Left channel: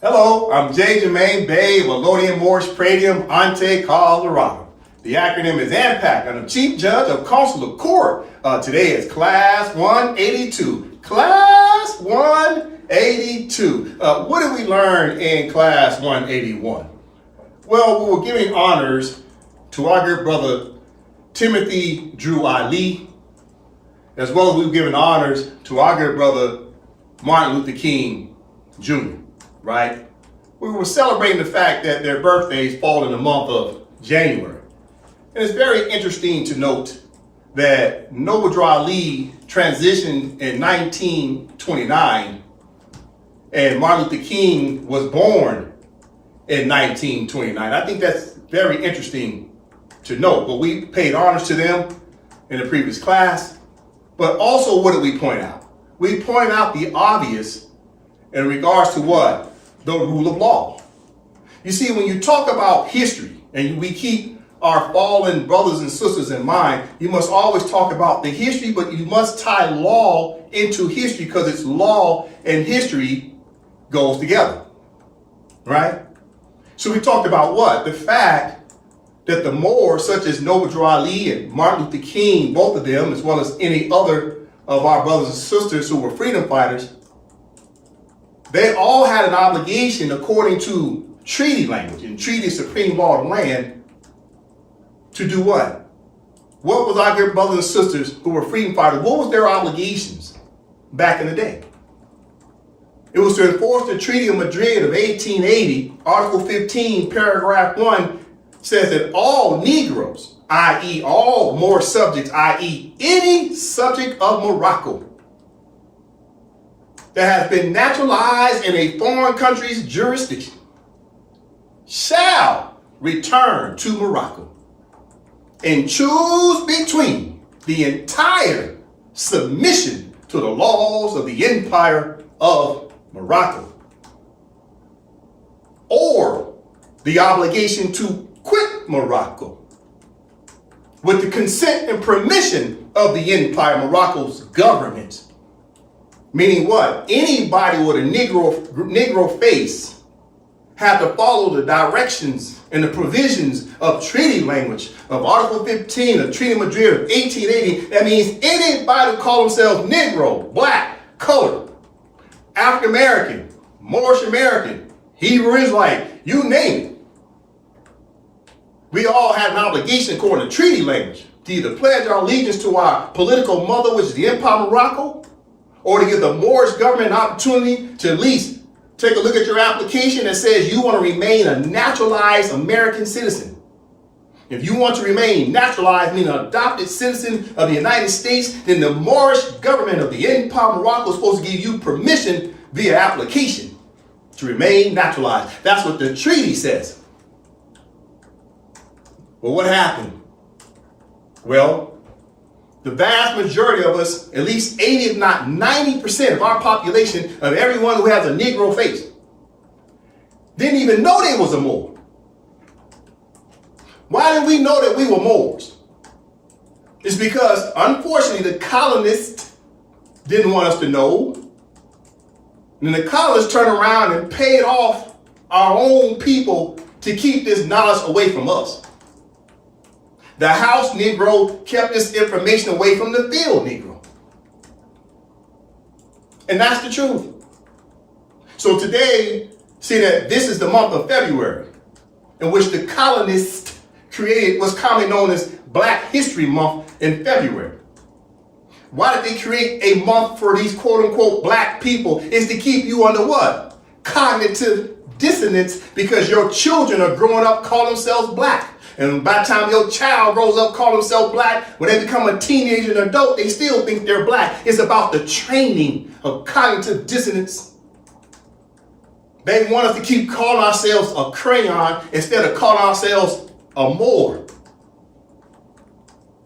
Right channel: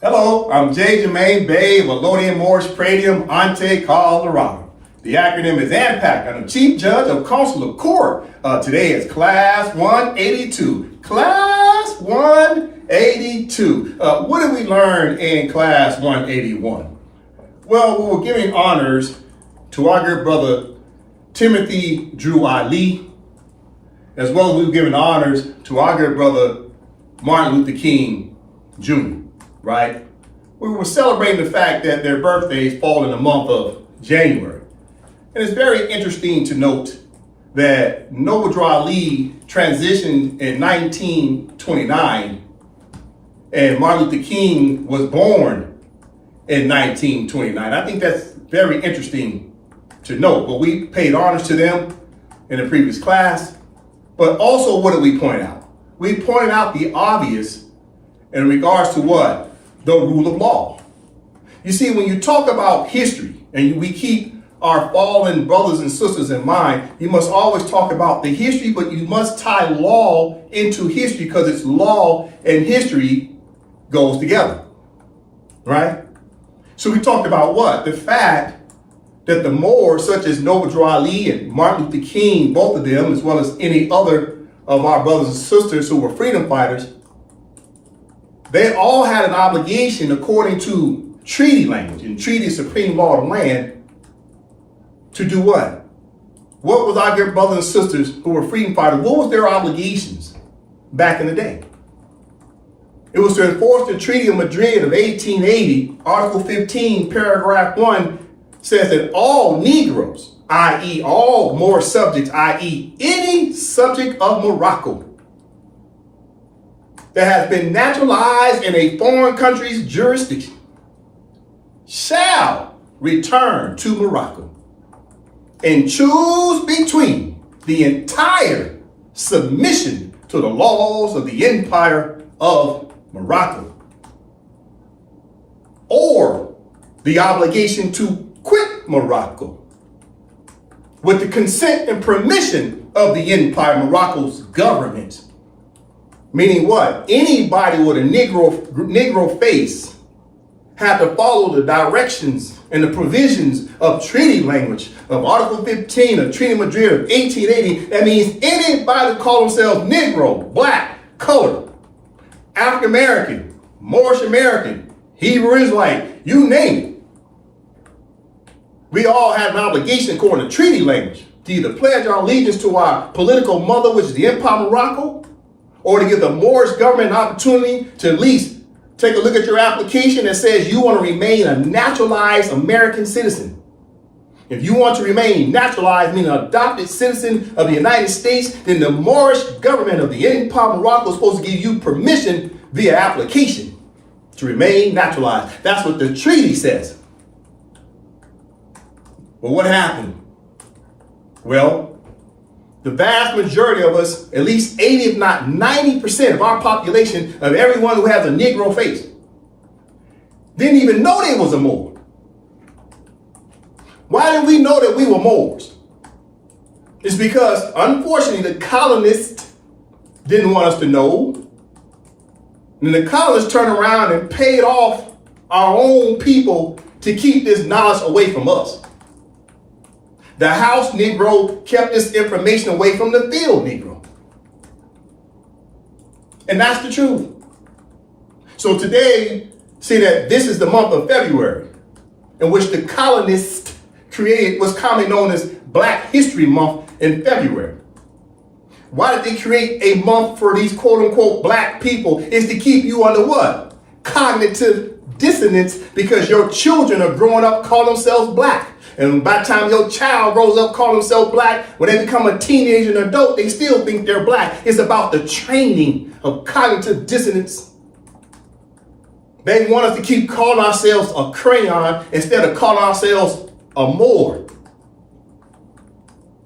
Hello, I'm J. Jermaine Bay of Elodian Moorish Pradium, Ante, Colorado. The acronym is AMPAC. I'm the Chief Judge of Consular Court. Today is Class 182. Class 182. What did we learn in Class 181? Well, we were giving honors to our good brother Timothy Drew Ali, as well as we were giving honors to our good brother Martin Luther King Jr., right? We were celebrating the fact that their birthdays fall in the month of January. And it's very interesting to note that Noble Drew Ali transitioned in 1929 and Martin Luther King was born in 1929. I think that's very interesting to note, but we paid honors to them in the previous class. But also, what did we point out? We pointed out the obvious in regards to what? The rule of law. You see, when you talk about history and we keep our fallen brothers and sisters in mind, you must always talk about the history, but you must tie law into history because it's law and history goes together, right? So we talked about what? The fact that the Moors, such as Noble Drew Ali and Martin Luther King, both of them, as well as any other of our brothers and sisters who were freedom fighters, they all had an obligation according to treaty language and treaty supreme law of the land to do what? What was our good brothers and sisters who were freedom fighters, what was their obligations back in the day? It was to enforce the Treaty of Madrid of 1880. Article 15, paragraph 1 says that all Negroes, i.e. all Moor subjects, i.e. any subject of Morocco that has been naturalized in a foreign country's jurisdiction shall return to Morocco and choose between the entire submission to the laws of the Empire of Morocco or the obligation to quit Morocco with the consent and permission of the Empire Morocco's government. Meaning what? Anybody with a Negro face had to follow the directions and the provisions of treaty language of Article 15 of Treaty of Madrid of 1880. That means anybody who call themselves Negro, black, colored, African American, Moorish American, Hebrew Israelite, you name it. We all have an obligation according to treaty language to either pledge our allegiance to our political mother, which is the Empire of Morocco, or to give the Moorish government an opportunity to at least take a look at your application that says you want to remain a naturalized American citizen. If you want to remain naturalized, meaning an adopted citizen of the United States, then the Moorish government of the Empire of Morocco is supposed to give you permission via application to remain naturalized. That's what the treaty says. Well, what happened? Well, the vast majority of us, at least 80 if not 90% of our population, of everyone who has a Negro face, didn't even know they was a Moor. Why didn't we know that we were Moors? It's because, unfortunately, the colonists didn't want us to know. And the colonists turned around and paid off our own people to keep this knowledge away from us. The house Negro kept this information away from the field Negro. And that's the truth. So today, see that this is the month of February, in which the colonists created what's commonly known as Black History Month in February. Why did they create a month for these quote unquote black people? Is to keep you under what? Cognitive dissonance, because your children are growing up calling themselves black. And by the time your child grows up calling themselves black, when they become a teenager and adult, they still think they're black. It's about the training of cognitive dissonance. They want us to keep calling ourselves a crayon instead of calling ourselves a Moor.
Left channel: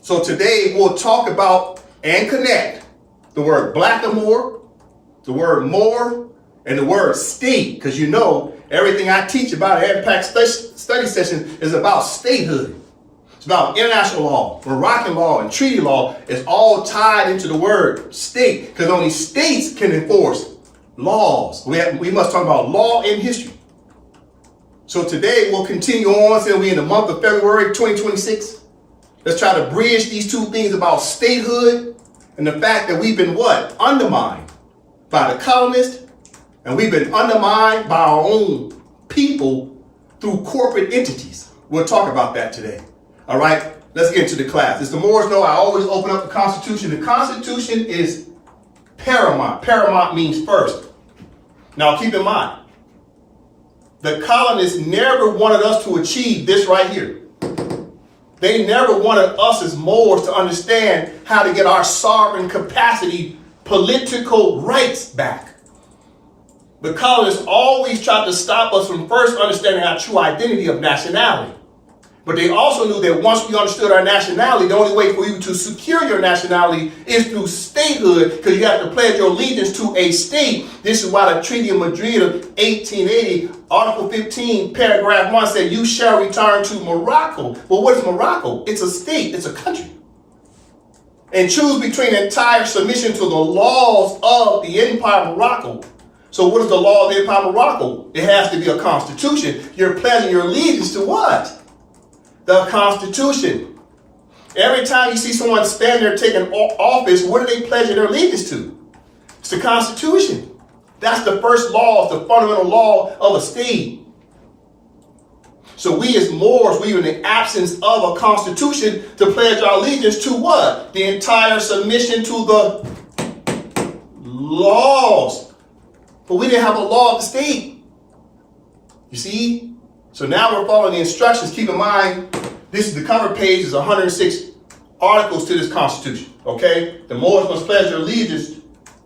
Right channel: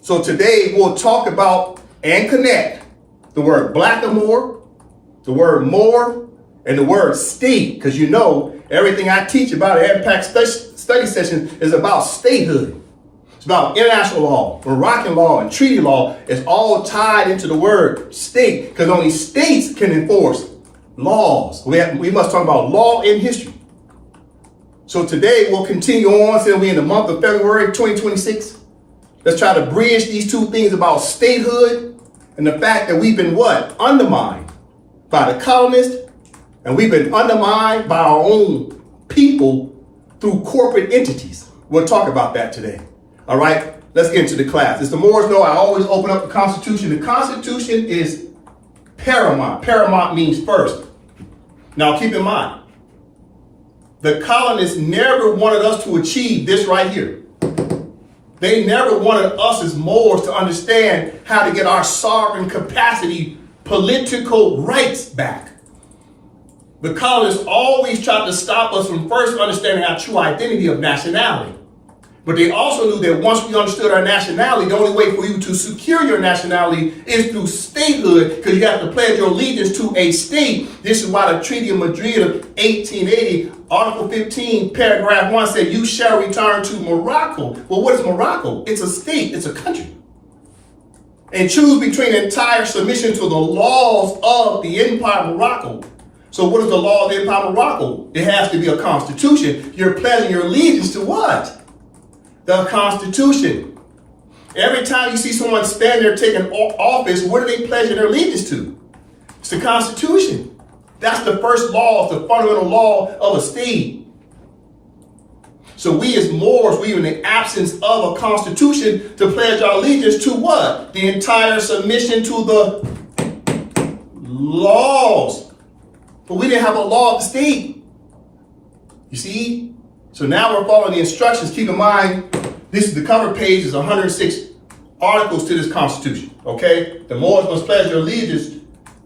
So today we'll talk about and connect the word blackamoor, the word Moor, and the word state, because you know everything I teach about an AMPAC study session is about statehood. It's about international law, Moroccan law, and treaty law. It's all tied into the word state, because only states can enforce laws. We must talk about law and history. So today we'll continue on till we're in the month of February 2026. Let's try to bridge these two things about statehood and the fact that we've been what? Undermined by the colonists, and we've been undermined by our own people through corporate entities. We'll talk about that today. All right, let's get into the class. As the Moors know, I always open up the Constitution. The Constitution is paramount. Paramount means first. Now keep in mind, the colonists never wanted us to achieve this right here. They never wanted us as Moors to understand how to get our sovereign capacity, political rights back. The colonists always tried to stop us from first understanding our true identity of nationality. But they also knew that once we understood our nationality, the only way for you to secure your nationality is through statehood, because you have to pledge your allegiance to a state. This is why the Treaty of Madrid of 1880, Article 15, paragraph 1 said, you shall return to Morocco. Well, what is Morocco? It's a state, it's a country. And choose between entire submission to the laws of the Empire of Morocco. So what is the law of the Empire of Morocco? It has to be a constitution. You're pledging your allegiance to what? The Constitution. Every time you see someone standing there taking office, what are they pledging their allegiance to? It's the Constitution. That's the first law, the fundamental law of a state. So we as Moors, we are in the absence of a constitution to pledge our allegiance to what? The entire submission to the laws. But we didn't have a law of the state. You see? So now we're following the instructions. Keep in mind, this is the cover page is 106 articles to this Constitution. Okay? The Moors must pledge their allegiance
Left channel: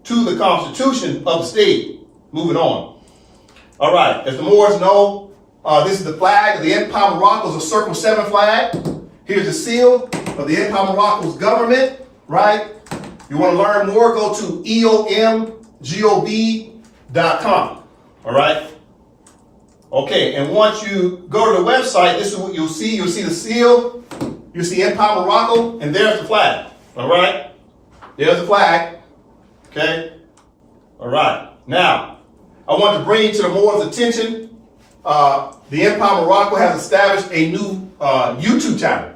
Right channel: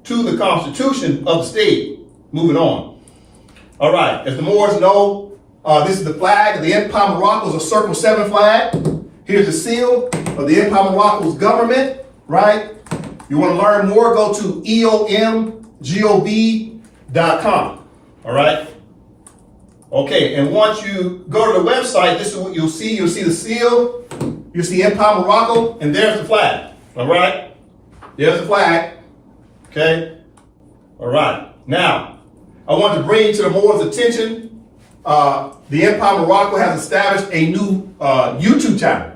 to the Constitution of the state. Moving on. All right. As the Moors know, this is the flag of the Empire of Morocco, is a Circle 7 flag. Here's the seal of the Empire of Morocco's government. Right? You want to learn more? Go to eomgob.com. All right? Okay, and once you go to the website, this is what you'll see. You'll see the seal, you'll see Empire Morocco, and there's the flag. All right? There's the flag. Okay? All right. Now, I want to bring to the Moors' attention, the Empire Morocco has established a new YouTube channel.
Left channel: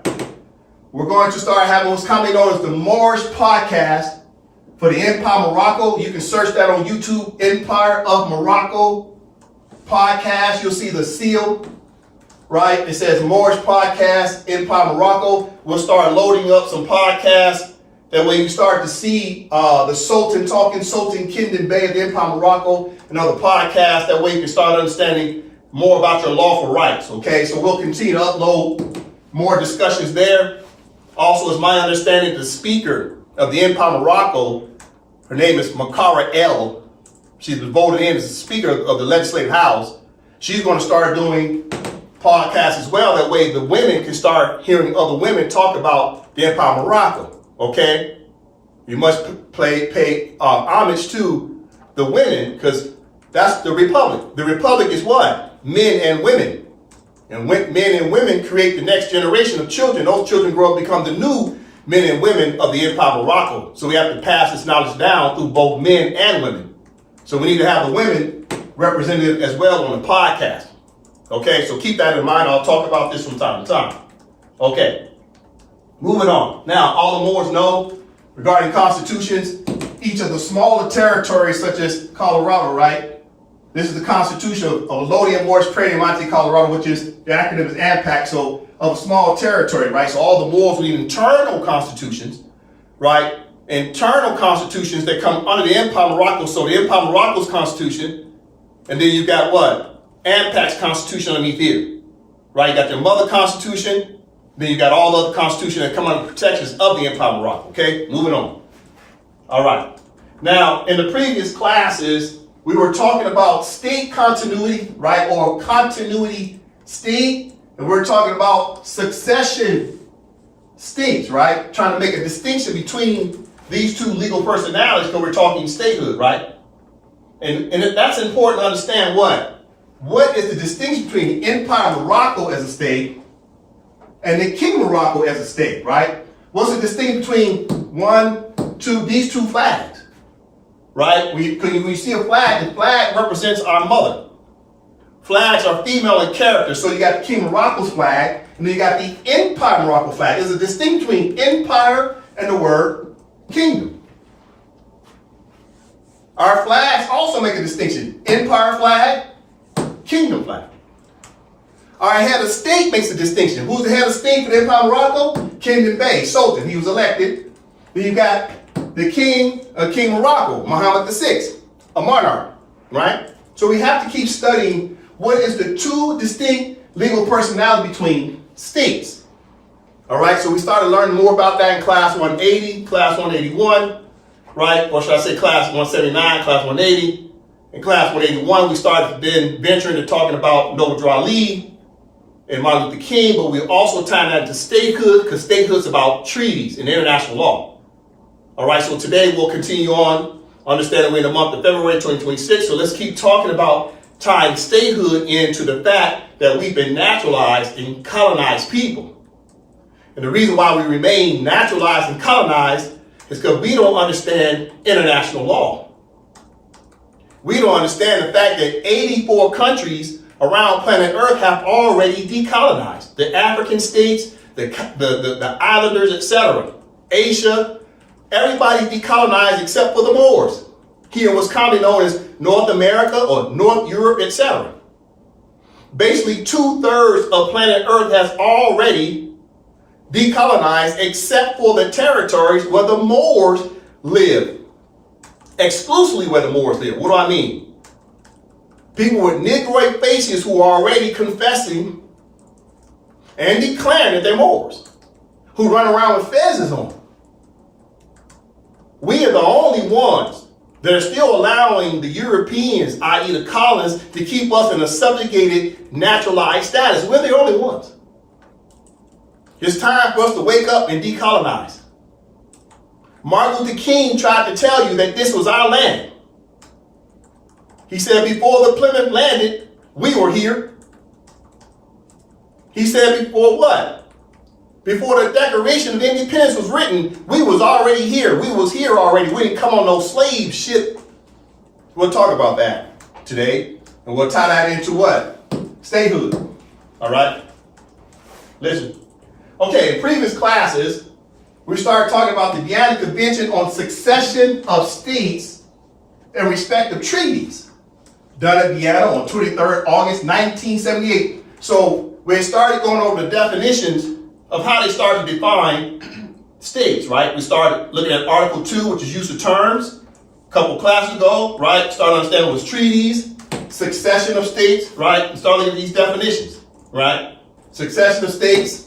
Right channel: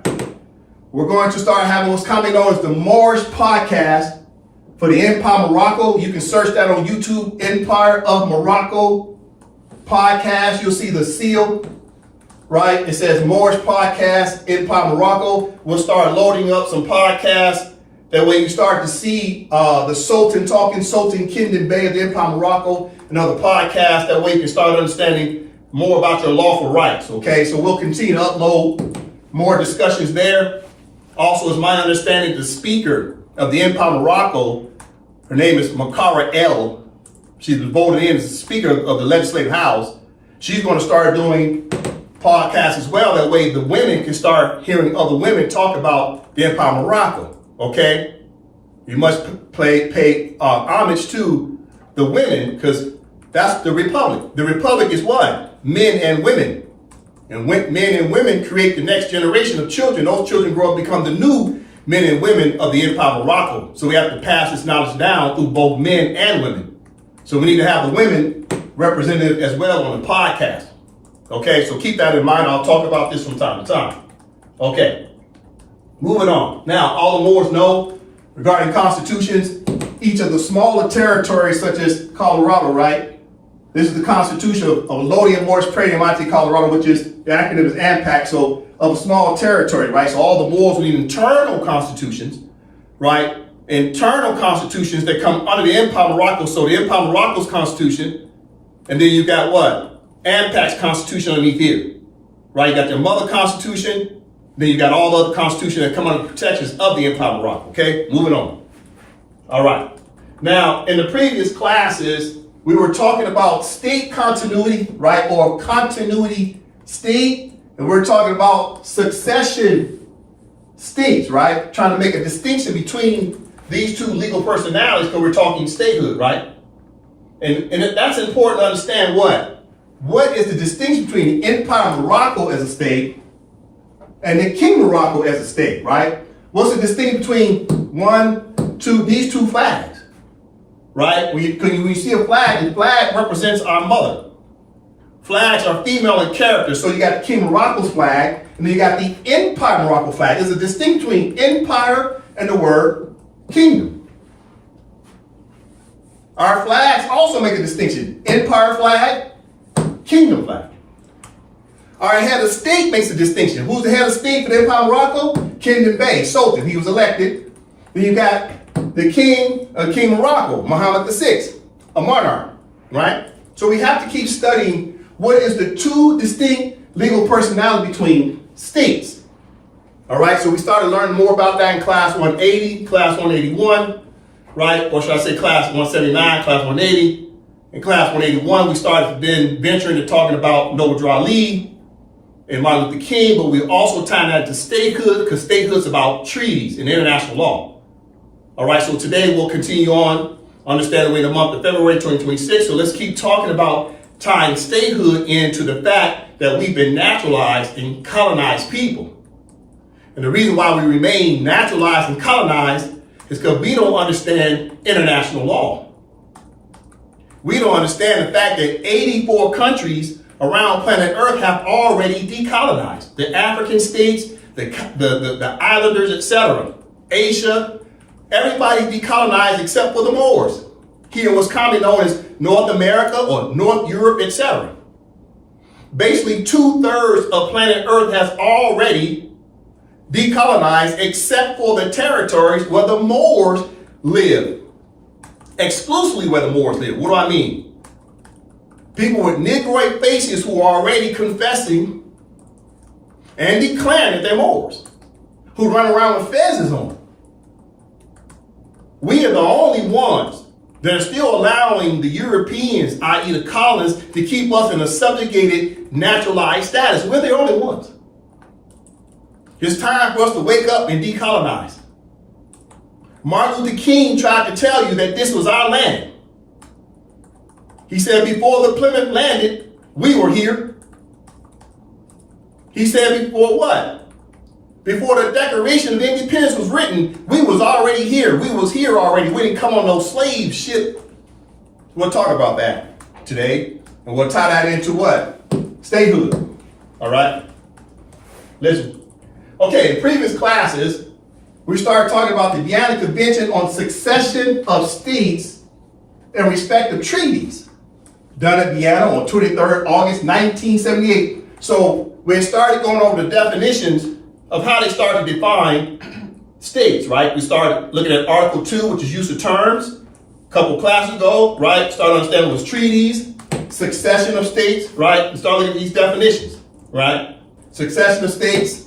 We're going to start having what's commonly known as the Moorish podcast for the Empire Morocco. You can search that on YouTube, Empire of Morocco podcast. You'll see the seal, right? It says Moorish podcast, Empire Morocco. We'll start loading up some podcasts. That way you start to see the Sultan talking, Sultan Kingdom Bay of the Empire Morocco, and other podcasts. That way you can start understanding more about your lawful rights, okay? So we'll continue to upload more discussions there. Also, it's my understanding the speaker of the Empire Morocco, her name is Makara El. She's been voted in as the Speaker of the Legislative House. She's going to start doing podcasts as well. That way the women can start hearing other women talk about the Empire of Morocco. Okay? You must pay homage to the women, because that's the Republic. The Republic is what? Men and women. And when men and women create the next generation of children, those children grow up and become the new men and women of the Empire of Morocco. So we have to pass this knowledge down through both men and women. So we need to have a women representative as well on the podcast. Okay, so keep that in mind. I'll talk about this from time to time. Okay, moving on. Now, all the Moors know regarding constitutions, each of the smaller territories such as Colorado, right? This is the Constitution of Lothian, Moorish, Praedium, Colorado, which is, the acronym is AMPAC, so of a small territory, right? So all the Moors need internal constitutions, right? Internal constitutions that come under the Empire of Morocco. So the Empire of Morocco's constitution, and then you got what? AMPAC's constitution underneath here, right? You got your mother constitution, then you got all the other constitutions that come under the protections of the Empire of Morocco, okay? Moving on. All right. Now, in the previous classes, we were talking about state continuity, right? Or continuity state, and we're talking about succession states, right? Trying to make a distinction between these two legal personalities, because we're talking statehood, right? And that's important to understand what? What is the distinction between the Empire of Morocco as a state and the Kingdom of Morocco as a state, right? What's the distinction between these two flags? right? When you see a flag, the flag represents our mother. Flags are female in character. So you got the King Morocco's flag, and then you got the Empire Morocco flag. There's a distinction between empire and the word kingdom. Our flags also make a distinction. Empire flag, kingdom flag. Our head of state makes a distinction. Who's the head of state for the Empire of Morocco? Kingdom Bey, Sultan. He was elected. Then you got the King Morocco, Mohammed VI, a monarch, right? So we have to keep studying what is the two distinct legal personality between states. All right, so we started learning more about that in class 180, class 181, right? Or should I say class 179, class 180. In class 181, we started then venturing to talking about Noble Ali and Martin Luther King, but we also tied that to statehood, because statehood is about treaties and international law. All right, so today we'll continue on, understanding we're in the month of February 2026, so let's keep talking about tying statehood into the fact that we've been naturalized and colonized people. And the reason why we remain naturalized and colonized is because we don't understand international law. We don't understand the fact that 84 countries around planet Earth have already decolonized. The African states, the islanders, etc. Asia, everybody decolonized except for the Moors. Here what's commonly known as North America or North Europe, etc. Basically 2/3 of planet Earth has already decolonized except for the territories where the Moors live. Exclusively where the Moors live. What do I mean? People with Negroid faces who are already confessing and declaring that they're Moors, who run around with fezzes on. We are the only ones that are still allowing the Europeans, i.e. the colonists, to keep us in a subjugated, naturalized status. We're the only ones. It's time for us to wake up and decolonize. Martin Luther King tried to tell you that this was our land. He said before the Plymouth landed, we were here. He said before what? Before the Declaration of Independence was written, we was already here. We was here already. We didn't come on no slave ship. We'll talk about that today. And we'll tie that into what? Statehood. All right? Listen. Okay, in previous classes, we started talking about the Vienna Convention on Succession of States and Respective Treaties, done at Vienna on 23rd August 1978. So we started going over the definitions of how they started to define states, right? We started looking at Article 2, which is use of terms, a couple classes ago, right? Started understanding what was treaties, succession of states, right? We started looking at these definitions, right? Succession of states,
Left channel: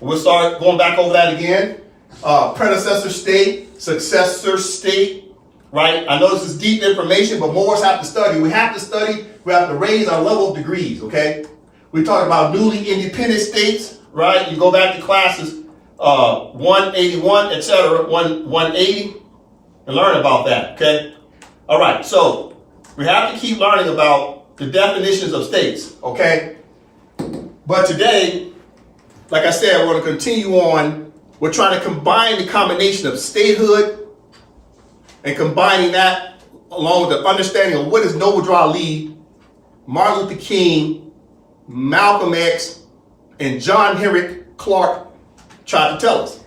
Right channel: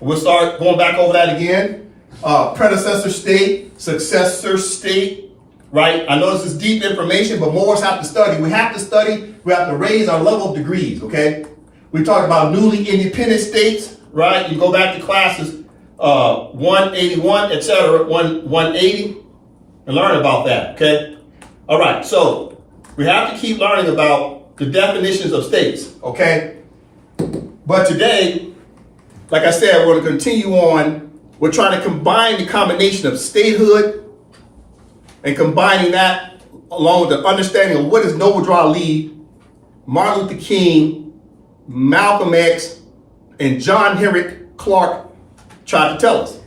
we'll start going back over that again. Predecessor state, successor state, right? I know this is deep information, but more of us have to study. We have to study. We have to raise our level of degrees, okay? We talked about newly independent states, right? You go back to classes 181, etc., 180, and learn about that, okay? All right, so we have to keep learning about the definitions of states, okay? But today, like I said, we're going to continue on. We're trying to combine the combination of statehood and combining that along with the understanding of what is Noble Ali, Martin Luther King, Malcolm X, and John Henry Clark tried to tell us.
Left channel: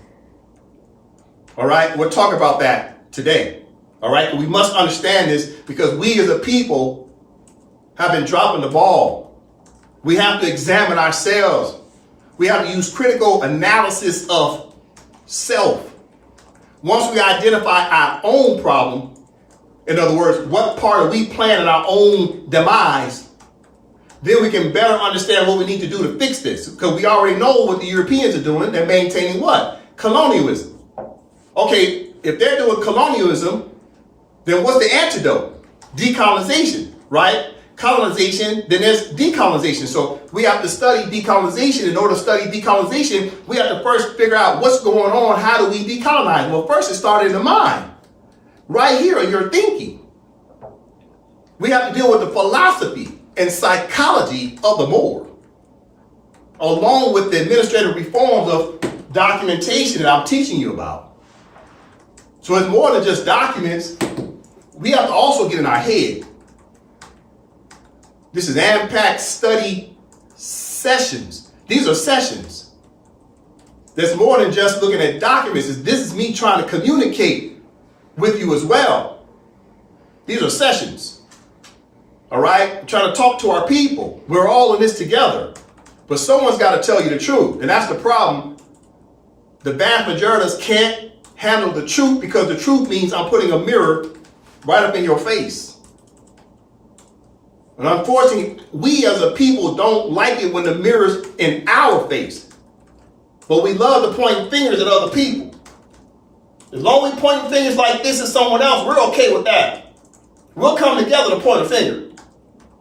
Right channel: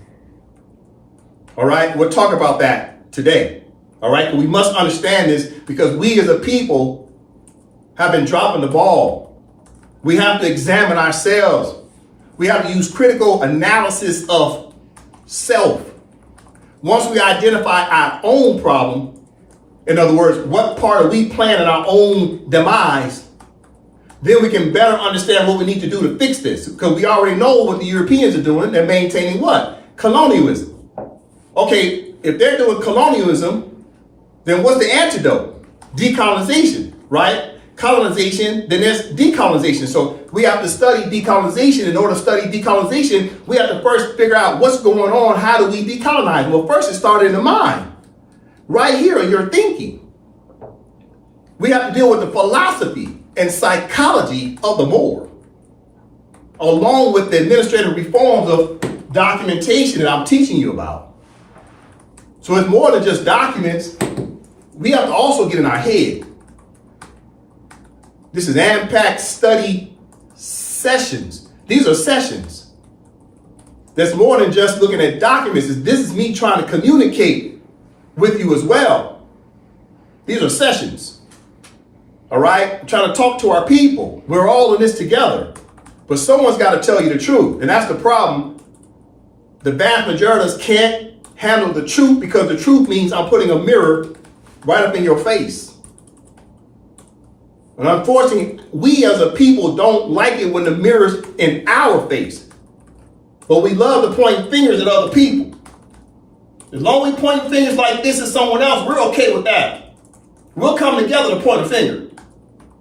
All right, we'll talk about that today. All right, we must understand this because we as a people have been dropping the ball. We have to examine ourselves. We have to use critical analysis of self. Once we identify our own problem, in other words, what part are we playing in our own demise, then we can better understand what we need to do to fix this. Because we already know what the Europeans are doing. They're maintaining what? Colonialism. Okay, if they're doing colonialism, then what's the antidote? Decolonization, right? Colonization, then there's decolonization. So we have to study decolonization. In order to study decolonization, we have to first figure out what's going on. How do we decolonize? Well, first it started in the mind. Right here in your thinking. We have to deal with the philosophy and psychology of the Moor, along with the administrative reforms of documentation that I'm teaching you about. So it's more than just documents. we have to also get in our head. This is AMPAC study sessions. These are sessions. That's more than just looking at documents. This is me trying to communicate with you as well. These are sessions. All right? I'm trying to talk to our people. We're all in this together. But someone's got to tell you the truth. And that's the problem. The vast majority of us can't handle the truth because the truth means I'm putting a mirror right up in your face. And unfortunately, we as a people don't like it when the mirror's in our face. But we love to point fingers at other people. As long as we point fingers like this at someone else, we're okay with that. We'll come together to point a finger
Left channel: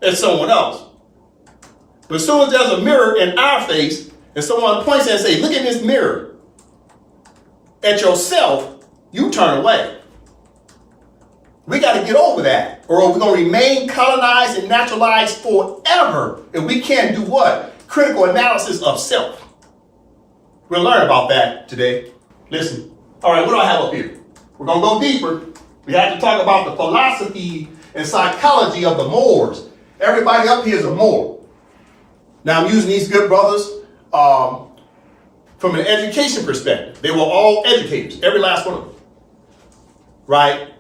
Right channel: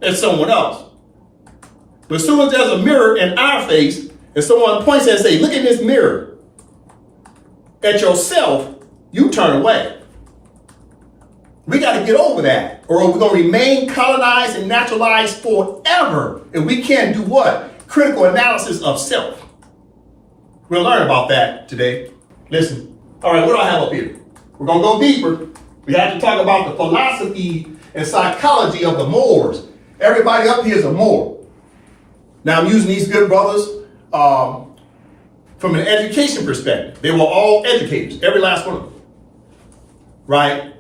at someone else. But as soon as there's a mirror in our face, and someone points and says, look at this mirror at yourself, you turn away. We got to get over that, or we're going to remain colonized and naturalized forever. And we can't do what? Critical analysis of self. We'll learn about that today. Listen. All right, what do I have up here? We're going to go deeper. We have to talk about the philosophy and psychology of the Moors. Everybody up here is a Moor. Now, I'm using these good brothers from an education perspective. They were all educators, every last one of them. Right?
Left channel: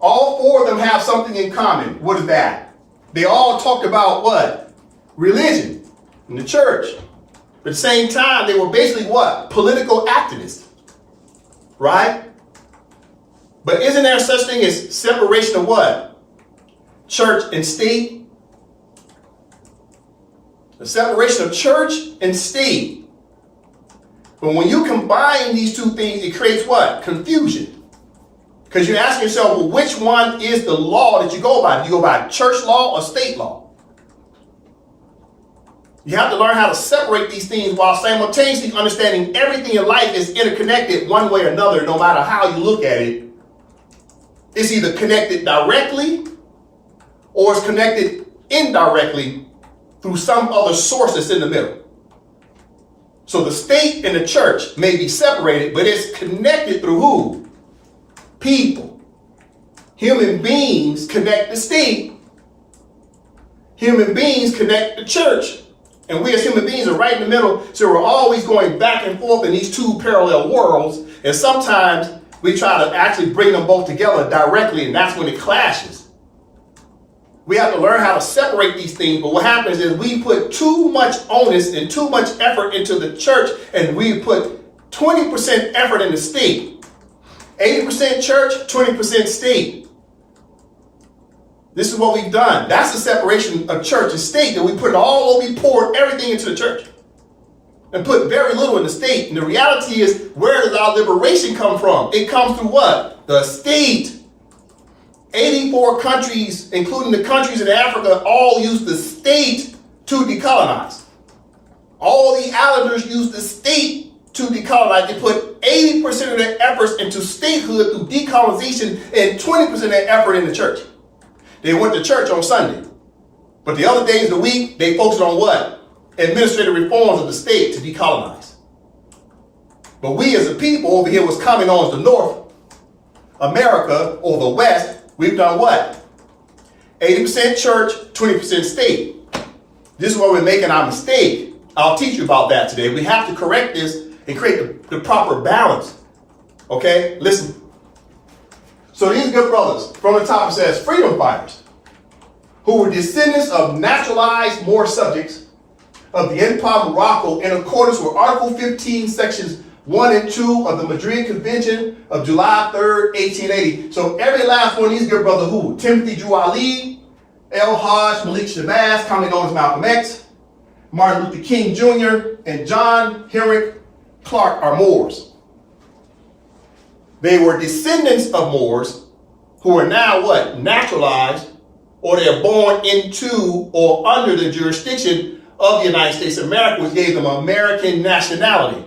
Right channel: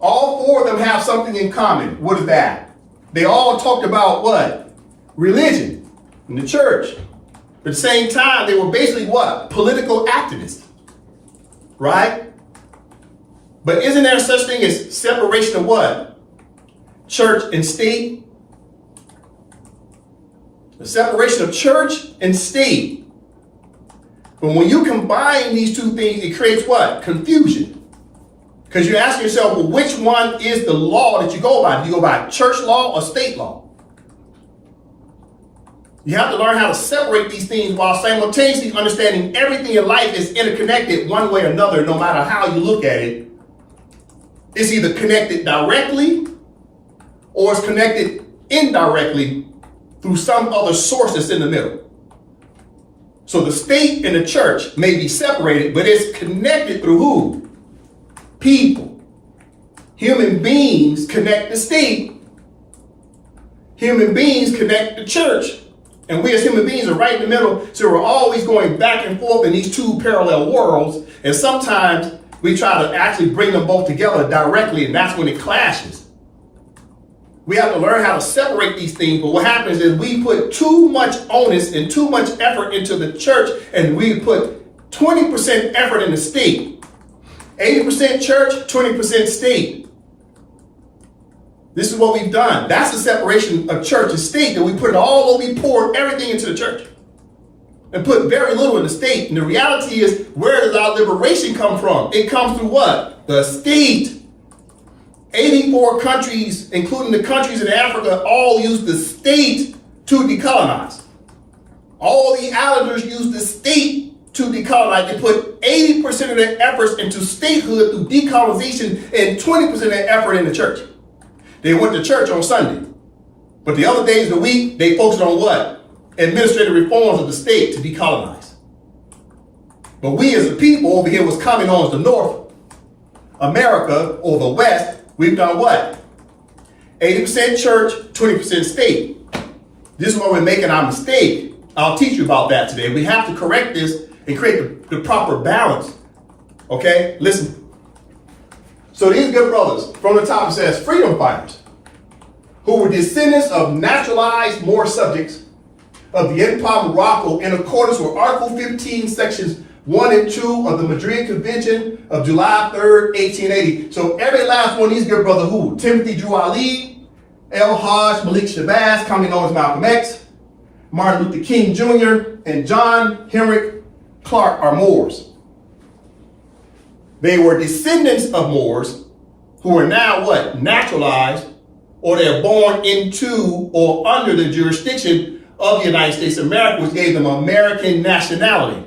All four of them have something in common. What is that? They all talked about what? Religion and the church. But at the same time, they were basically what? Political activists. Right? But isn't there such thing as separation of what? Church and state? The separation of church and state. But when you combine these two things, it creates what? Confusion. Because you're asking yourself, well, which one is the law that you go by? Do you go by church law or state law? You have to learn how to separate these things while simultaneously understanding everything in life is interconnected one way or another, no matter how you look at it. It's either connected directly or it's connected indirectly through some other source that's in the middle. So the state and the church may be separated, but it's connected through who? People. Human beings connect the state. Human beings connect the church. And we as human beings are right in the middle. So we're always going back and forth in these two parallel worlds. And sometimes we try to actually bring them both together directly, and that's when it clashes. We have to learn how to separate these things. But what happens is we put too much onus and too much effort into the church, and we put 20% effort in the state. 80% church, 20% state. This is what we've done. That's the separation of church and state, that we put it all, we poured everything into the church and put very little in the state. And the reality is, where does our liberation come from? It comes through what? The state. 84 countries, including the countries in Africa, all use the state to decolonize. All the islanders use the state to decolonize. They put 80% of their efforts into statehood through decolonization and 20% of their effort in the church. They went to church on Sunday, but the other days of the week, they focused on what? Administrative reforms of the state to decolonize. But we as a people over here was coming on as the North America or the West. We've done what? 80% church, 20% state. This is where we're making our mistake. I'll teach you about that today. We have to correct this and create the proper balance. Okay, listen. So these good brothers, from the top it says, freedom fighters, who were descendants of naturalized Moor subjects of the Empire of Morocco in accordance with Article 15, Sections 1 and 2 of the Madrid Convention of July 3rd, 1880. So every last one of these good brothers, who? Timothy Drew Ali, El Hajj Malik Shabazz, commonly known as Malcolm X, Martin Luther King Jr., and John Henrik Clark are Moors. They were descendants of Moors who are now what? Naturalized, or they're born into or under the jurisdiction of the United States of America, which gave them American nationality.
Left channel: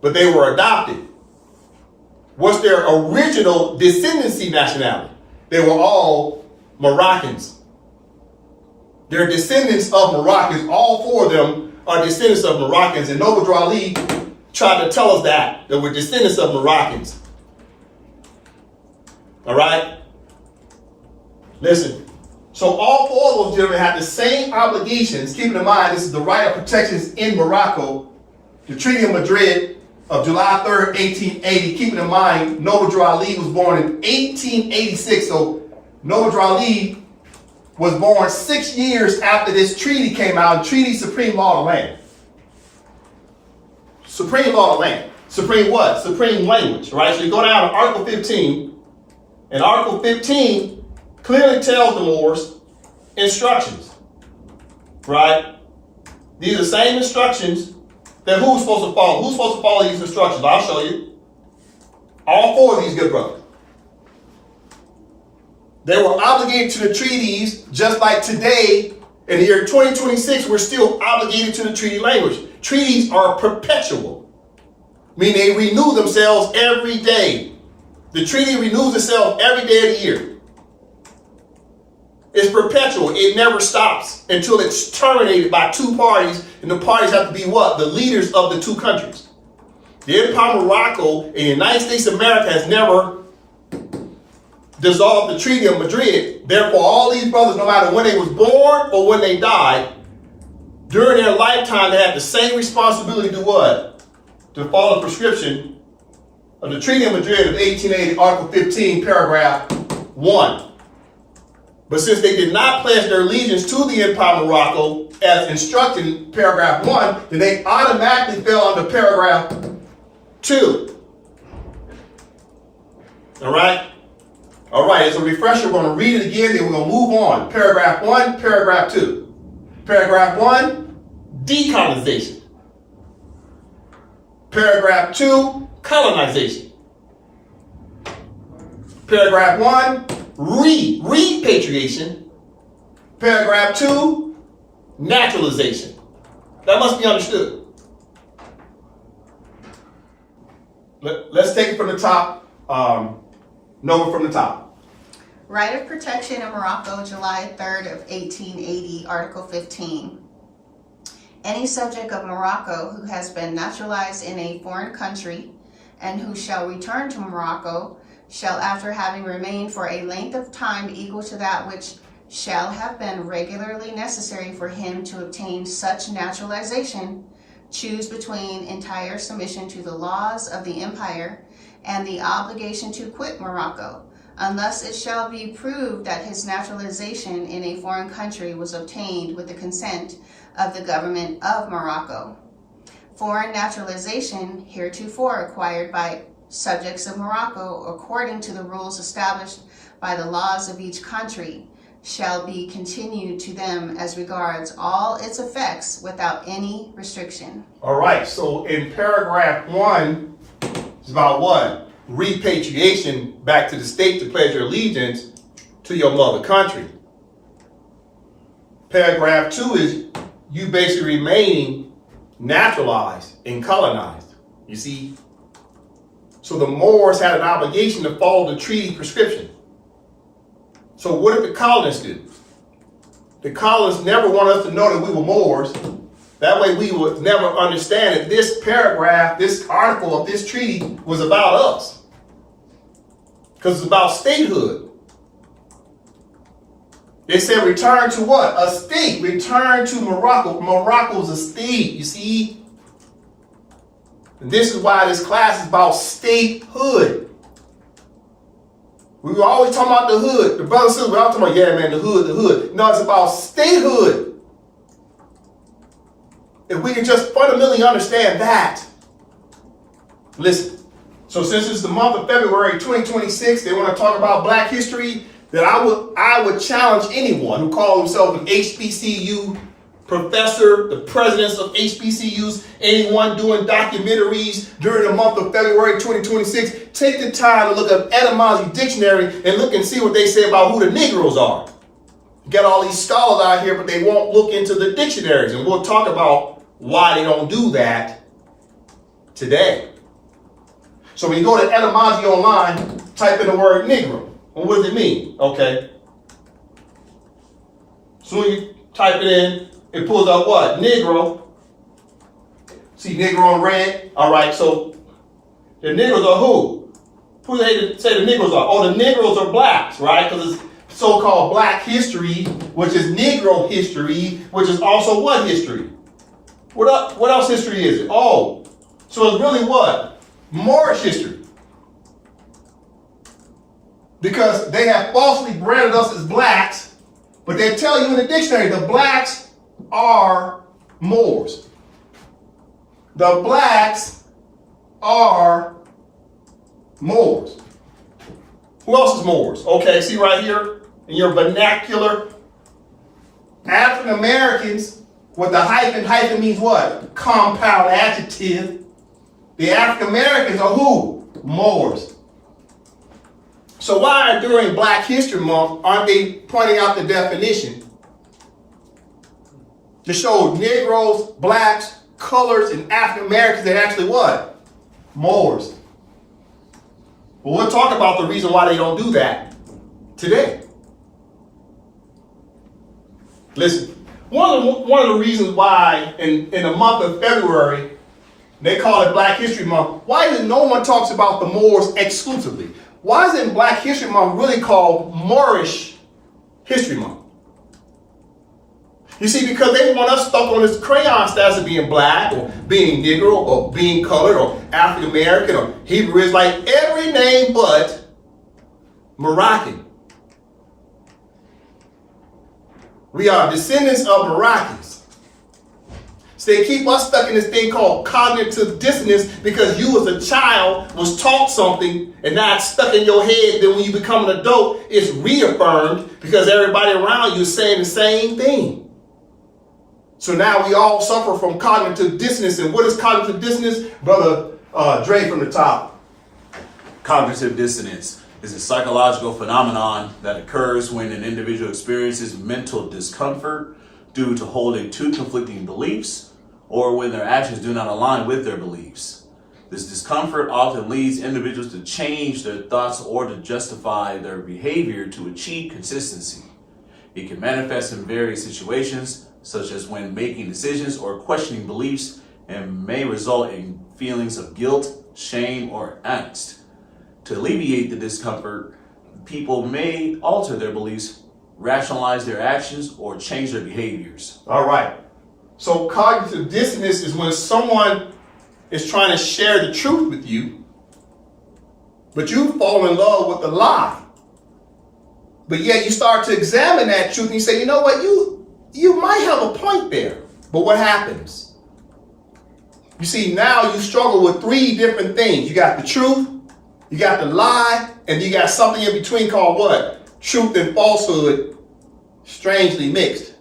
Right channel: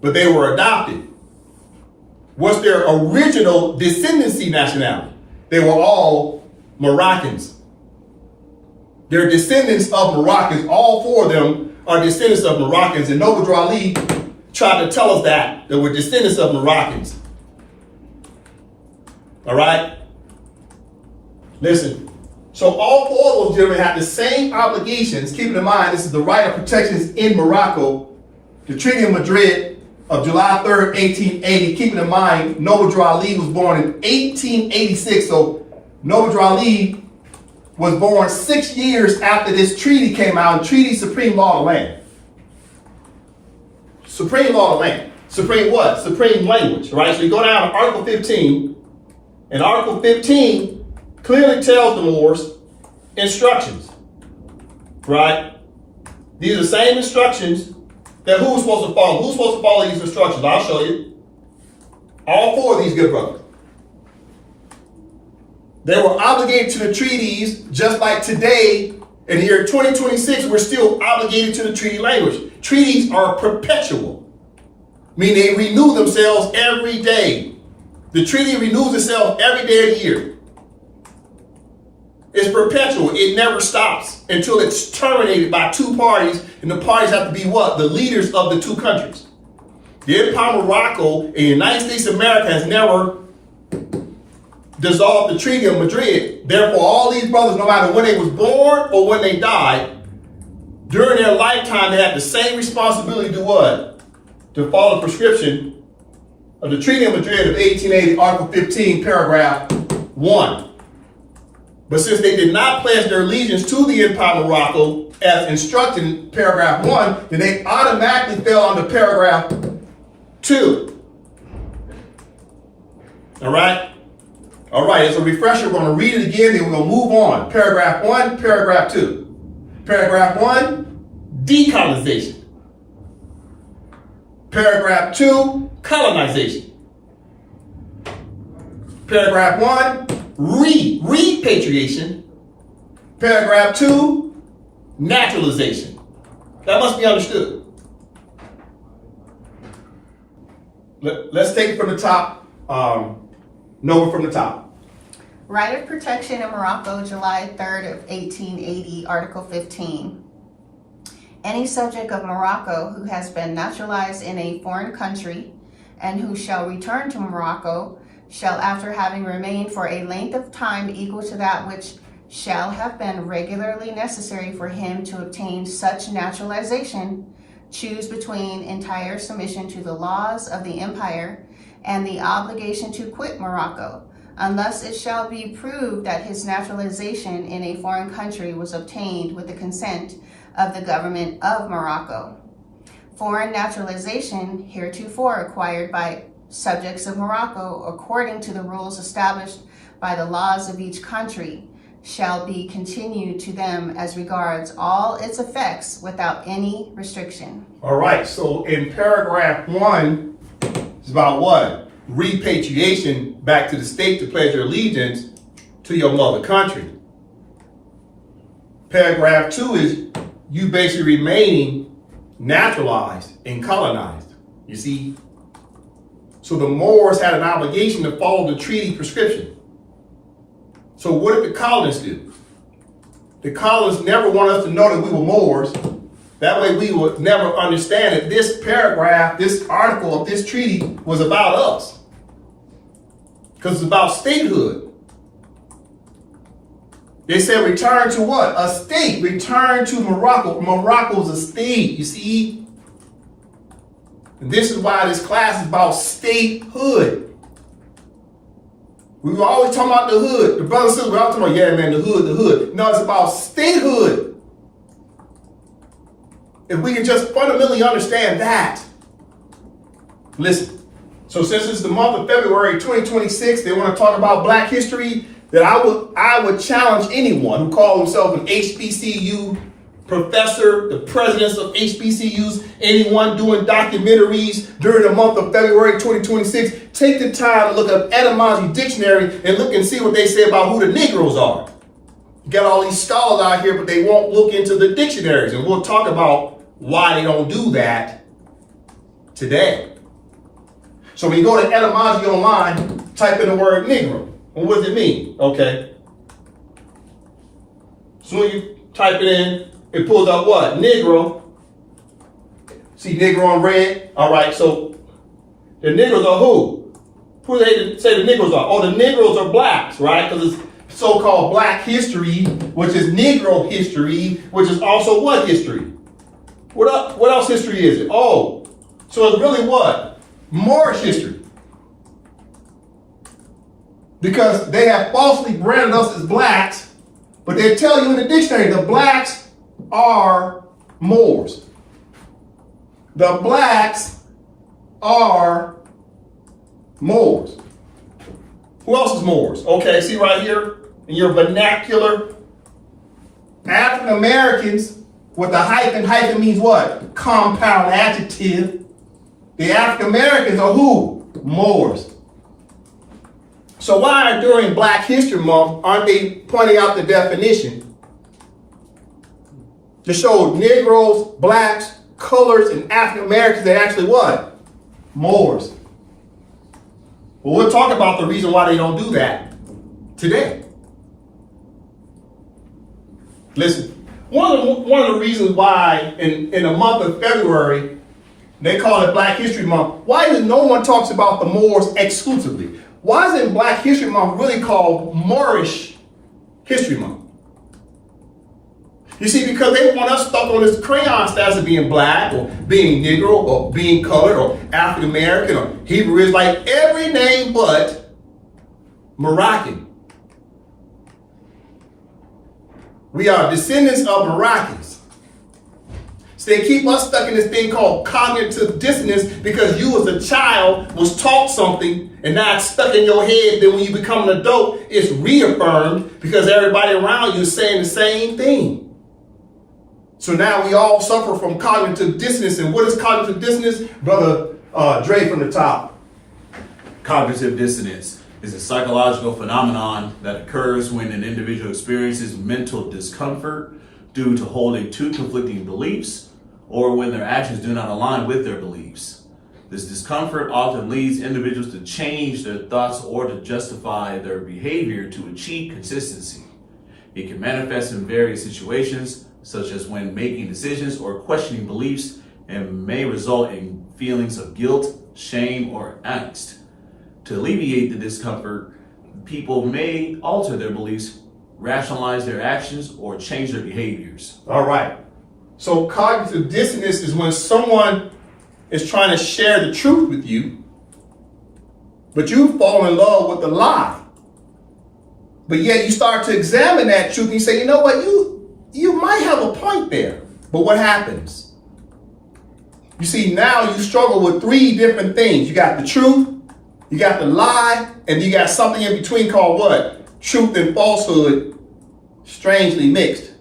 But they were adopted. What's their original descendancy nationality? They were all Moroccans. They're descendants of Moroccans. All four of them are descendants of Moroccans. And Noble Drew Ali tried to tell us that we're descendants of Moroccans. All right? Listen. So all four of those gentlemen had the same obligations. Keeping in mind, this is the right of protections in Morocco. The Treaty of Madrid of July 3rd, 1880. Keeping in mind, Noble Ali was born in 1886. So Noble Ali was born 6 years after this treaty came out. Treaty supreme law of the land. Supreme law of the land. Supreme what? Supreme language, right? So you go down to Article 15, and Article 15 clearly tells the Moors instructions, right? These are the same instructions that who's supposed to follow? Who's supposed to follow these instructions? I'll show you. All four of these good brothers. They were obligated to the treaties just like today. In the year 2026, we're still obligated to the treaty language. Treaties are perpetual, meaning they renew themselves every day. The treaty renews itself every day of the year. It's perpetual. It never stops until it's terminated by two parties, and the parties have to be what? The leaders of the two countries. The Empire of Morocco and the United States of America has never dissolved the Treaty of Madrid. Therefore, all these brothers, no matter when they was born or when they died, during their lifetime, they have the same responsibility to what? To follow the prescription of the Treaty of Madrid of 1880, Article 15, paragraph 1. But since they did not pledge their allegiance to the Empire of Morocco as instructed in paragraph 1, then they automatically fell under paragraph 2. All right? All right, as a refresher, we're going to read it again, then we're going to move on. Paragraph 1, paragraph 2. Paragraph 1, decolonization. Paragraph 2, colonization. Paragraph 1, repatriation. Paragraph 2, naturalization. That must be understood. Let's take it from the top. Noble from the top. Right of protection in Morocco, July 3rd of 1880, Article 15. Any subject of Morocco who has been naturalized in a foreign country and who shall return to Morocco shall, after having remained for a length of time equal to that which shall have been regularly necessary for him to obtain such naturalization, choose between entire submission to the laws of the empire and the obligation to quit Morocco, unless it shall be proved that his naturalization in a foreign country was obtained with the consent of the government of Morocco. Foreign naturalization heretofore acquired by subjects of Morocco according to the rules established by the laws of each country shall be continued to them as regards all its effects without any restriction. All right, so in paragraph 1, it's about what? Repatriation back to the state to pledge your allegiance to your mother country. Paragraph 2 is you basically remaining naturalized and colonized. You see? So the Moors had an obligation to follow the treaty prescription. So what did the colonists do? The colonists never wanted us to know that we were Moors. That way we would never understand that this paragraph, this article of this treaty was about us. Because it's about statehood. They said return to what? A state. Return to Morocco. Morocco's a state, you see? And this is why this class is about statehood. We were always talking about the hood. The brothers and sisters, we're always talking about, yeah, man, the hood, the hood. No, it's about statehood. If we can just fundamentally understand that. Listen, so since it's the month of February 2026, they want to talk about Black history, that I would challenge anyone who calls himself an HBCU professor, the presidents of HBCUs, anyone doing documentaries during the month of February 2026, take the time to look up etymology dictionary and look and see what they say about who the Negroes are. You got all these scholars out here, but they won't look into the dictionaries, and we'll talk about why they don't do that today. So when you go to etymology online, type in the word Negro. Well, what does it mean? Okay. So when you type it in, it pulls up what? Negro. See Negro in red? All right, so the Negroes are who? Who do they say the Negroes are? Oh, the Negroes are blacks, right? Because it's so-called black history, which is Negro history, which is also what history? What else history is it? Oh, so it's really what? Moorish history. Because they have falsely branded us as blacks, but they tell you in the dictionary the blacks are Moors. The blacks are Moors. Who else is Moors? Okay, see right here in your vernacular. African Americans with the hyphen. Hyphen means what? Compound adjective. The African Americans are who? Moors. So why during Black History Month aren't they pointing out the definition to show Negroes, blacks, colors, and African Americans are actually what? Moors. Well, we'll talk about the reason why they don't do that today. Listen, one of the reasons why in the month of February, they call it Black History Month, why is no one talks about the Moors exclusively? Why isn't Black History Month really called Moorish History Month? You see, because they want us stuck on this crayon status of being black, or being Negro, or being colored, or African American, or Hebrew Israelite, every name but Moroccan. We are descendants of Moroccans. So they keep us stuck in this thing called cognitive dissonance because you as a child was taught something and now it's stuck in your head. Then when you become an adult, it's reaffirmed because everybody around you is saying the same thing. So now we all suffer from cognitive dissonance. And what is cognitive dissonance? Brother Dre from the top. Cognitive dissonance is a psychological phenomenon that occurs when an individual experiences mental discomfort due to holding two conflicting beliefs or when their actions do not align with their beliefs. This discomfort often leads individuals to change their thoughts or to justify their behavior to achieve consistency. It can manifest in various situations, such as when making decisions or questioning beliefs, and may result in feelings of guilt, shame, or angst. To alleviate the discomfort, people may alter their beliefs, rationalize their actions, or change their behaviors. All right. So cognitive dissonance is when someone is trying to share the truth with you, but you fall in love with the lie. But yet you start to examine that truth and you say, you know what, you might have a point there. But what happens? You see, now you struggle with three different things. You got the truth, you got the lie, and you got something in between called what? Truth and falsehood, strangely mixed.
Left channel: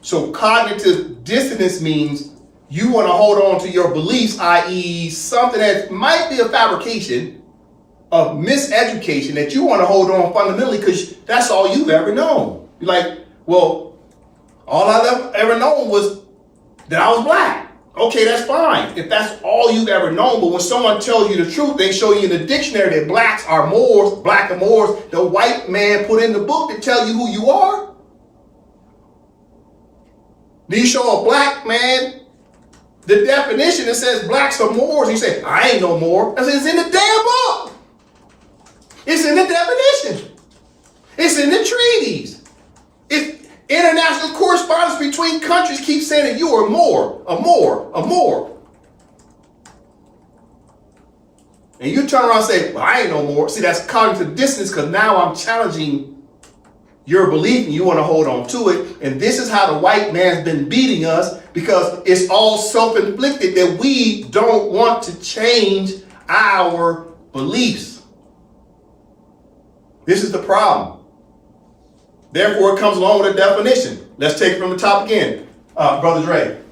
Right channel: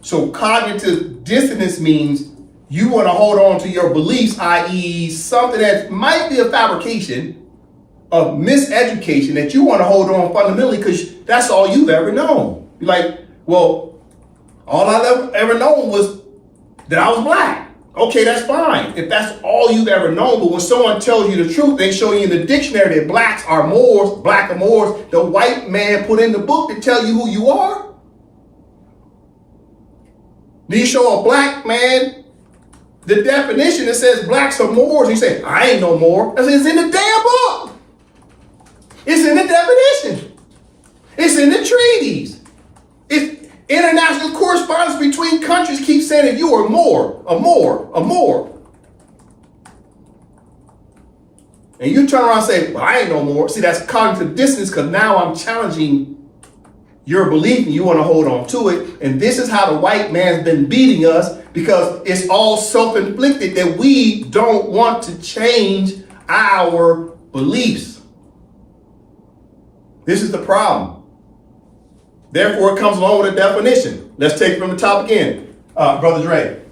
So cognitive dissonance means you want to hold on to your beliefs, i.e. something that might be a fabrication of miseducation that you want to hold on fundamentally because that's all you've ever known. You're like, well, all I've ever known was that I was black. Okay, that's fine if that's all you've ever known. But when someone tells you the truth, they show you in the dictionary that blacks are Moors, black are Moors. The white man put in the book to tell you who you are. Do you show a black man the definition that says blacks are Moors? You say, I ain't no Moor. I say, it's in the damn book. It's in the definition. It's in the treaties. It's international correspondence between countries keep saying that you are Moor, a Moor, a Moor. And you turn around and say, well, I ain't no Moor. See, that's cognitive dissonance because now I'm challenging your belief and you want to hold on to it. And this is how the white man's been beating us because it's all self-inflicted that we don't want to change our beliefs. This is the problem. Therefore, it comes along with a definition. Let's take it from the top again. Brother Dre.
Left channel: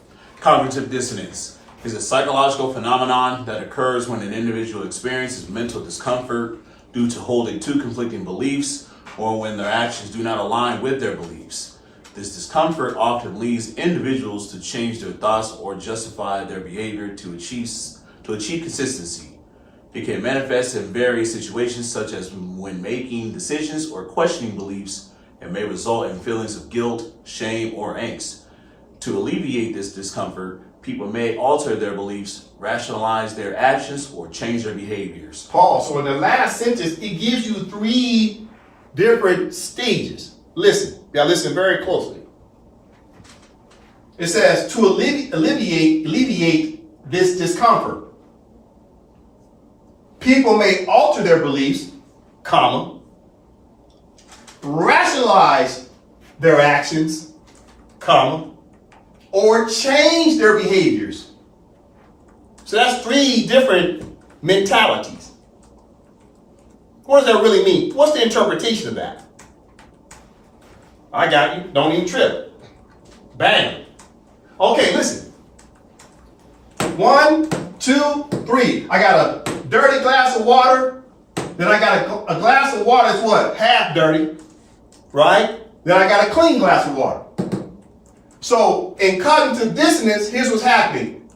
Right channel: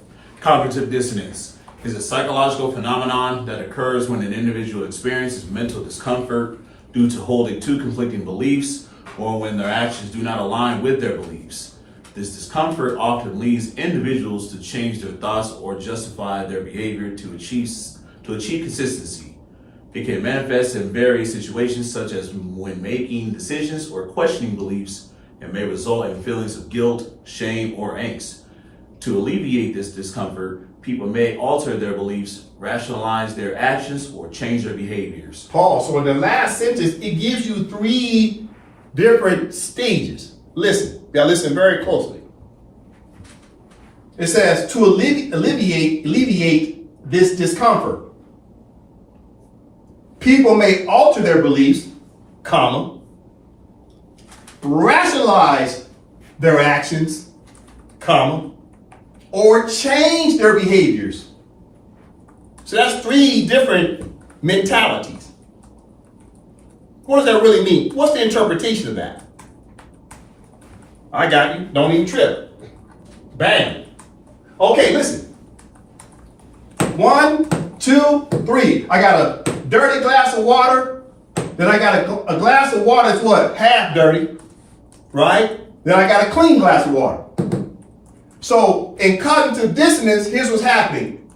Cognitive dissonance is a psychological phenomenon that occurs when an individual experiences mental discomfort due to holding two conflicting beliefs or when their actions do not align with their beliefs. This discomfort often leads individuals to change their thoughts or justify their behavior to achieve consistency. It can manifest in various situations, such as when making decisions or questioning beliefs, and may result in feelings of guilt, shame, or angst. To alleviate this discomfort, People may alter their beliefs, rationalize their actions, or change their behaviors. Paul, so in the last sentence, it gives you 3 different stages. Listen, listen very closely. It says to alleviate this discomfort. People may alter their beliefs, comma, rationalize their actions, comma, or change their behaviors. So that's 3 different mentalities. What does that really mean? What's the interpretation of that? I got you. Don't even trip. Bam. Okay, listen. 1, 2, 3. I got a dirty glass of water. Then I got a glass of water that's what? Half dirty. Right? Then I got a clean glass of water. So in cognitive dissonance, here's what's happening.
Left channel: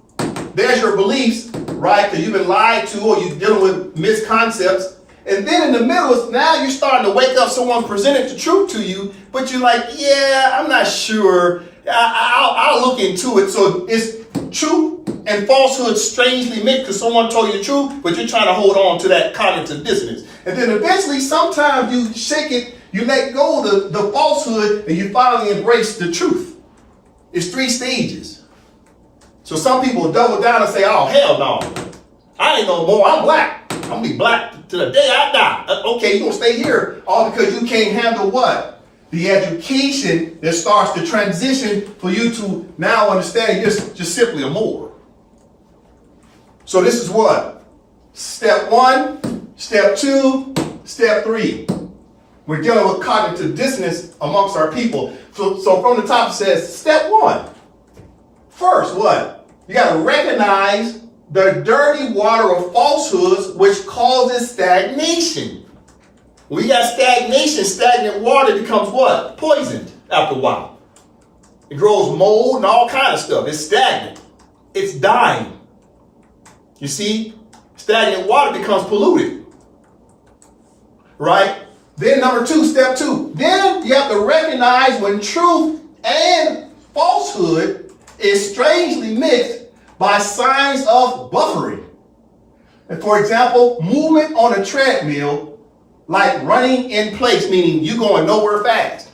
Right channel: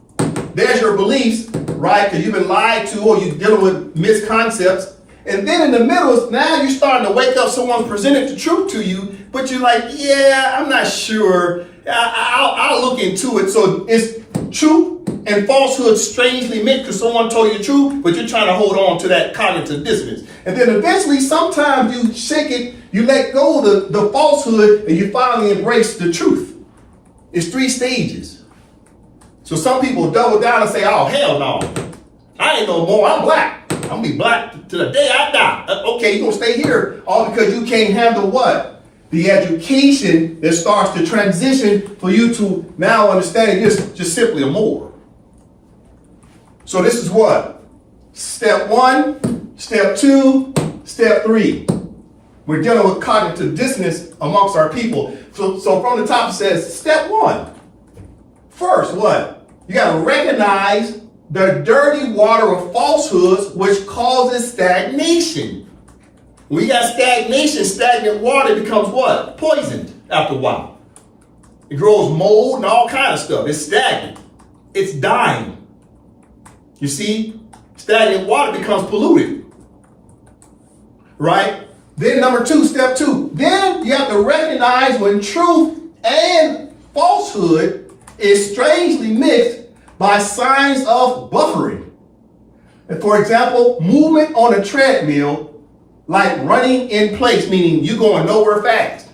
There's your beliefs, right? Because you've been lied to or you're dealing with misconcepts. And then in the middle, now you're starting to wake up, someone presented the truth to you, but you're like, yeah, I'm not sure. I'll look into it. So it's truth and falsehood strangely mixed because someone told you the truth, but you're trying to hold on to that cognitive dissonance. And then eventually, sometimes you shake it, you let go of the falsehood, and you finally embrace the truth. It's 3 stages. So some people double down and say, oh, hell no. I ain't no more. I'm black. I'm going to be black till the day I die. Okay, you're going to stay here all because you can't handle what? The education that starts to transition for you to now understand you're just simply a Moor. So this is what? Step 1, step 2, step 3. We're dealing with cognitive dissonance amongst our people. So from the top it says, step 1. First, what? You got to recognize the dirty water of falsehoods, which causes stagnation. When you got stagnation, stagnant water becomes what? Poisoned after a while. It grows mold and all kind of stuff. It's stagnant. It's dying. You see? Stagnant water becomes polluted. Right? Then number 2, step 2. Then you have to recognize when truth and falsehood is strangely mixed by signs of buffering. And for example, movement on a treadmill, like running in place, meaning you're going nowhere fast.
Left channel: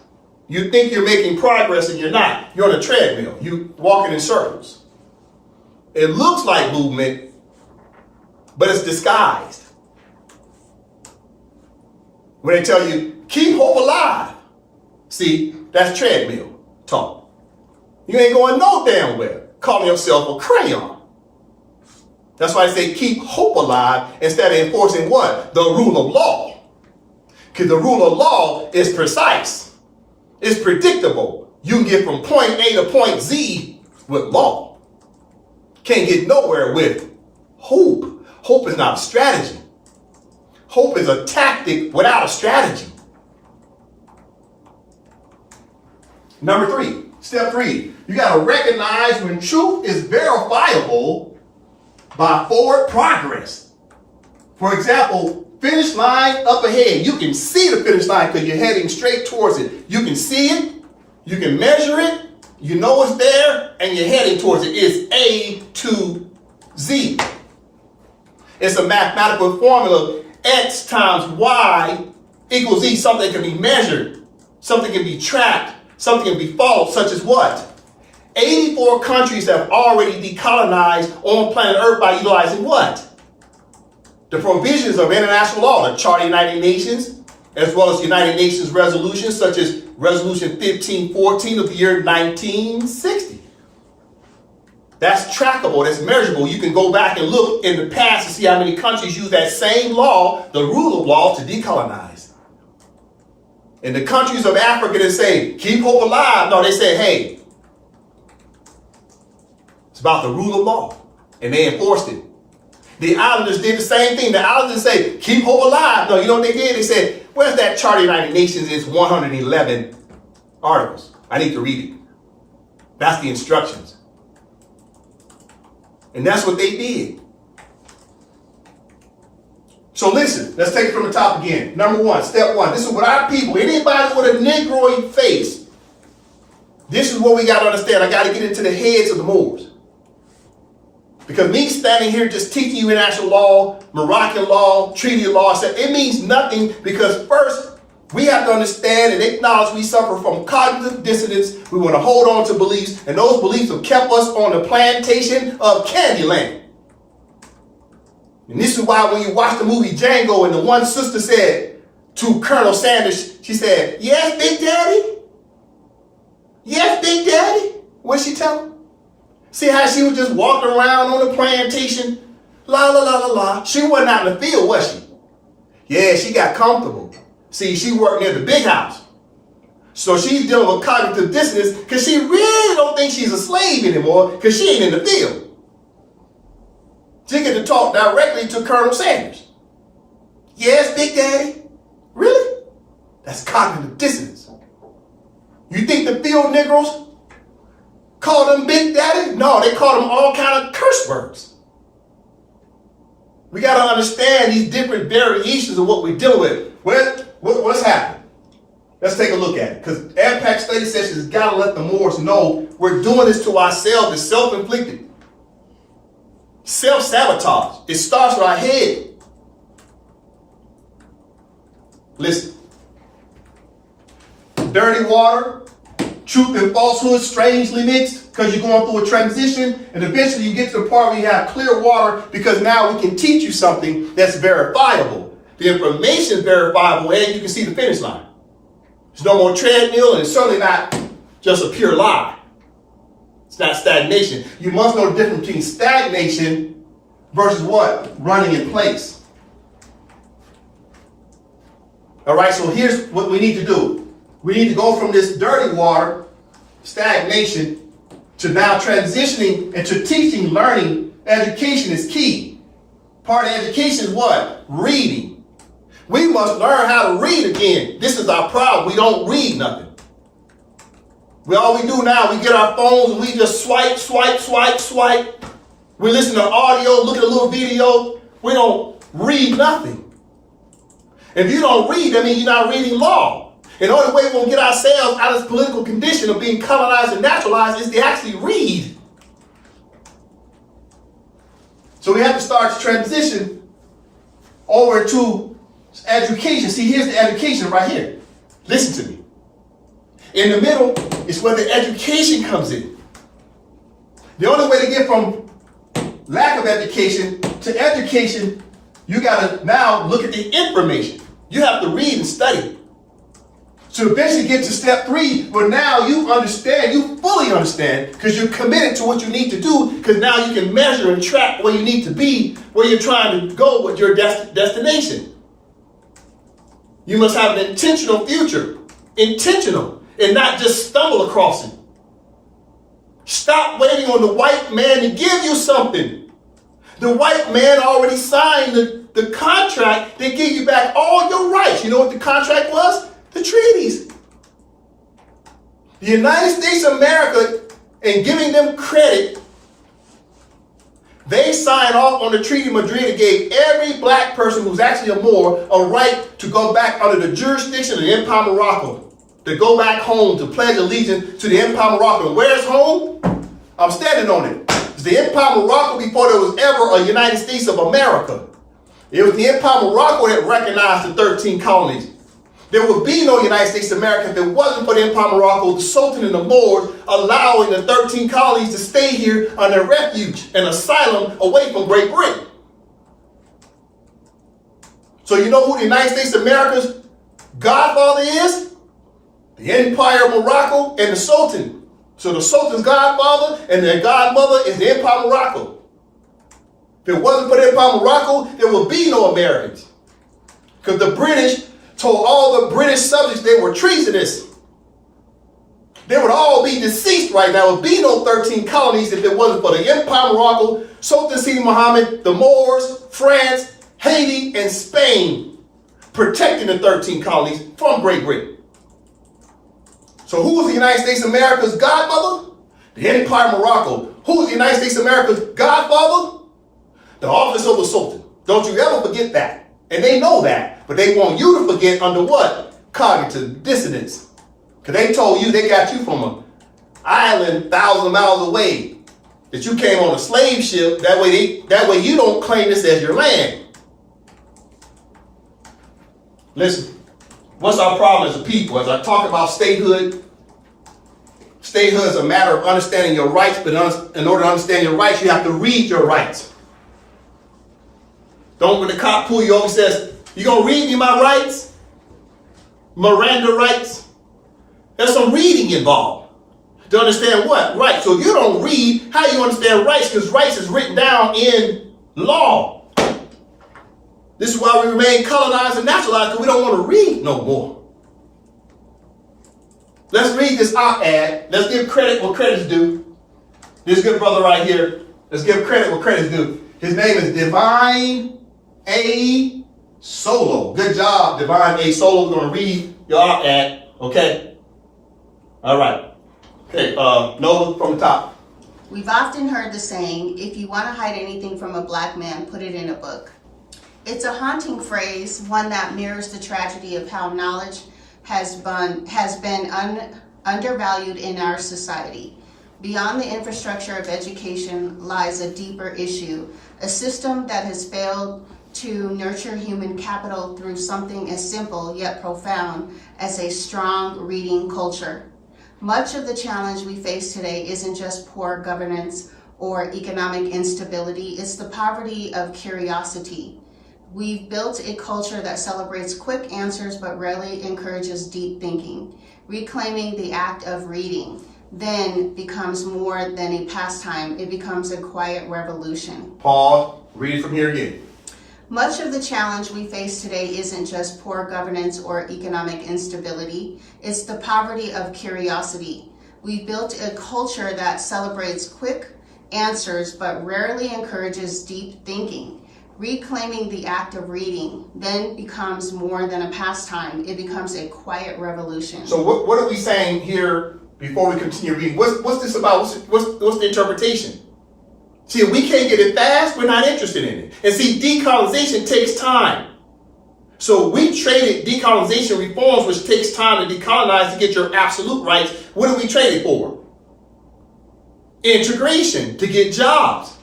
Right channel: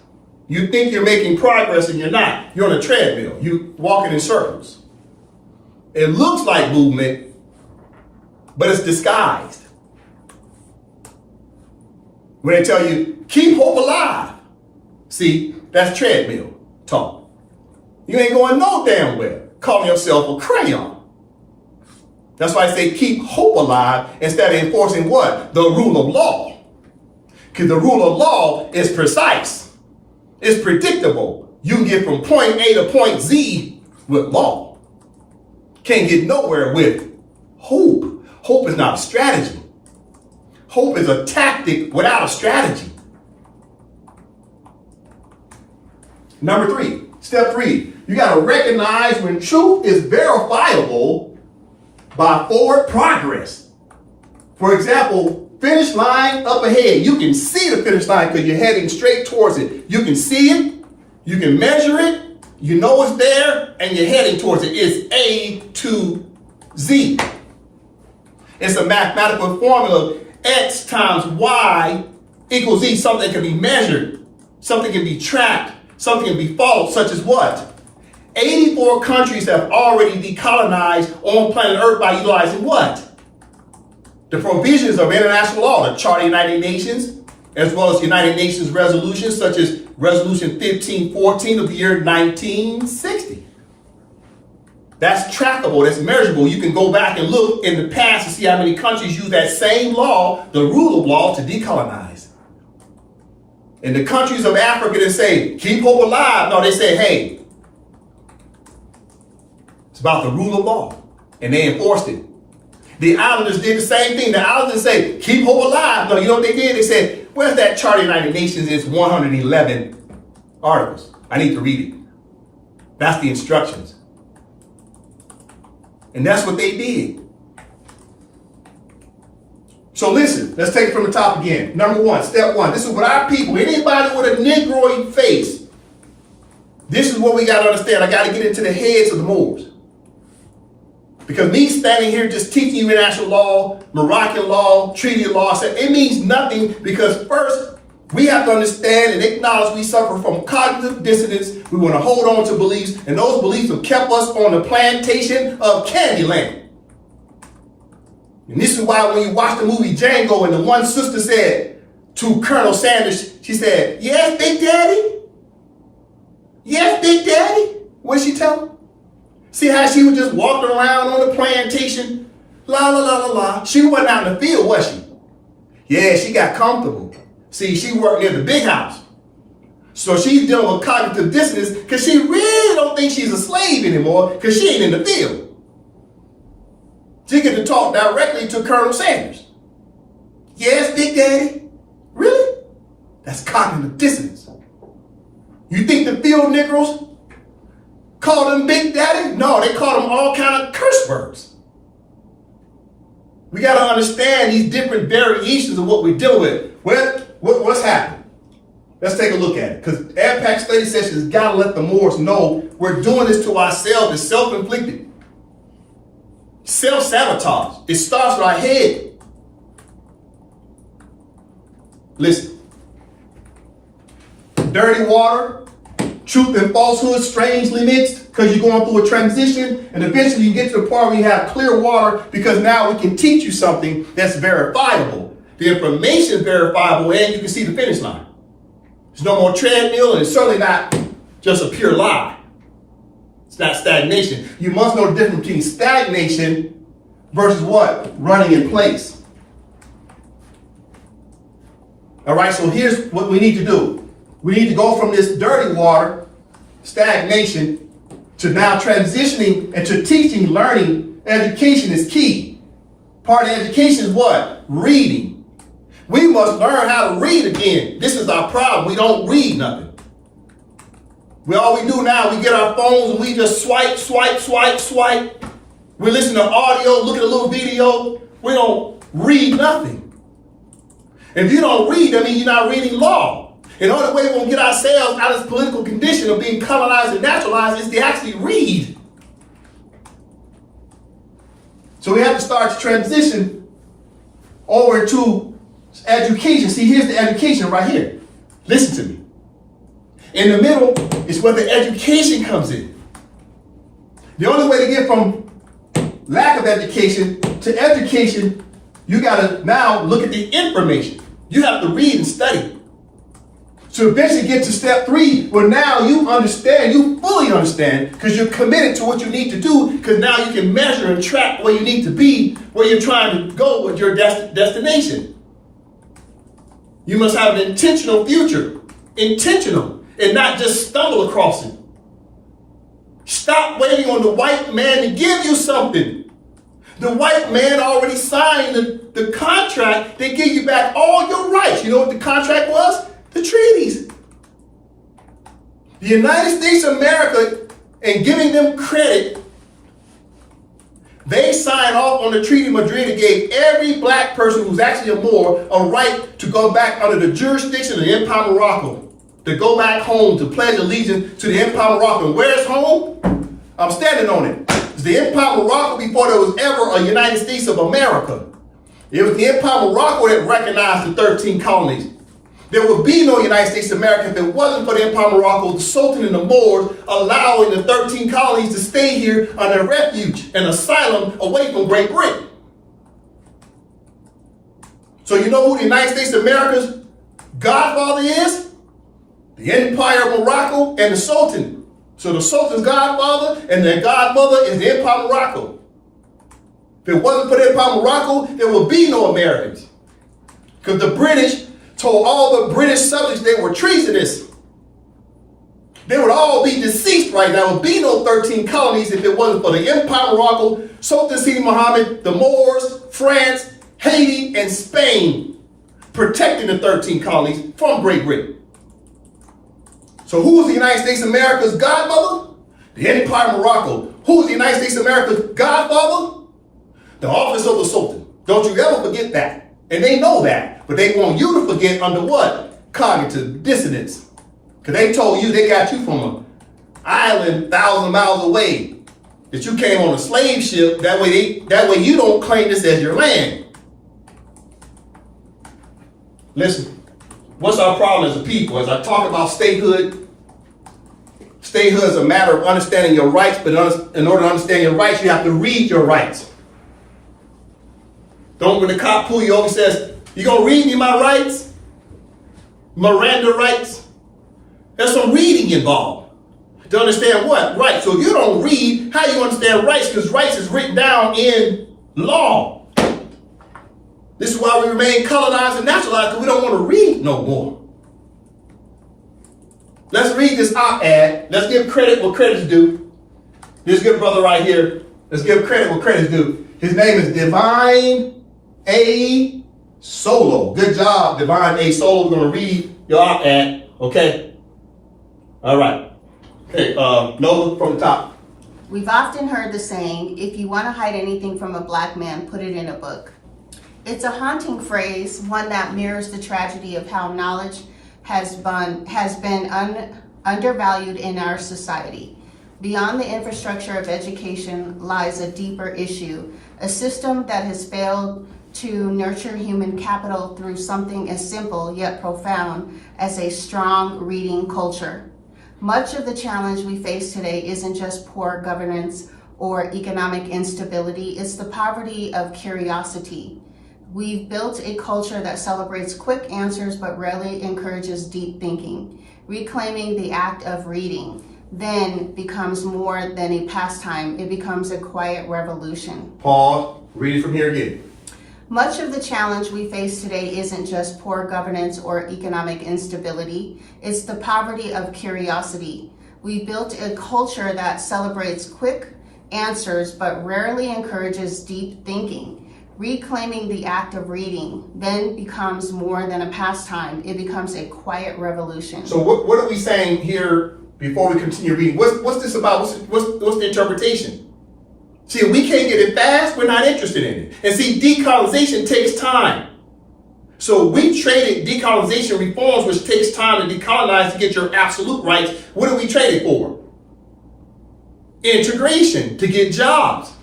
You think you're making progress and you're not. You're on a treadmill. You're walking in circles. It looks like movement, but it's disguised. When they tell you, keep hope alive. See, that's treadmill talk. You ain't going no damn where. Calling yourself a crayon. That's why I say keep hope alive instead of enforcing what? The rule of law. Because the rule of law is precise. It's predictable. You can get from point A to point Z with law. Can't get nowhere with hope. Hope is not a strategy. Hope is a tactic without a strategy. Number 3, step 3. You got to recognize when truth is verifiable by forward progress. For example, finish line up ahead. You can see the finish line because you're heading straight towards it. You can see it. You can measure it. You know it's there and you're heading towards it. It's A to Z. It's a mathematical formula. X times Y equals Z. Something can be measured. Something can be tracked. Something can be followed, such as what? 84 countries have already decolonized on planet Earth by utilizing what? The provisions of international law, the Charter of the United Nations, as well as United Nations resolutions, such as Resolution 1514 of the year 1960. That's trackable, that's measurable. You can go back and look in the past to see how many countries use that same law, the rule of law, to decolonize. In the countries of Africa that say, keep hope alive, no, they say, hey, it's about the rule of law. And they enforced it. The islanders did the same thing. The islanders say, keep hope alive. No, you know what they did? They said, where's that Charter of the United Nations? It's 111 articles. I need to read it. That's the instructions. And that's what they did. So listen, let's take it from the top again. Number 1, step 1. This is what our people, anybody with a Negroid face, this is what we got to understand. I got to get into the heads of the Moors. Because me standing here just teaching you international law, Moroccan law, treaty law, it means nothing, because first, we have to understand and acknowledge we suffer from cognitive dissonance. We want to hold on to beliefs, and those beliefs have kept us on the plantation of Candyland. And this is why when you watch the movie Django and the one sister said to Colonel Sanders, she said, "Yes, Big Daddy? Yes, Big Daddy?" What did she tell him? See how she was just walking around on the plantation? La, la, la, la, la. She wasn't out in the field, was she? Yeah, she got comfortable. See, she worked near the big house. So she's dealing with cognitive dissonance because she really don't think she's a slave anymore because she ain't in the field. She get to talk directly to Colonel Sanders. Yes, Big Daddy? Really? That's cognitive dissonance. You think the field Negroes call them Big Daddy? No, they call them all kind of curse words. We got to understand these different variations of what we deal with. What's happening? Let's take a look at it. Because AMPAC study sessions has got to let the Moors know we're doing this to ourselves. It's self-inflicted. Self-sabotage. It starts with our head. Listen. Dirty water, truth and falsehood strangely mixed, because you're going through a transition, and eventually you get to the part where you have clear water, because now we can teach you something that's verifiable. The information is verifiable, and you can see the finish line. There's no more treadmill, and it's certainly not just a pure lie. It's not stagnation. You must know the difference between stagnation versus what? Running in place. All right, so here's what we need to do. We need to go from this dirty water, stagnation, to now transitioning into teaching, learning. Education is key. Part of education is what? Reading. We must learn how to read again. This is our problem. We don't read nothing. All we do now, we get our phones and we just swipe, swipe, swipe, swipe. We listen to audio, look at a little video. We don't read nothing. And if you don't read, that means you're not reading law. And the only way we're going to get ourselves out of this political condition of being colonized and naturalized is to actually read. So we have to start to transition over to education. See, here's the education right here. Listen to me. In the middle is where the education comes in. The only way to get from lack of education to education, you got to now look at the information. You have to read and study. To eventually get to step 3, where now you understand, you fully understand, because you're committed to what you need to do, because now you can measure and track where you need to be, where you're trying to go with your destination. You must have an intentional future. Intentional. And not just stumble across it. Stop waiting on the white man to give you something. The white man already signed the contract that gave you back all your rights. You know what the contract was? The treaties. The United States of America, and giving them credit, they signed off on the Treaty of Madrid that gave every black person who's actually a Moor a right to go back under the jurisdiction of the Empire of Morocco. To go back home to pledge allegiance to the Empire of Morocco. And where's home? I'm standing on it. It's the Empire of Morocco before there was ever a United States of America. It was the Empire of Morocco that recognized the 13 colonies. There would be no United States of America if it wasn't for the Empire of Morocco, the Sultan and the Moors allowing the 13 colonies to stay here on their refuge and asylum away from Great Britain. So you know who the United States of America's godfather is? The Empire of Morocco and the Sultan. So the Sultan's godfather and their godmother is the Empire of Morocco. If it wasn't for the Empire of Morocco, there would be no Americans. Because the British told all the British subjects they were treasonous. They would all be deceased right now. There would be no 13 colonies if it wasn't for the Empire of Morocco, Sultan Sidi Mohammed, the Moors, France, Haiti, and Spain protecting the 13 colonies from Great Britain. So who was the United States of America's godmother? The Empire of Morocco. Who was the United States of America's godfather? The office of the Sultan. Don't you ever forget that. And they know that. But they want you to forget under what? Cognitive dissonance. Because they told you they got you from an island 1,000 miles away. that you came on a slave ship. That way you don't claim this as your land. Listen, what's our problem as a people? As I talk about statehood, statehood is a matter of understanding your rights, but in order to understand your rights, you have to read your rights. Don't, when the cop pull you over and says, you gonna read me my rights? Miranda rights? There's some reading involved to understand what? Rights. So if you don't read, how you understand rights? Because rights is written down in law. This is why we remain colonized and nationalized, because we don't want to read no more. Let's read this op-ed. Let's give credit what credit's due. This good brother right here, let's give credit what credit's due. His name is Divine A. Solo. Good job, Divine A. Solo. We're going to read your op-ed, okay? All right. Okay, Nova from the top. We've often heard the saying, if you want to hide anything from a black man, put it in a book. It's a haunting phrase, one that mirrors the tragedy of how knowledge has been undervalued in our society. Beyond the infrastructure of education lies a deeper issue, a system that has failed to nurture human capital through something as simple yet profound as a strong reading culture. Much of the challenge we face today isn't just poor governance or economic instability, it's the poverty of curiosity. We've built a culture that celebrates quick answers but rarely encourages deep thinking. Reclaiming the act of reading then becomes more than a pastime, it becomes a quiet revolution. Pause, read it from here again. Much of the challenge we face today isn't just poor governance or economic instability, it's the poverty of curiosity. We've built a culture that celebrates quick answers but rarely encourages deep thinking. Reclaiming the act of reading then becomes more than a pastime, it becomes a quiet revolution. So what are we saying here before we continue reading? What's this about? What's the interpretation? See, if we can't get it fast, we're not interested in it. And see, decolonization takes time. So we traded decolonization reforms, which takes time to decolonize to get your absolute rights. What do we trade it for? Integration, to get jobs.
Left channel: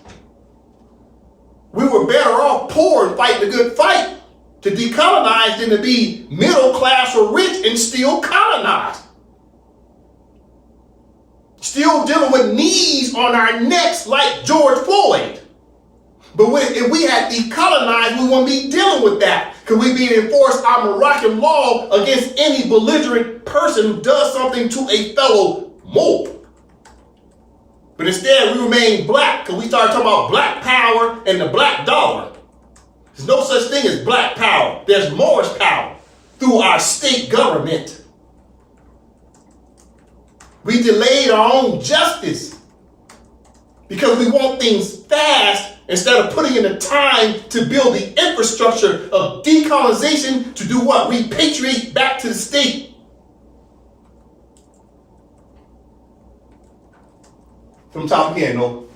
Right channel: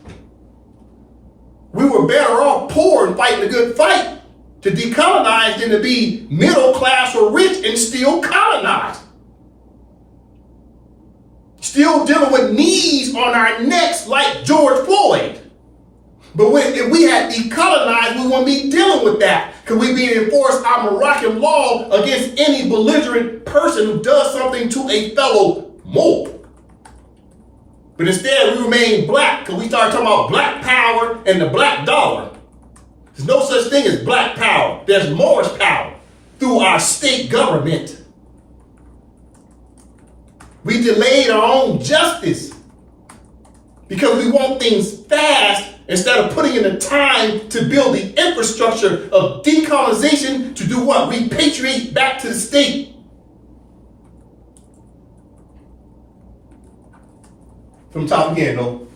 We were better off poor and fighting a good fight to decolonize than to be middle class or rich and still colonized. Still dealing with knees on our necks like George Floyd. But if we had decolonized, we wouldn't be dealing with that. Because we'd be enforce our Moroccan law against any belligerent person who does something to a fellow Moor. But instead, we remain black because we started talking about black power and the black dollar. There's no such thing as black power. There's Moorish power through our state government. We delayed our own justice because we want things fast instead of putting in the time to build the infrastructure of decolonization to do what? Repatriate back to the state. From top again, no.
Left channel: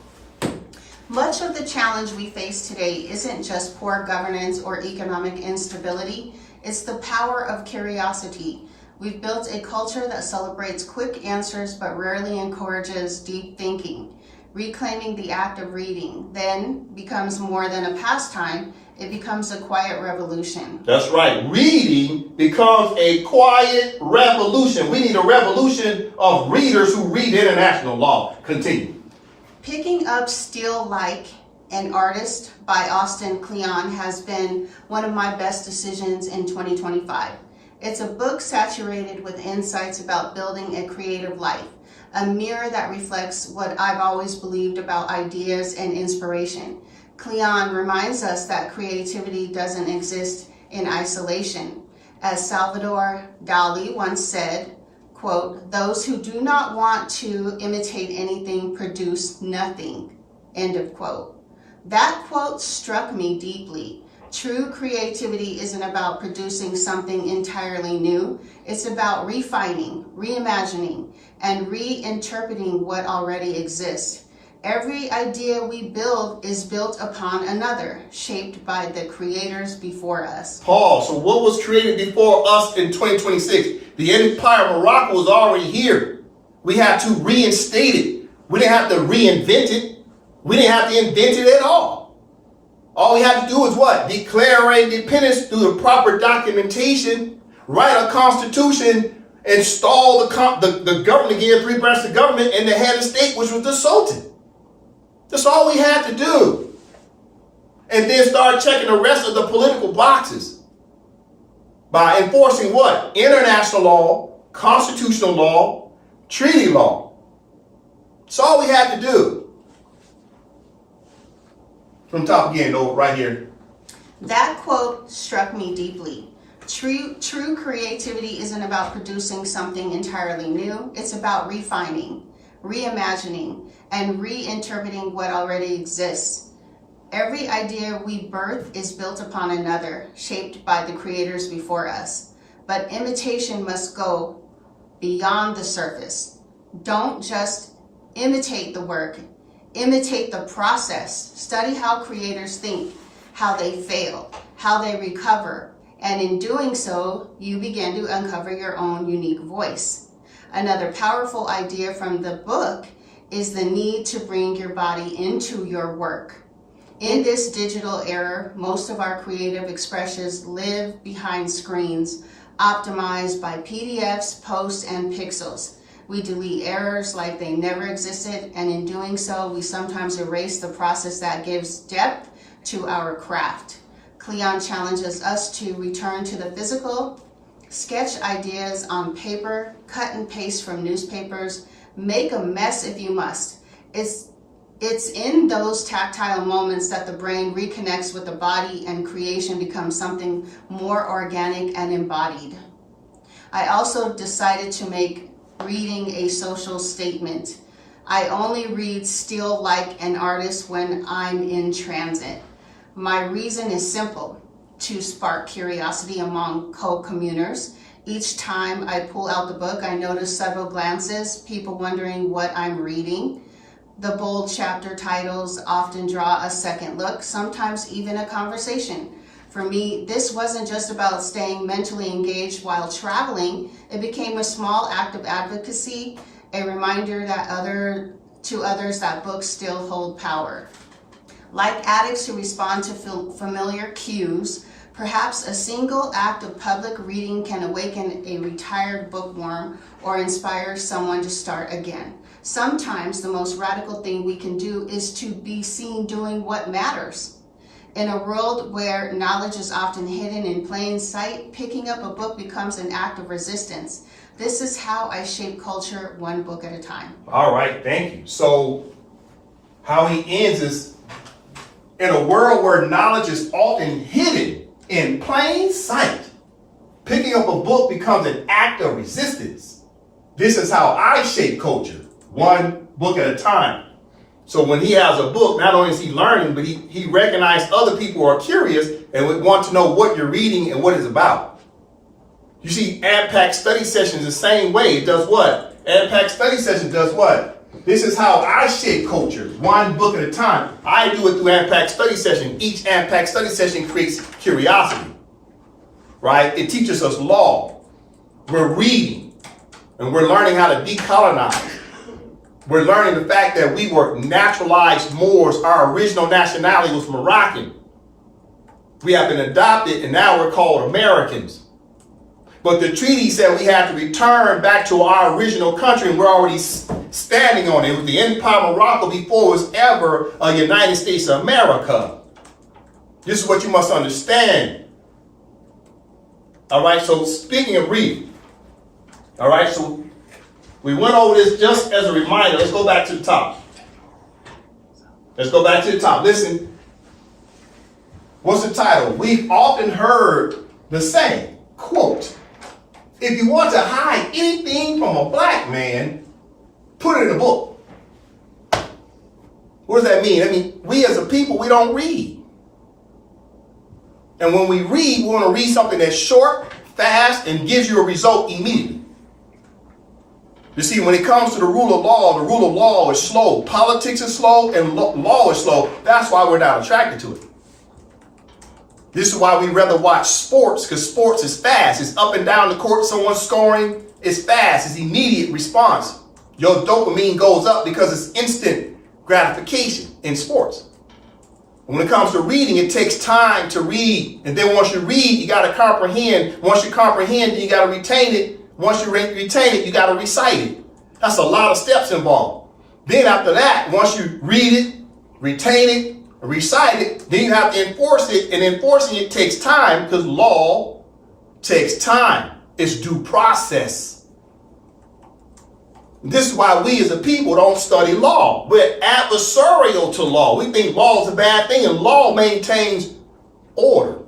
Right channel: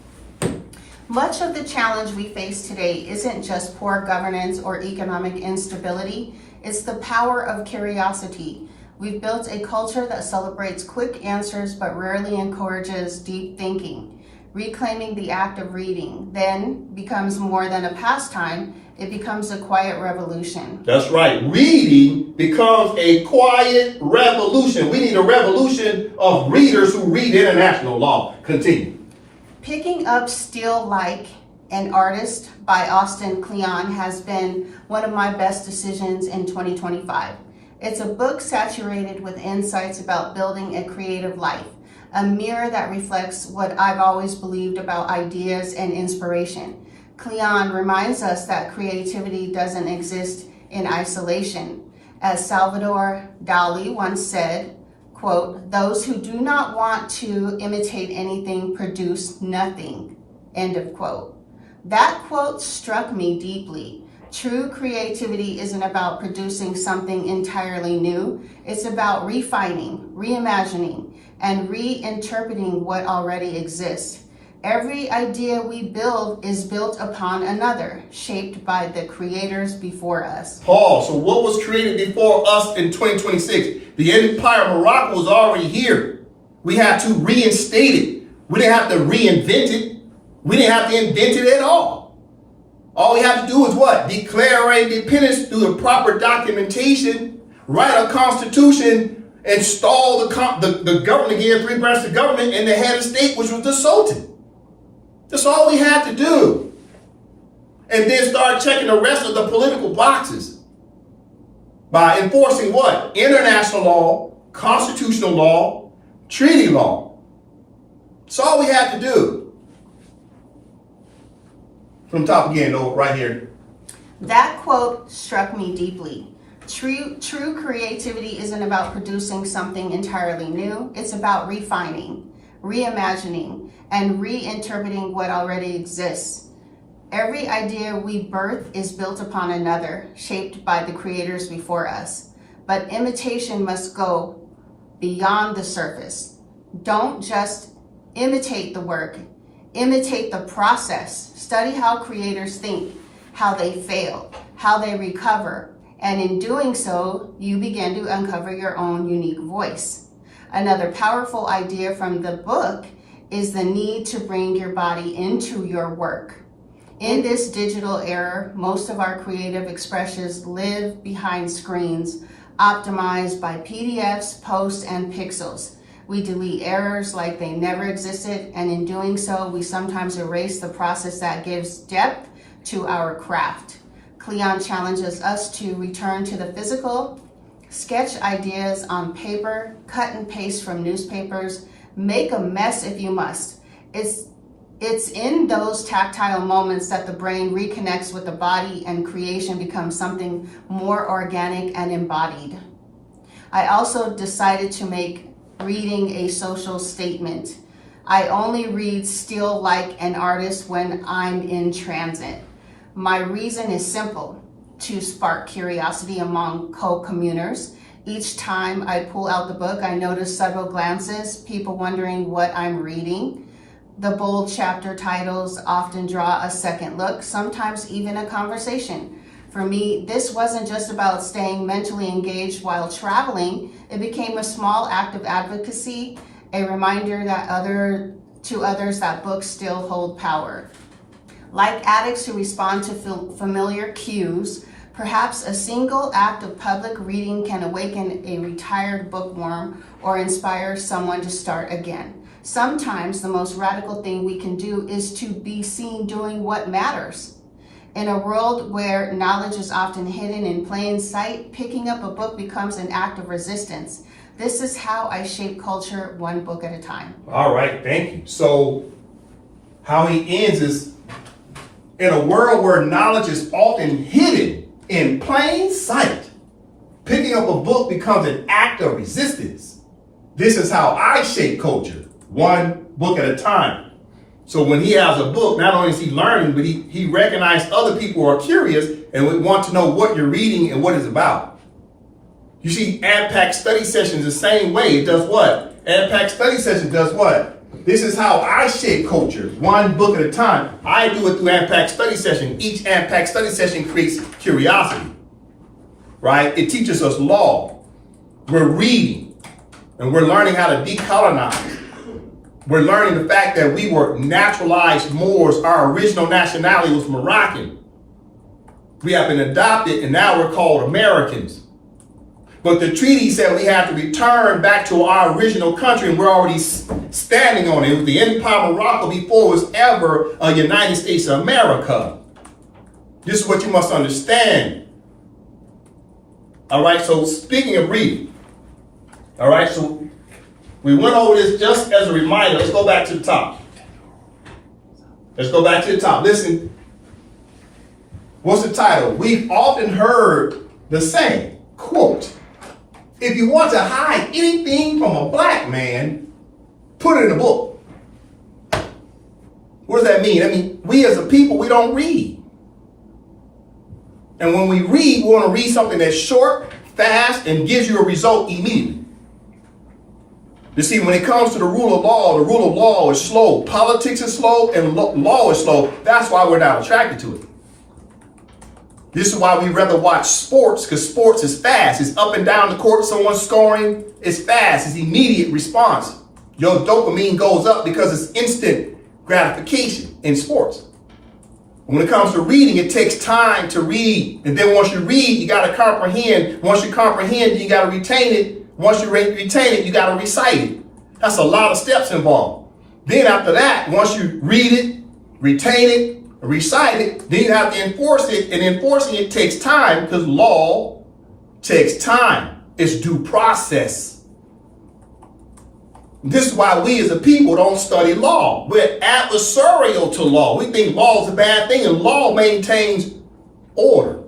Much of the challenge we face today isn't just poor governance or economic instability, it's the power of curiosity. We've built a culture that celebrates quick answers but rarely encourages deep thinking. Reclaiming the act of reading then becomes more than a pastime, it becomes a quiet revolution. That's right. Reading becomes a quiet revolution. We need a revolution of readers who read international law. Continue. Picking up Still Like an Artist by Austin Kleon has been one of my best decisions in 2025. It's a book saturated with insights about building a creative life, a mirror that reflects what I've always believed about ideas and inspiration. Kleon reminds us that creativity doesn't exist in isolation. As Salvador Dali once said, quote, "Those who do not want to imitate anything produce nothing," end of quote. That quote struck me deeply. True creativity isn't about producing something entirely new. It's about refining, reimagining, and reinterpreting what already exists. Every idea we build is built upon another, shaped by the creators before us. Paul, so what was created before us in 2026? The empire of Morocco was already here. We had to reinstate it. We didn't have to reinvent it. We didn't have to invent it at all. All we had to do is what? Declare our independence through the proper documentation, write a constitution, install the government again, three branches of government, and the head of state, which was the Sultan. That's all we had to do. And then start checking the rest of the political boxes by enforcing what? International law, constitutional law, treaty law. That's all we had to do. From top again, though, right here. That quote struck me deeply. True creativity isn't about producing something entirely new. It's about refining, reimagining, and reinterpreting what already exists. Every idea we birth is built upon another, shaped by the creators before us. But imitation must go beyond the surface. Don't just imitate the work, imitate the process. Study how creators think, how they fail, how they recover, and in doing so, you begin to uncover your own unique voice. Another powerful idea from the book is the need to bring your body into your work. In this digital era, most of our creative expressions live behind screens, optimized by PDFs, posts, and pixels. We delete errors like they never existed, and in doing so, we sometimes erase the process that gives depth to our craft. Cleon challenges us to return to the physical, sketch ideas on paper, cut and paste from newspapers, make a mess if you must. It's in those tactile moments that the brain reconnects with the body and creation becomes something more organic and embodied. I also decided to make reading a social statement. I only read still like an artist when I'm in transit. My reason is simple: to spark curiosity among co-communers. Each time I pull out the book, I notice several glances, people wondering what I'm reading. The bold chapter titles often draw a second look, sometimes even a conversation. For me, this wasn't just about staying mentally engaged while traveling. It became a small act of advocacy, a reminder that to others that books still hold power. Like addicts who respond to familiar cues, perhaps a single act of public reading can awaken a retired bookworm or inspire someone to start again. Sometimes the most radical thing we can do is to be seen doing what matters. In a world where knowledge is often hidden in plain sight, picking up a book becomes an act of resistance. This is how I shape culture, one book at a time. All right, thank you. So how he ends is, in a world where knowledge is often hidden in plain sight, picking up a book becomes an act of resistance. This is how I shape culture, one book at a time. So when he has a book, not only is he learning, but he recognizes other people are curious and would want to know what you're reading and what it's about. You see, AMPAC study sessions the same way. It does what? AMPAC study sessions does what? This is how I shape culture, one book at a time. I do it through AMPAC study session. Each AMPAC study session creates curiosity, right? It teaches us law. We're reading, and we're learning how to decolonize. We're learning the fact that we were naturalized Moors. Our original nationality was Moroccan. We have been adopted, and now we're called Americans. But the treaty said we have to return back to our original country, and we're already standing on it. It was the Empire of Morocco before it was ever a United States of America. This is what you must understand. All right, so speaking of reading, all right, so we went over this just as a reminder. Let's go back to the top. Let's go back to the top. Listen, what's the title? We've often heard the saying, quote, if you want to hide anything from a black man, put it in a book. What does that mean? I mean, we as a people, we don't read. And when we read, we want to read something that's short, fast, and gives you a result immediately. You see, when it comes to the rule of law is slow. Politics is slow and law is slow. That's why we're not attracted to it. This is why we rather watch sports, because sports is fast. It's up and down the court, someone's scoring. It's fast. It's immediate response. Your dopamine goes up because it's instant gratification. in sports. When it comes to reading, it takes time to read. And then once you read, you got to comprehend. Once you comprehend, you got to retain it. Once you retain it, you got to recite it. That's a lot of steps involved. Then after that, once you read it, retain it, recite it, then you have to enforce it. And enforcing it takes time because law takes time. It's due process. This is why we as a people don't study law. We're adversarial to law. We think law is a bad thing, and law maintains order.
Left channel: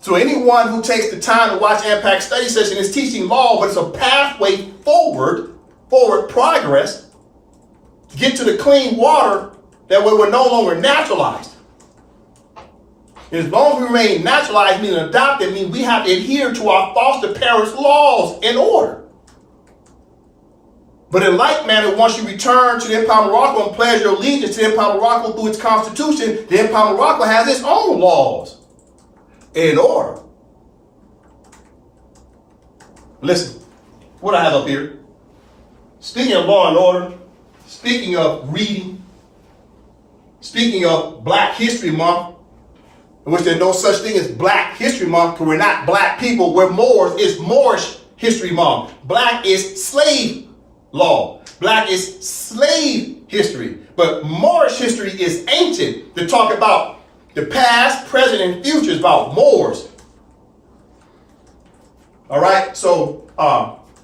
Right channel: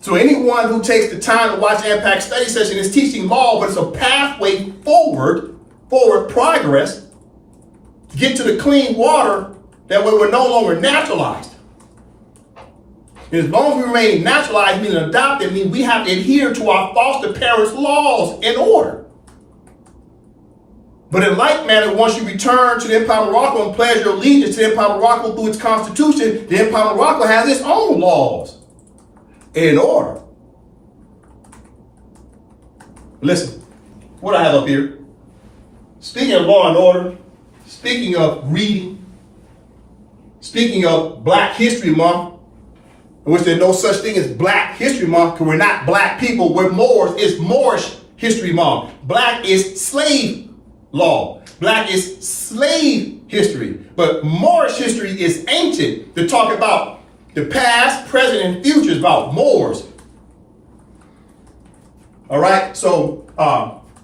So anyone who takes the time to watch AMPAC study session is teaching law, but it's a pathway forward progress to get to the clean water that way we're no longer naturalized. As long as we remain naturalized, meaning adopted, means we have to adhere to our foster parents' laws and order. But in like manner, once you return to the Empire of Morocco and pledge your allegiance to the Empire of Morocco through its constitution, the Empire of Morocco has its own laws and order. Listen, what I have up here. Speaking of law and order, speaking of reading, speaking of Black History Month, in which there's no such thing as Black History Month because we're not black people, we're Moors. It's Moorish History Month. Black is slave law. Black is slave history. But Moorish history is ancient to talk about the past, present, and future is about Moors. All right, so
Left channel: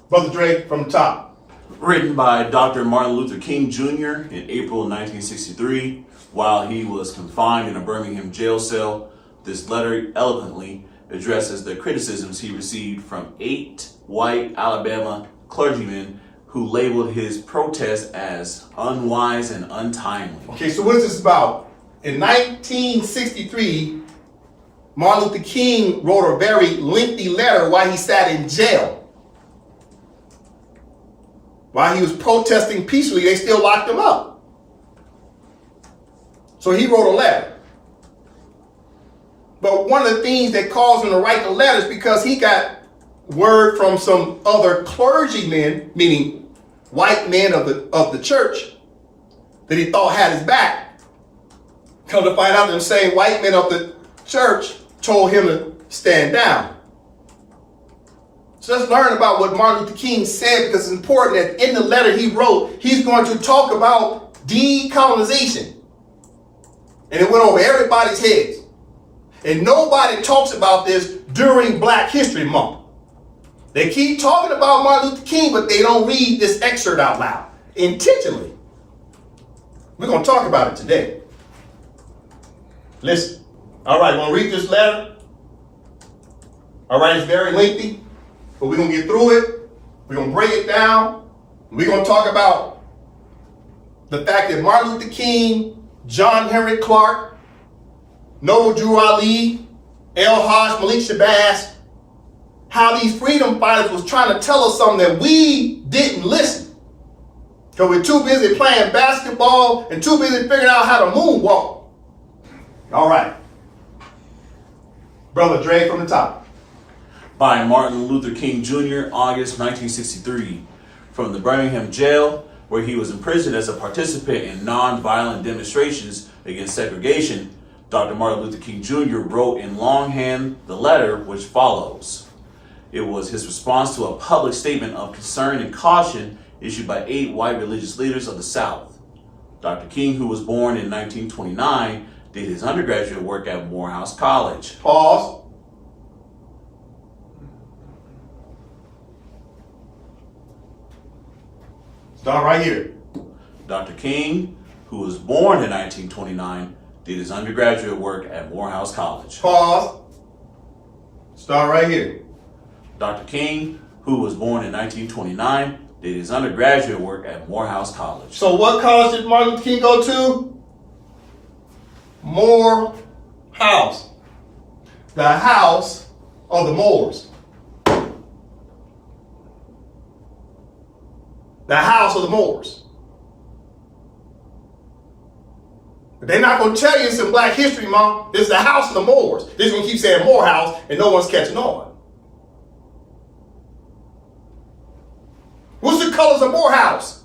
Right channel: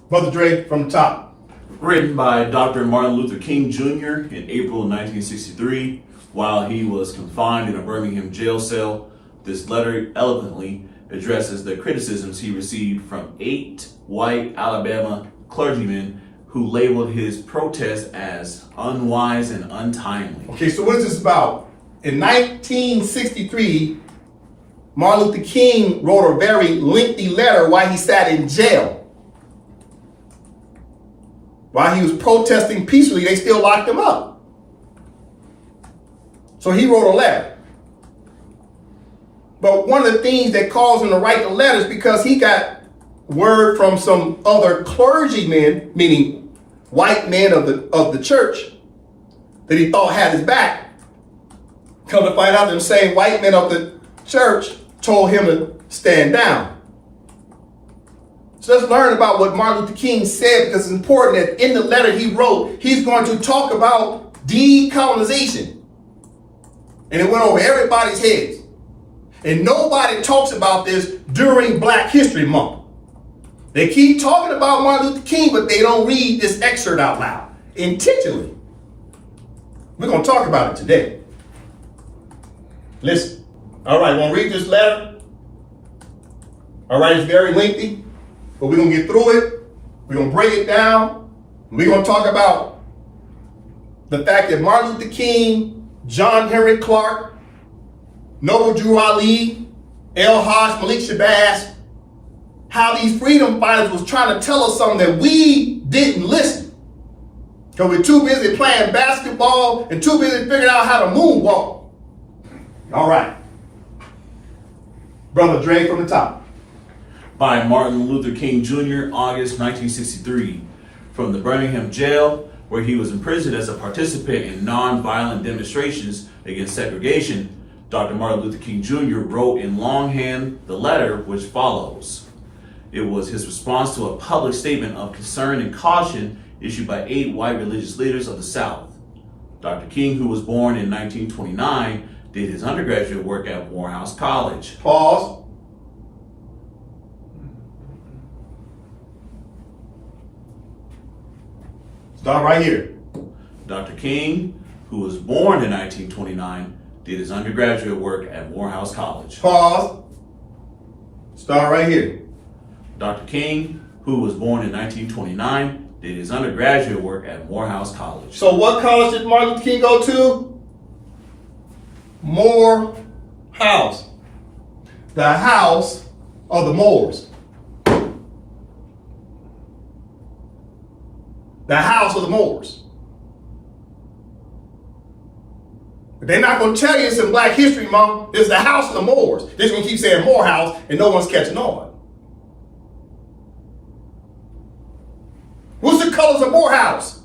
Brother Dre from the top. Written by Dr. Martin Luther King Jr. in April 1963 while he was confined in a Birmingham jail cell. This letter eloquently addresses the criticisms he received from 8 white Alabama clergymen who labeled his protest as unwise and untimely. Okay, so what is this about? In 1963, Martin Luther King wrote a very lengthy letter while he sat in jail. While he was protesting peacefully, they still locked him up. So he wrote a letter. But one of the things that caused him to write the letter is because he got word from some other clergymen, meaning white men of the church, that he thought had his back. Come to find out, them same white men of the church told him to stand down. So let's learn about what Martin Luther King said, because it's important that in the letter he wrote, he's going to talk about decolonization. And it went over everybody's heads. And nobody talks about this during Black History Month. They keep talking about Martin Luther King, but they don't read this excerpt out loud, intentionally. We're going to talk about it today. Listen. All right, we're going to read this letter. All right, it's very lengthy, but we're going to get through it. We're going to break it down. We're going to talk about the fact that Martin Luther King, John Henry Clark, Noble Drew Ali, El Haj Malik Shabazz, how these freedom fighters was trying to tell us something that we didn't listen. Because we're too busy playing basketball and too busy figuring out how to moonwalk. All right. Brother Dre from the top. By Martin Luther King Jr., August 1963, from the Birmingham jail, where he was imprisoned as a participant in non-violent demonstrations against segregation. Dr. Martin Luther King Jr. wrote in longhand the letter which follows. It was his response to a public statement of concern and caution issued by 8 white religious leaders of the South. Dr. King, who was born in 1929, did his undergraduate work at Morehouse College. Pause. Start right here. Dr. King, who was born in 1929, did his undergraduate work at Morehouse College. Pause. Start right here. Dr. King, who was born in 1929, did his undergraduate work at Morehouse College. So what college did Martin Luther King go to? Morehouse. The house of the Moors. The house of the Moors. But they're not going to tell you it's in Black History Month. It's the house of the Moors. They're just going to keep saying Morehouse and no one's catching on. What's the colors of Morehouse?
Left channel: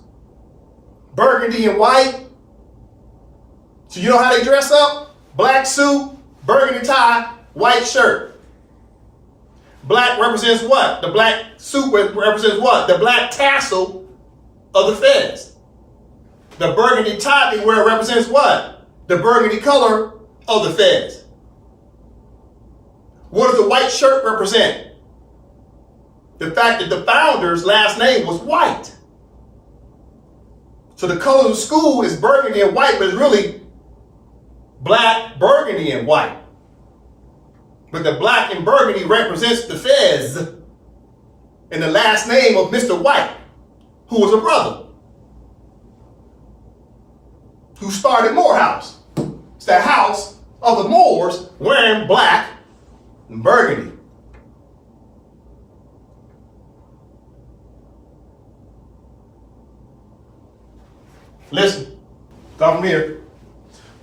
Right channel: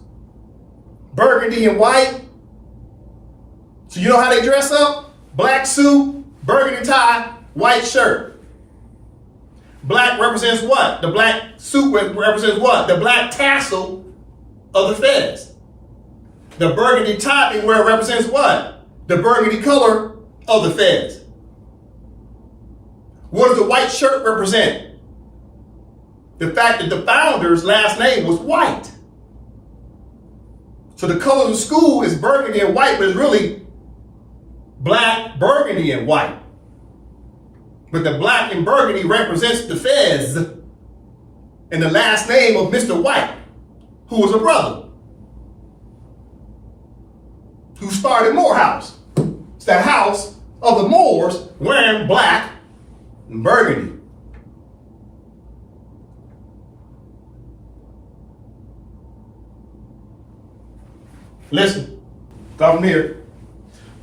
burgundy and white. So you know how they dress up? Black suit, burgundy tie, white shirt. Black represents what? The black suit represents what? The black tassel of the fez. The burgundy tie they wear represents what? The burgundy color of the fez. What does the white shirt represent? The fact that the founder's last name was white. So the color of the school is burgundy and white, but it's really black, burgundy, and white. But the black and burgundy represents the fez and the last name of Mr. White, who was a brother, who started Moor House. It's the house of the Moors wearing black and burgundy. Listen, start from here.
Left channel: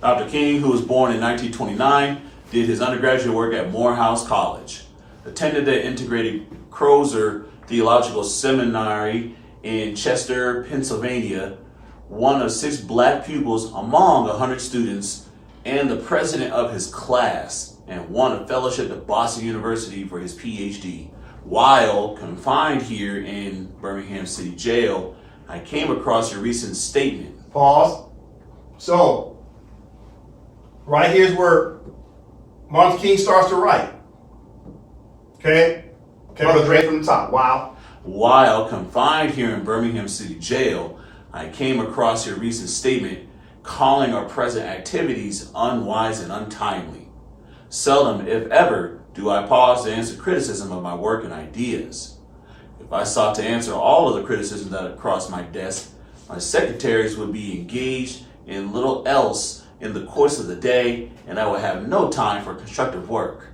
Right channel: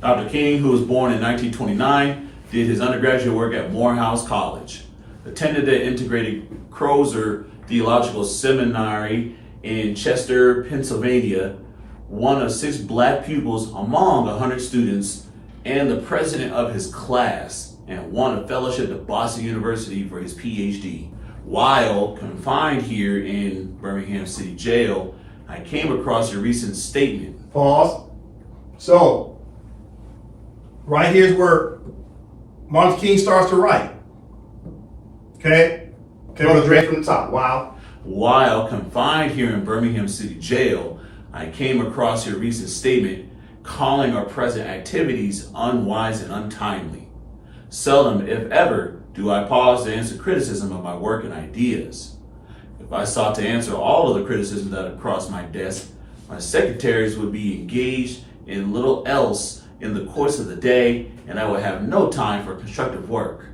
Dr. King, who was born in 1929, did his undergraduate work at Morehouse College, attended the integrated Crozer Theological Seminary in Chester, Pennsylvania, one of 6 black pupils among 100 students, and the president of his class, and won a fellowship at Boston University for his PhD. While confined here in Birmingham City Jail, I came across your recent statement. Pause. So, right here's where Martin King starts to write. Okay? Okay, we'll read from the top. Wow. While confined here in Birmingham City Jail, I came across your recent statement calling our present activities unwise and untimely. Seldom, if ever, do I pause to answer criticism of my work and ideas. If I sought to answer all of the criticism that had crossed my desk, my secretaries would be engaged in little else in the course of the day, and I would have no time for constructive work.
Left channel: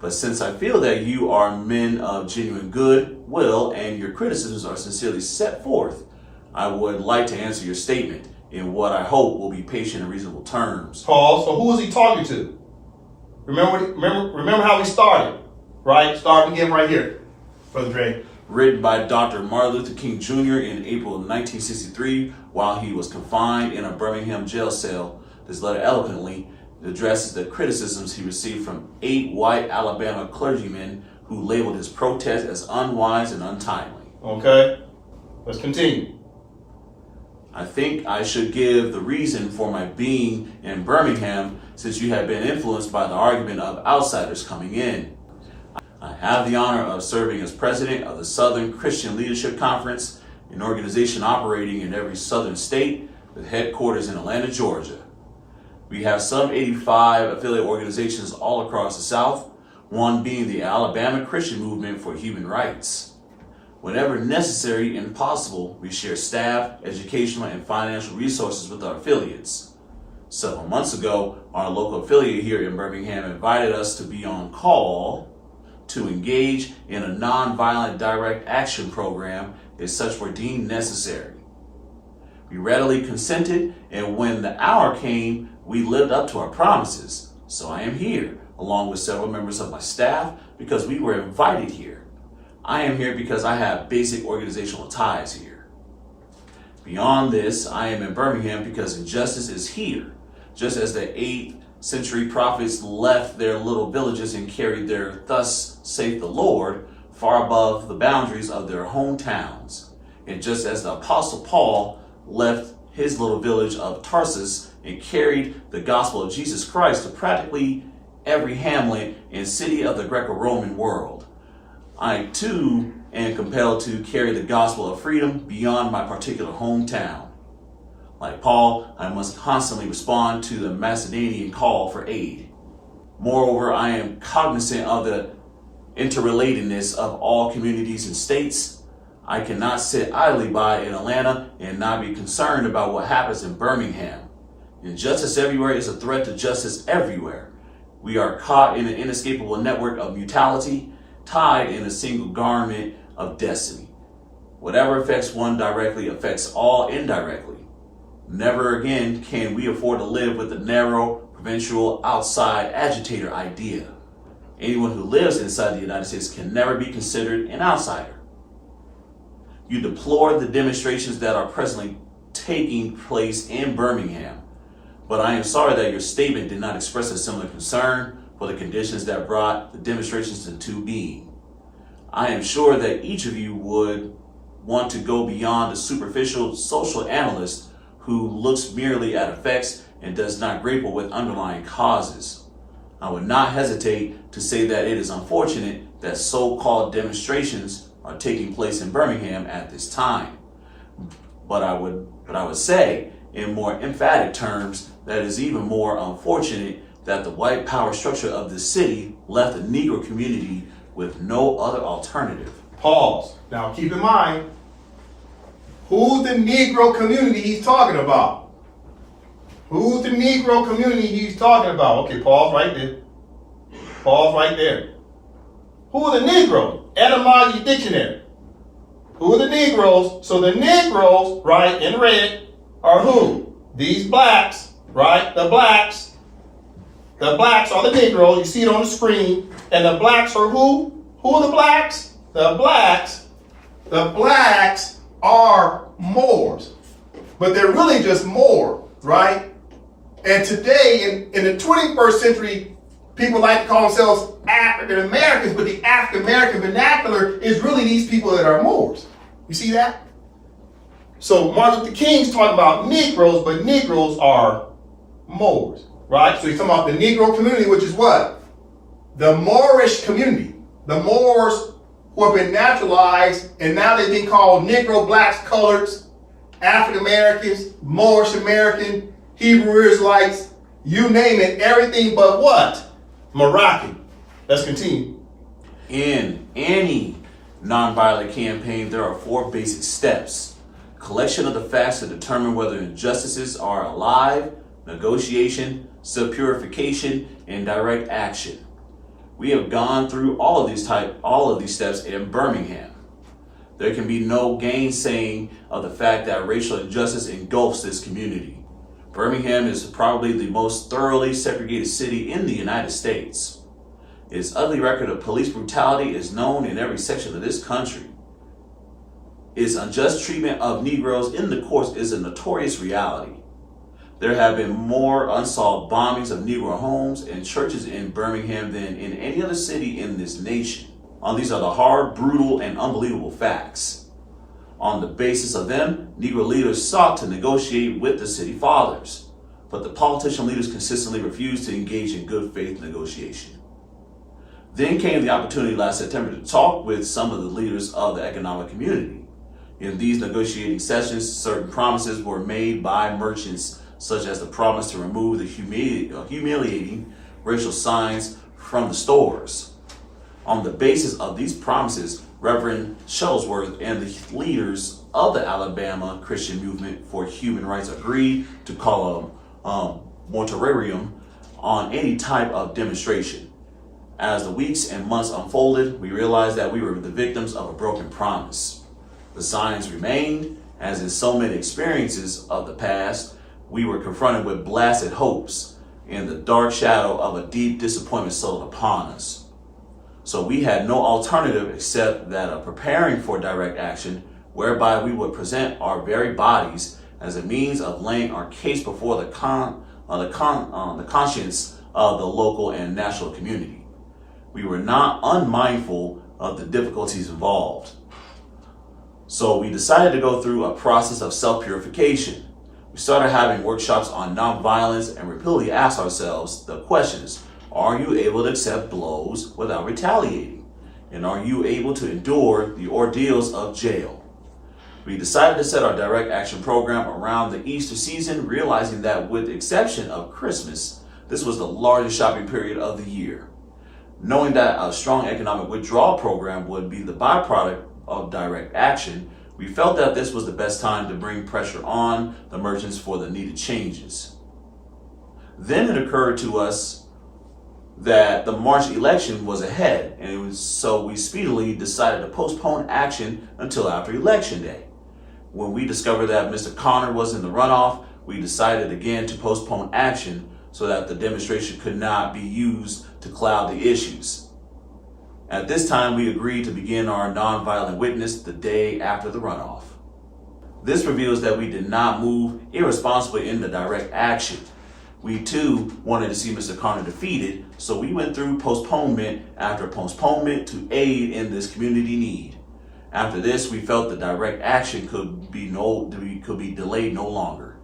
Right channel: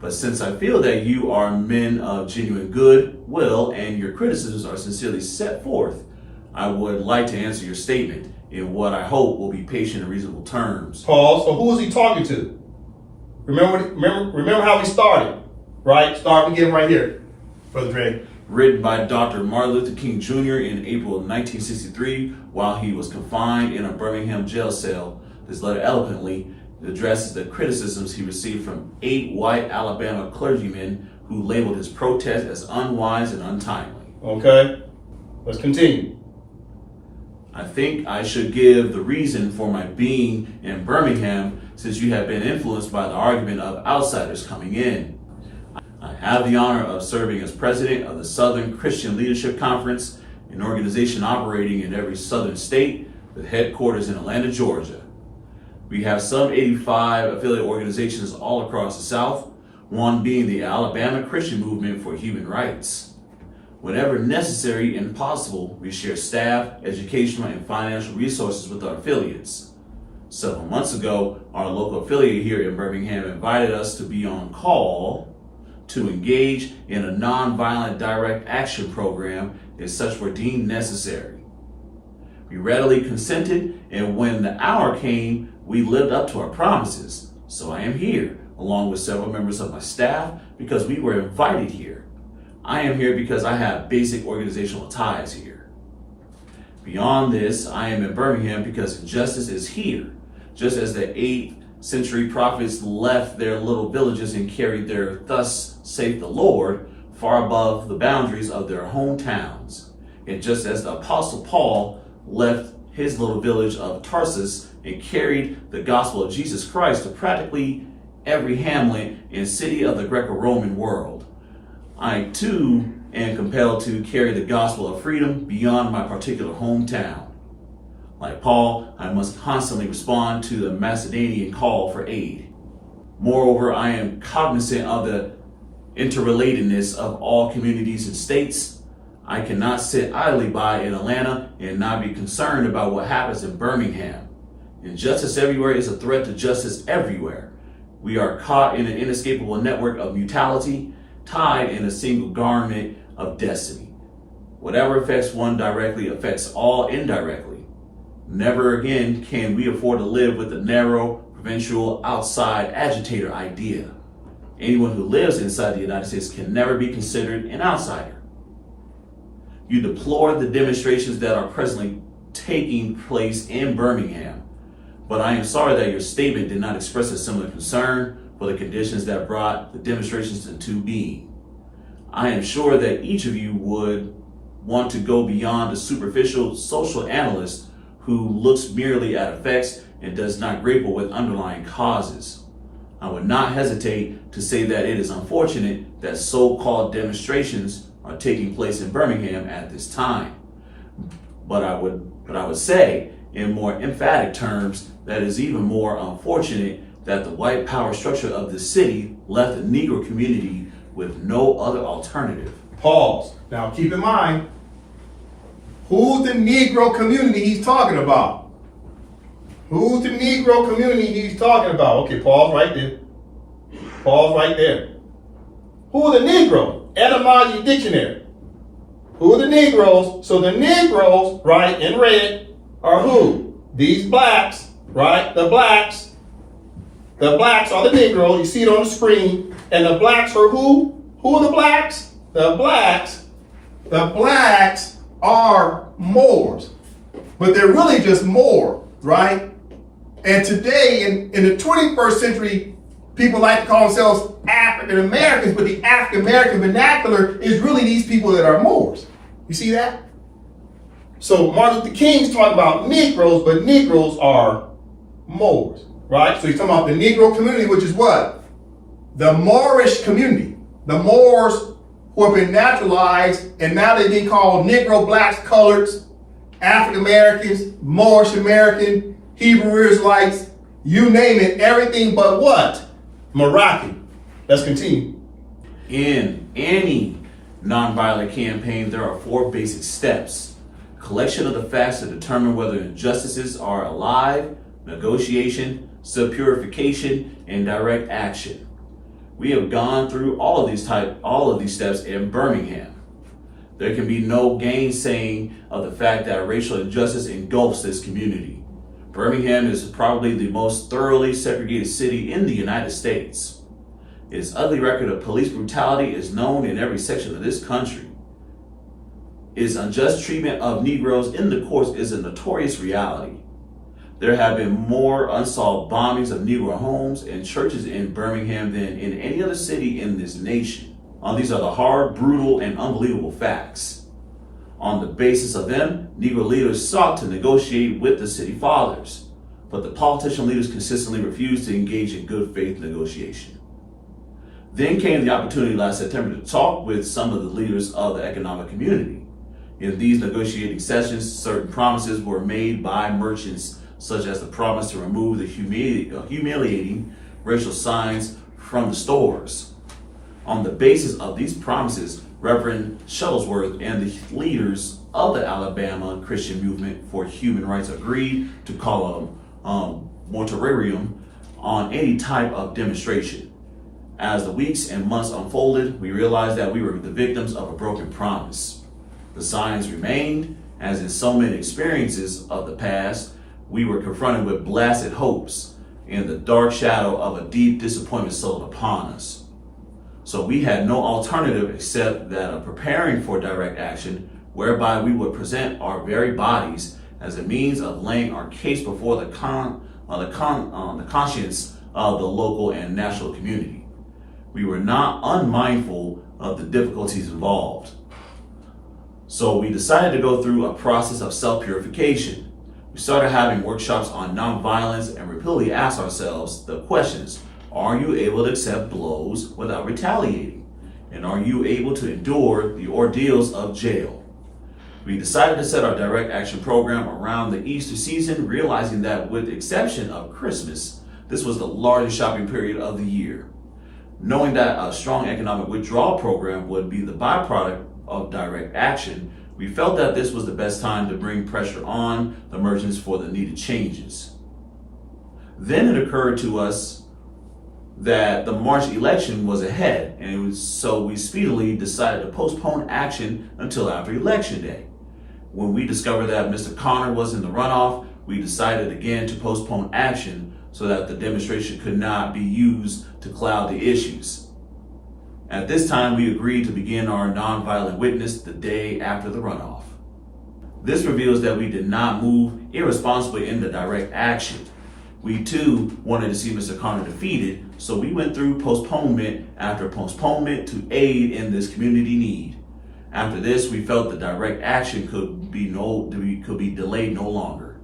But since I feel that you are men of genuine good will and your criticisms are sincerely set forth, I would like to answer your statement in what I hope will be patient and reasonable terms. Pause. So who is he talking to? Remember how we started, right? Starting again right here, Brother Dre. Written by Dr. Martin Luther King Jr. in April of 1963 while he was confined in a Birmingham jail cell. This letter eloquently addresses the criticisms he received from 8 white Alabama clergymen who labeled his protest as unwise and untimely. Okay, let's continue. I think I should give the reason for my being in Birmingham, since you have been influenced by the argument of outsiders coming in. I have the honor of serving as president of the Southern Christian Leadership Conference, an organization operating in every southern state with headquarters in Atlanta, Georgia. We have some 85 affiliate organizations all across the South, one being the Alabama Christian Movement for Human Rights. Whenever necessary and possible, we share staff, educational, and financial resources with our affiliates. Several months ago, our local affiliate here in Birmingham invited us to be on call to engage in a nonviolent direct action program if such were deemed necessary. We readily consented, and when the hour came, we lived up to our promises. So I am here, along with several members of my staff, because we were invited here. I am here because I have basic organizational ties here. Beyond this, I am in Birmingham because justice is here, just as the 8th century prophets left their little villages and carried their "thus saith the Lord" far above the boundaries of their hometowns. And just as the Apostle Paul left his little village of Tarsus and carried the gospel of Jesus Christ to practically every hamlet and city of the Greco-Roman world, I too am compelled to carry the gospel of freedom beyond my particular hometown. Like Paul, I must constantly respond to the Macedonian call for aid. Moreover, I am cognizant of the interrelatedness of all communities and states. I cannot sit idly by in Atlanta and not be concerned about what happens in Birmingham. Injustice everywhere is a threat to justice everywhere. We are caught in an inescapable network of mutuality, tied in a single garment of destiny. Whatever affects one directly affects all indirectly. Never again can we afford to live with the narrow, provincial, outside agitator idea. Anyone who lives inside the United States can never be considered an outsider. You deplore the demonstrations that are presently taking place in Birmingham, but I am sorry that your statement did not express a similar concern for the conditions that brought the demonstrations into being. I am sure that each of you would want to go beyond the superficial social analyst who looks merely at effects and does not grapple with underlying causes. I would not hesitate to say that it is unfortunate that so-called demonstrations are taking place in Birmingham at this time. But I would say, in more emphatic terms, that it is even more unfortunate that the white power structure of the city left the Negro community with no other alternative. Pause. Now keep in mind, who's the Negro community he's talking about? Who's the Negro community he's talking about? Okay, pause right there. Pause right there. Who are the Negroes? Etymology dictionary. Who are the Negroes? So the Negroes, right, in red, are who? These blacks, right? The blacks. The blacks are the Negroes. You see it on the screen. And the blacks are who? Who are the blacks? The blacks. The blacks are Moors. But they're really just Moor, right? And today, in the 21st century, people like to call themselves African Americans, but the African American vernacular is really these people that are Moors. You see that? So Martin Luther King's talking about Negroes, but Negroes are Moors, right? So he's talking about the Negro community, which is what? The Moorish community. The Moors who have been naturalized, and now they've been called Negro, blacks, coloreds, African Americans, Moorish American, Hebrew Israelites, you name it, everything but what? Moroccan. Let's continue. In any nonviolent campaign, there are 4 basic steps: collection of the facts to determine whether injustices are alive, negotiation, subpurification, and direct action. We have gone through all of these steps in Birmingham. There can be no gainsaying of the fact that racial injustice engulfs this community. Birmingham is probably the most thoroughly segregated city in the United States. Its ugly record of police brutality is known in every section of this country. Its unjust treatment of Negroes in the courts is a notorious reality. There have been more unsolved bombings of Negro homes and churches in Birmingham than in any other city in this nation. These are the hard, brutal, and unbelievable facts. On the basis of them, Negro leaders sought to negotiate with the city fathers, but the politician leaders consistently refused to engage in good faith negotiation. Then came the opportunity last September to talk with some of the leaders of the economic community. In these negotiating sessions, certain promises were made by merchants, such as the promise to remove the humiliating racial signs from the stores. On the basis of these promises, Reverend Shuttlesworth and the leaders of the Alabama Christian Movement for Human Rights agreed to call a moratorium on any type of demonstration. As the weeks and months unfolded, we realized that we were the victims of a broken promise. The signs remained, as in so many experiences of the past, we were confronted with blasted hopes and the dark shadow of a deep disappointment settled upon us. So we had no alternative except that of preparing for direct action, whereby we would present our very bodies as a means of laying our case before the conscience of the local and national community. We were not unmindful of the difficulties involved. So we decided to go through a process of self-purification. We started having workshops on nonviolence and repeatedly asked ourselves the questions: are you able to accept blows without retaliating? And are you able to endure the ordeals of jail? We decided to set our direct action program around the Easter season, realizing that with the exception of Christmas, this was the largest shopping period of the year. Knowing that a strong economic withdrawal program would be the byproduct of direct action, we felt that this was the best time to bring pressure on the merchants for the needed changes. Then it occurred to us that the March election was ahead, and so we speedily decided to postpone action until after Election Day. When we discovered that Mr. Connor was in the runoff, we decided again to postpone action so that the demonstration could not be used to cloud the issues. At this time, we agreed to begin our nonviolent witness the day after the runoff. This reveals that we did not move irresponsibly into direct action. We too wanted to see Mr. Connor defeated, so we went through postponement after postponement to aid in this community need. After this, we felt that direct action could be delayed no longer.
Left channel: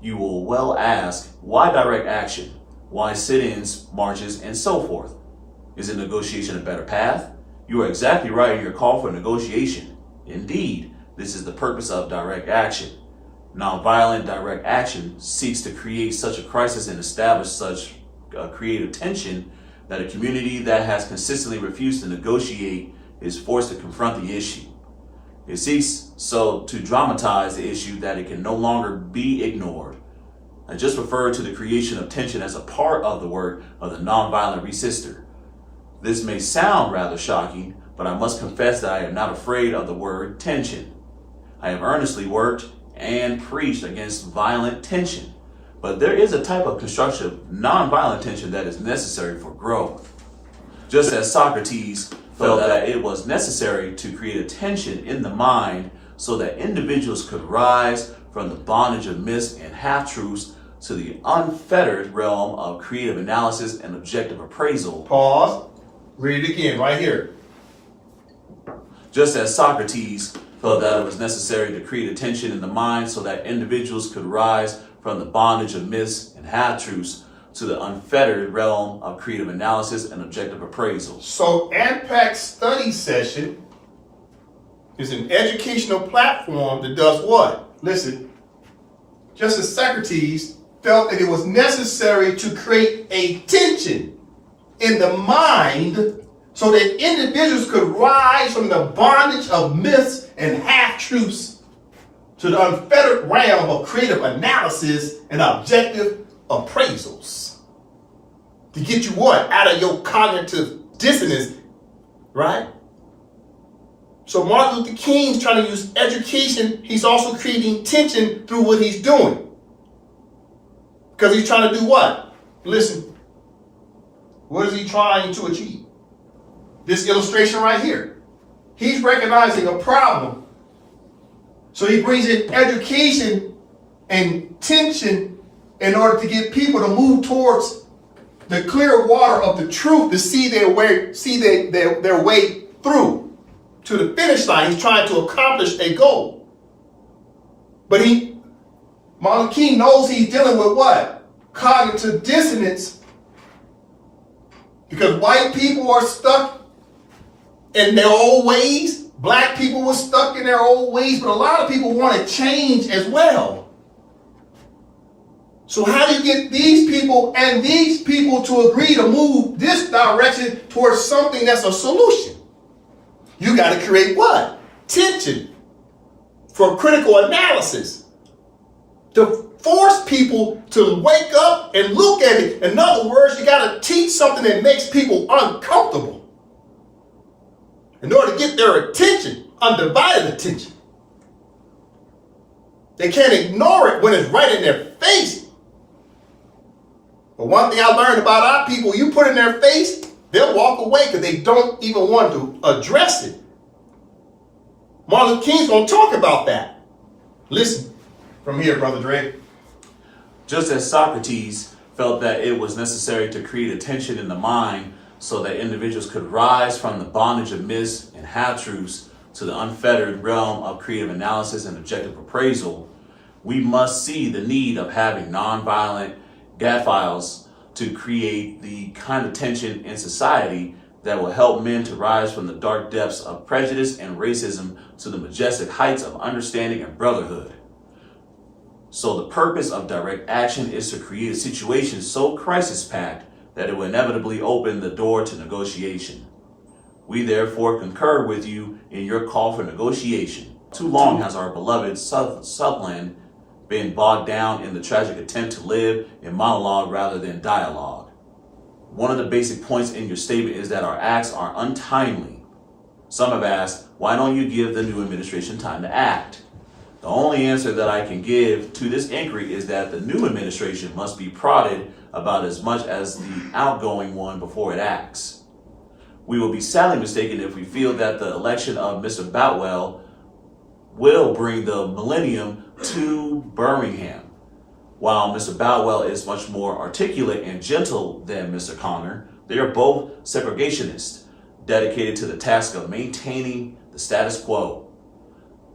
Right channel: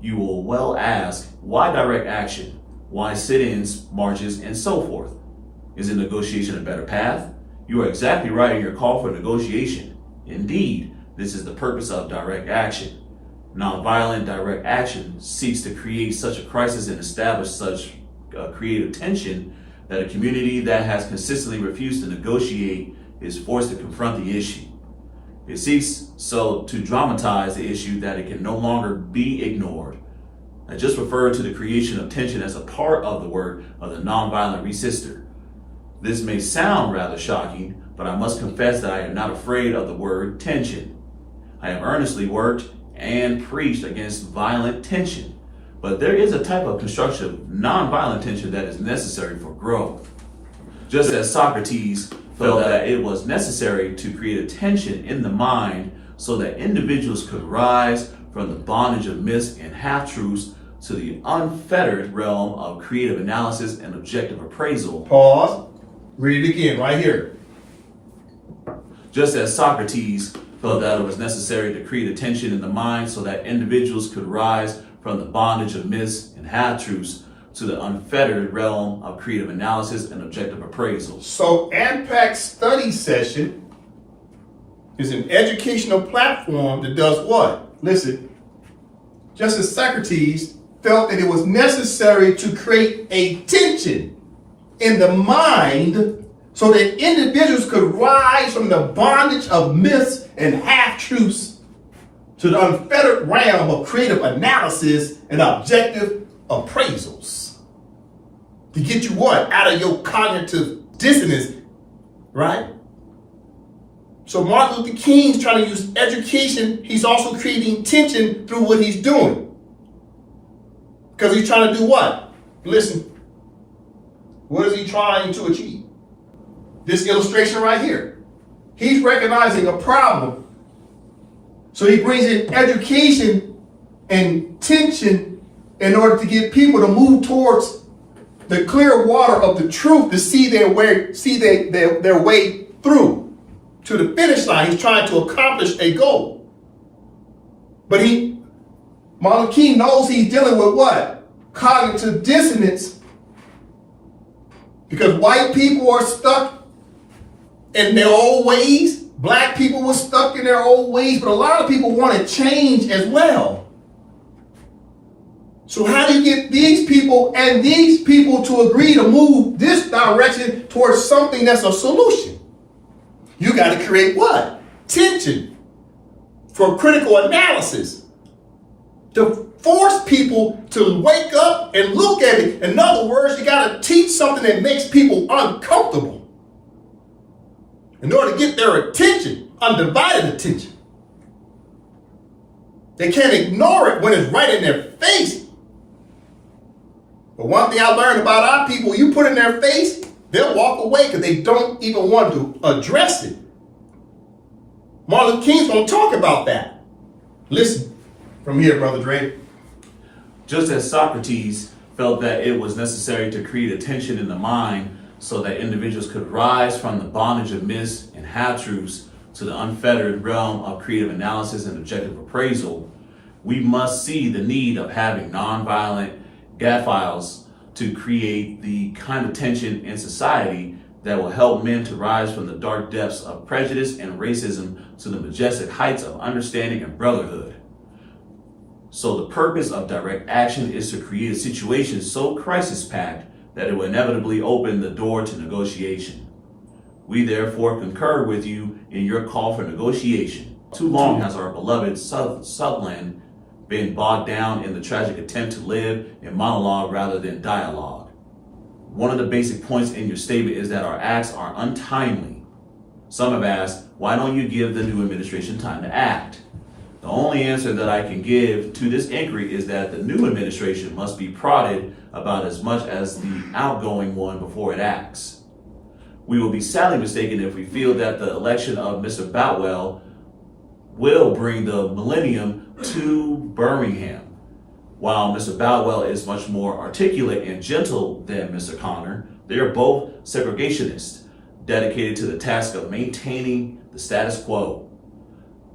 You will well ask, why direct action? Why sit-ins, marches, and so forth? Is negotiation a better path? You are exactly right in your call for negotiation. Indeed, this is the purpose of direct action. Nonviolent direct action seeks to create such a crisis and establish such creative tension that a community that has consistently refused to negotiate is forced to confront the issue. It seeks so to dramatize the issue that it can no longer be ignored. I just referred to the creation of tension as a part of the work of the nonviolent resister. This may sound rather shocking, but I must confess that I am not afraid of the word tension. I have earnestly worked and preached against violent tension, but there is a type of constructive nonviolent tension that is necessary for growth. Just as Socrates felt that it was necessary to create a tension in the mind so that individuals could rise from the bondage of myths and half-truths to the unfettered realm of creative analysis and objective appraisal. Pause. Read it again right here. Just as Socrates felt that it was necessary to create a tension in the mind so that individuals could rise from the bondage of myths and half-truths to the unfettered realm of creative analysis and objective appraisal. So AMPAC study session is an educational platform that does what? Listen, just as Socrates felt that it was necessary to create a tension in the mind so that individuals could rise from the bondage of myths and half-truths to the unfettered realm of creative analysis and objective appraisals. To get you what? Out of your cognitive dissonance, right? So Martin Luther King's trying to use education. He's also creating tension through what he's doing. Because he's trying to do what? Listen, what is he trying to achieve? This illustration right here. He's recognizing a problem. So he brings in education and tension in order to get people to move towards the clear water of the truth to see their way through to the finish line. He's trying to accomplish a goal. But Martin Luther King knows he's dealing with what? Cognitive dissonance. Because white people are stuck in their old ways. Black people were stuck in their old ways. But a lot of people want to change as well. So how do you get these people and these people to agree to move this direction towards something that's a solution? You got to create what? Tension for critical analysis. To force people to wake up and look at it. In other words, you got to teach something that makes people uncomfortable in order to get their attention, undivided attention. They can't ignore it when it's right in their face. But one thing I learned about our people, you put in their face, they'll walk away because they don't even want to address it. Martin Luther King's going to talk about that. Listen from here, Brother Dre. Just as Socrates felt that it was necessary to create a tension in the mind so that individuals could rise from the bondage of myths and half-truths to the unfettered realm of creative analysis and objective appraisal, we must see the need of having nonviolent gadfiles to create the kind of tension in society that will help men to rise from the dark depths of prejudice and racism to the majestic heights of understanding and brotherhood. So the purpose of direct action is to create a situation so crisis-packed that it will inevitably open the door to negotiation. We therefore concur with you in your call for negotiation. Too long has our beloved Southland been bogged down in the tragic attempt to live in monologue rather than dialogue. One of the basic points in your statement is that our acts are untimely. Some have asked, why don't you give the new administration time to act? The only answer that I can give to this inquiry is that the new administration must be prodded about as much as the outgoing one before it acts. We will be sadly mistaken if we feel that the election of Mr. Boutwell will bring the millennium to Birmingham. While Mr. Boutwell is much more articulate and gentle than Mr. Connor, they are both segregationists, dedicated to the task of maintaining the status quo.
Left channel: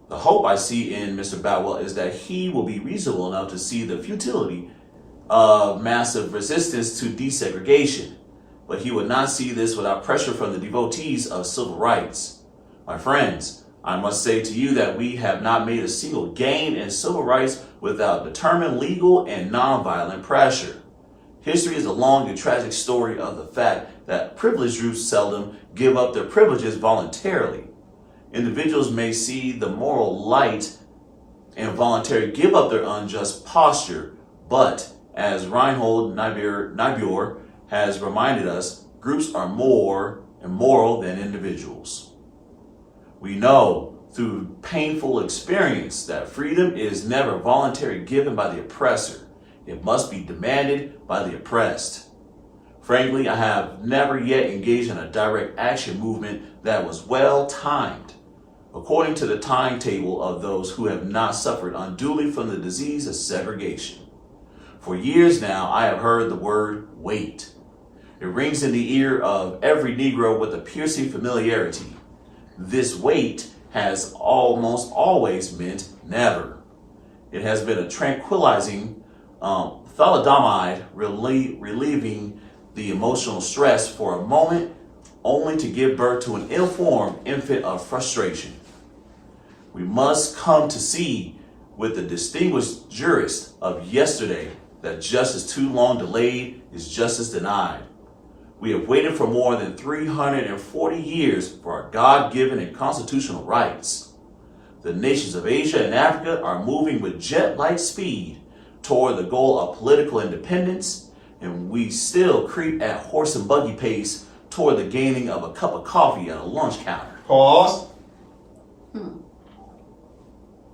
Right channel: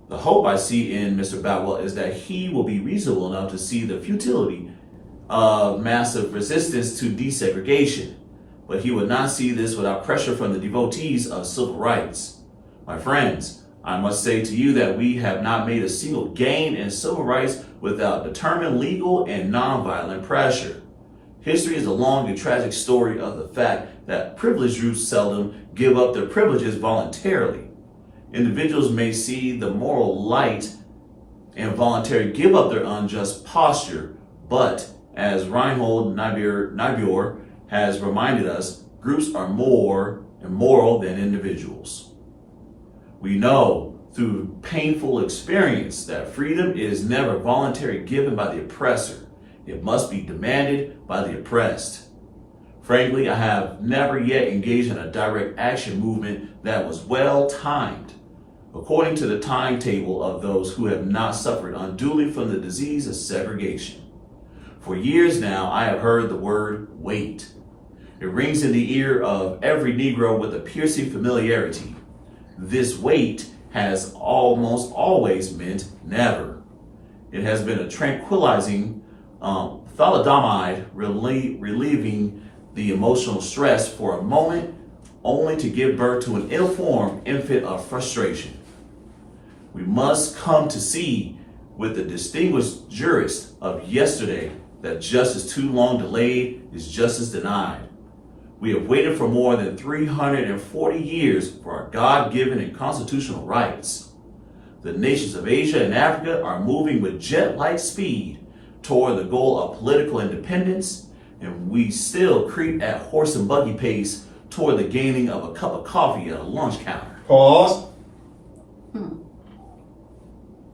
The hope I see in Mr. Boutwell is that he will be reasonable enough to see the futility of massive resistance to desegregation, but he would not see this without pressure from the devotees of civil rights. My friends, I must say to you that we have not made a single gain in civil rights without determined legal and nonviolent pressure. History is a long and tragic story of the fact that privileged groups seldom give up their privileges voluntarily. Individuals may see the moral light and voluntarily give up their unjust posture, but as Reinhold Niebuhr has reminded us, groups are more immoral than individuals. We know through painful experience that freedom is never voluntarily given by the oppressor. It must be demanded by the oppressed. Frankly, I have never yet engaged in a direct action movement that was well timed, according to the timetable of those who have not suffered unduly from the disease of segregation. For years now, I have heard the word wait. It rings in the ear of every Negro with a piercing familiarity. This wait has almost always meant never. It has been a tranquilizing thalidomide, relieving the emotional stress for a moment, only to give birth to an ill-formed infant of frustration. We must come to see with the distinguished jurist of yesterday that justice too long delayed is justice denied. We have waited for more than 340 years for our God-given and constitutional rights. The nations of Asia and Africa are moving with jet-like speed toward the goal of political independence, and we still creep at horse and buggy pace toward the gaining of a cup of coffee at a lunch counter. Pause.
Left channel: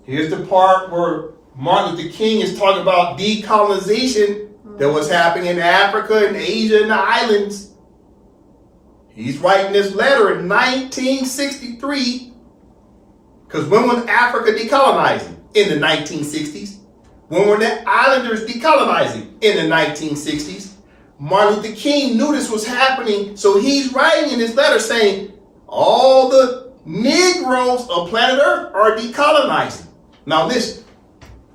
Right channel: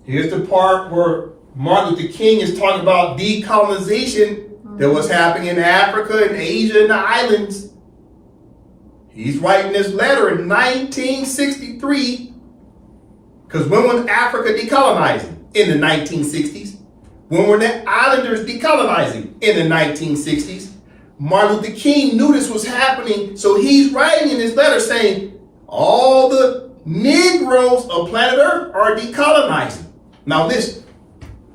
Here's the part where Martin Luther King is talking about decolonization that was happening in Africa and Asia and the islands. He's writing this letter in 1963, because when was Africa decolonizing? In the 1960s. When were the islanders decolonizing? In the 1960s. Martin Luther King knew this was happening, so he's writing in his letter saying, all the Negroes of planet Earth are decolonizing. Now listen,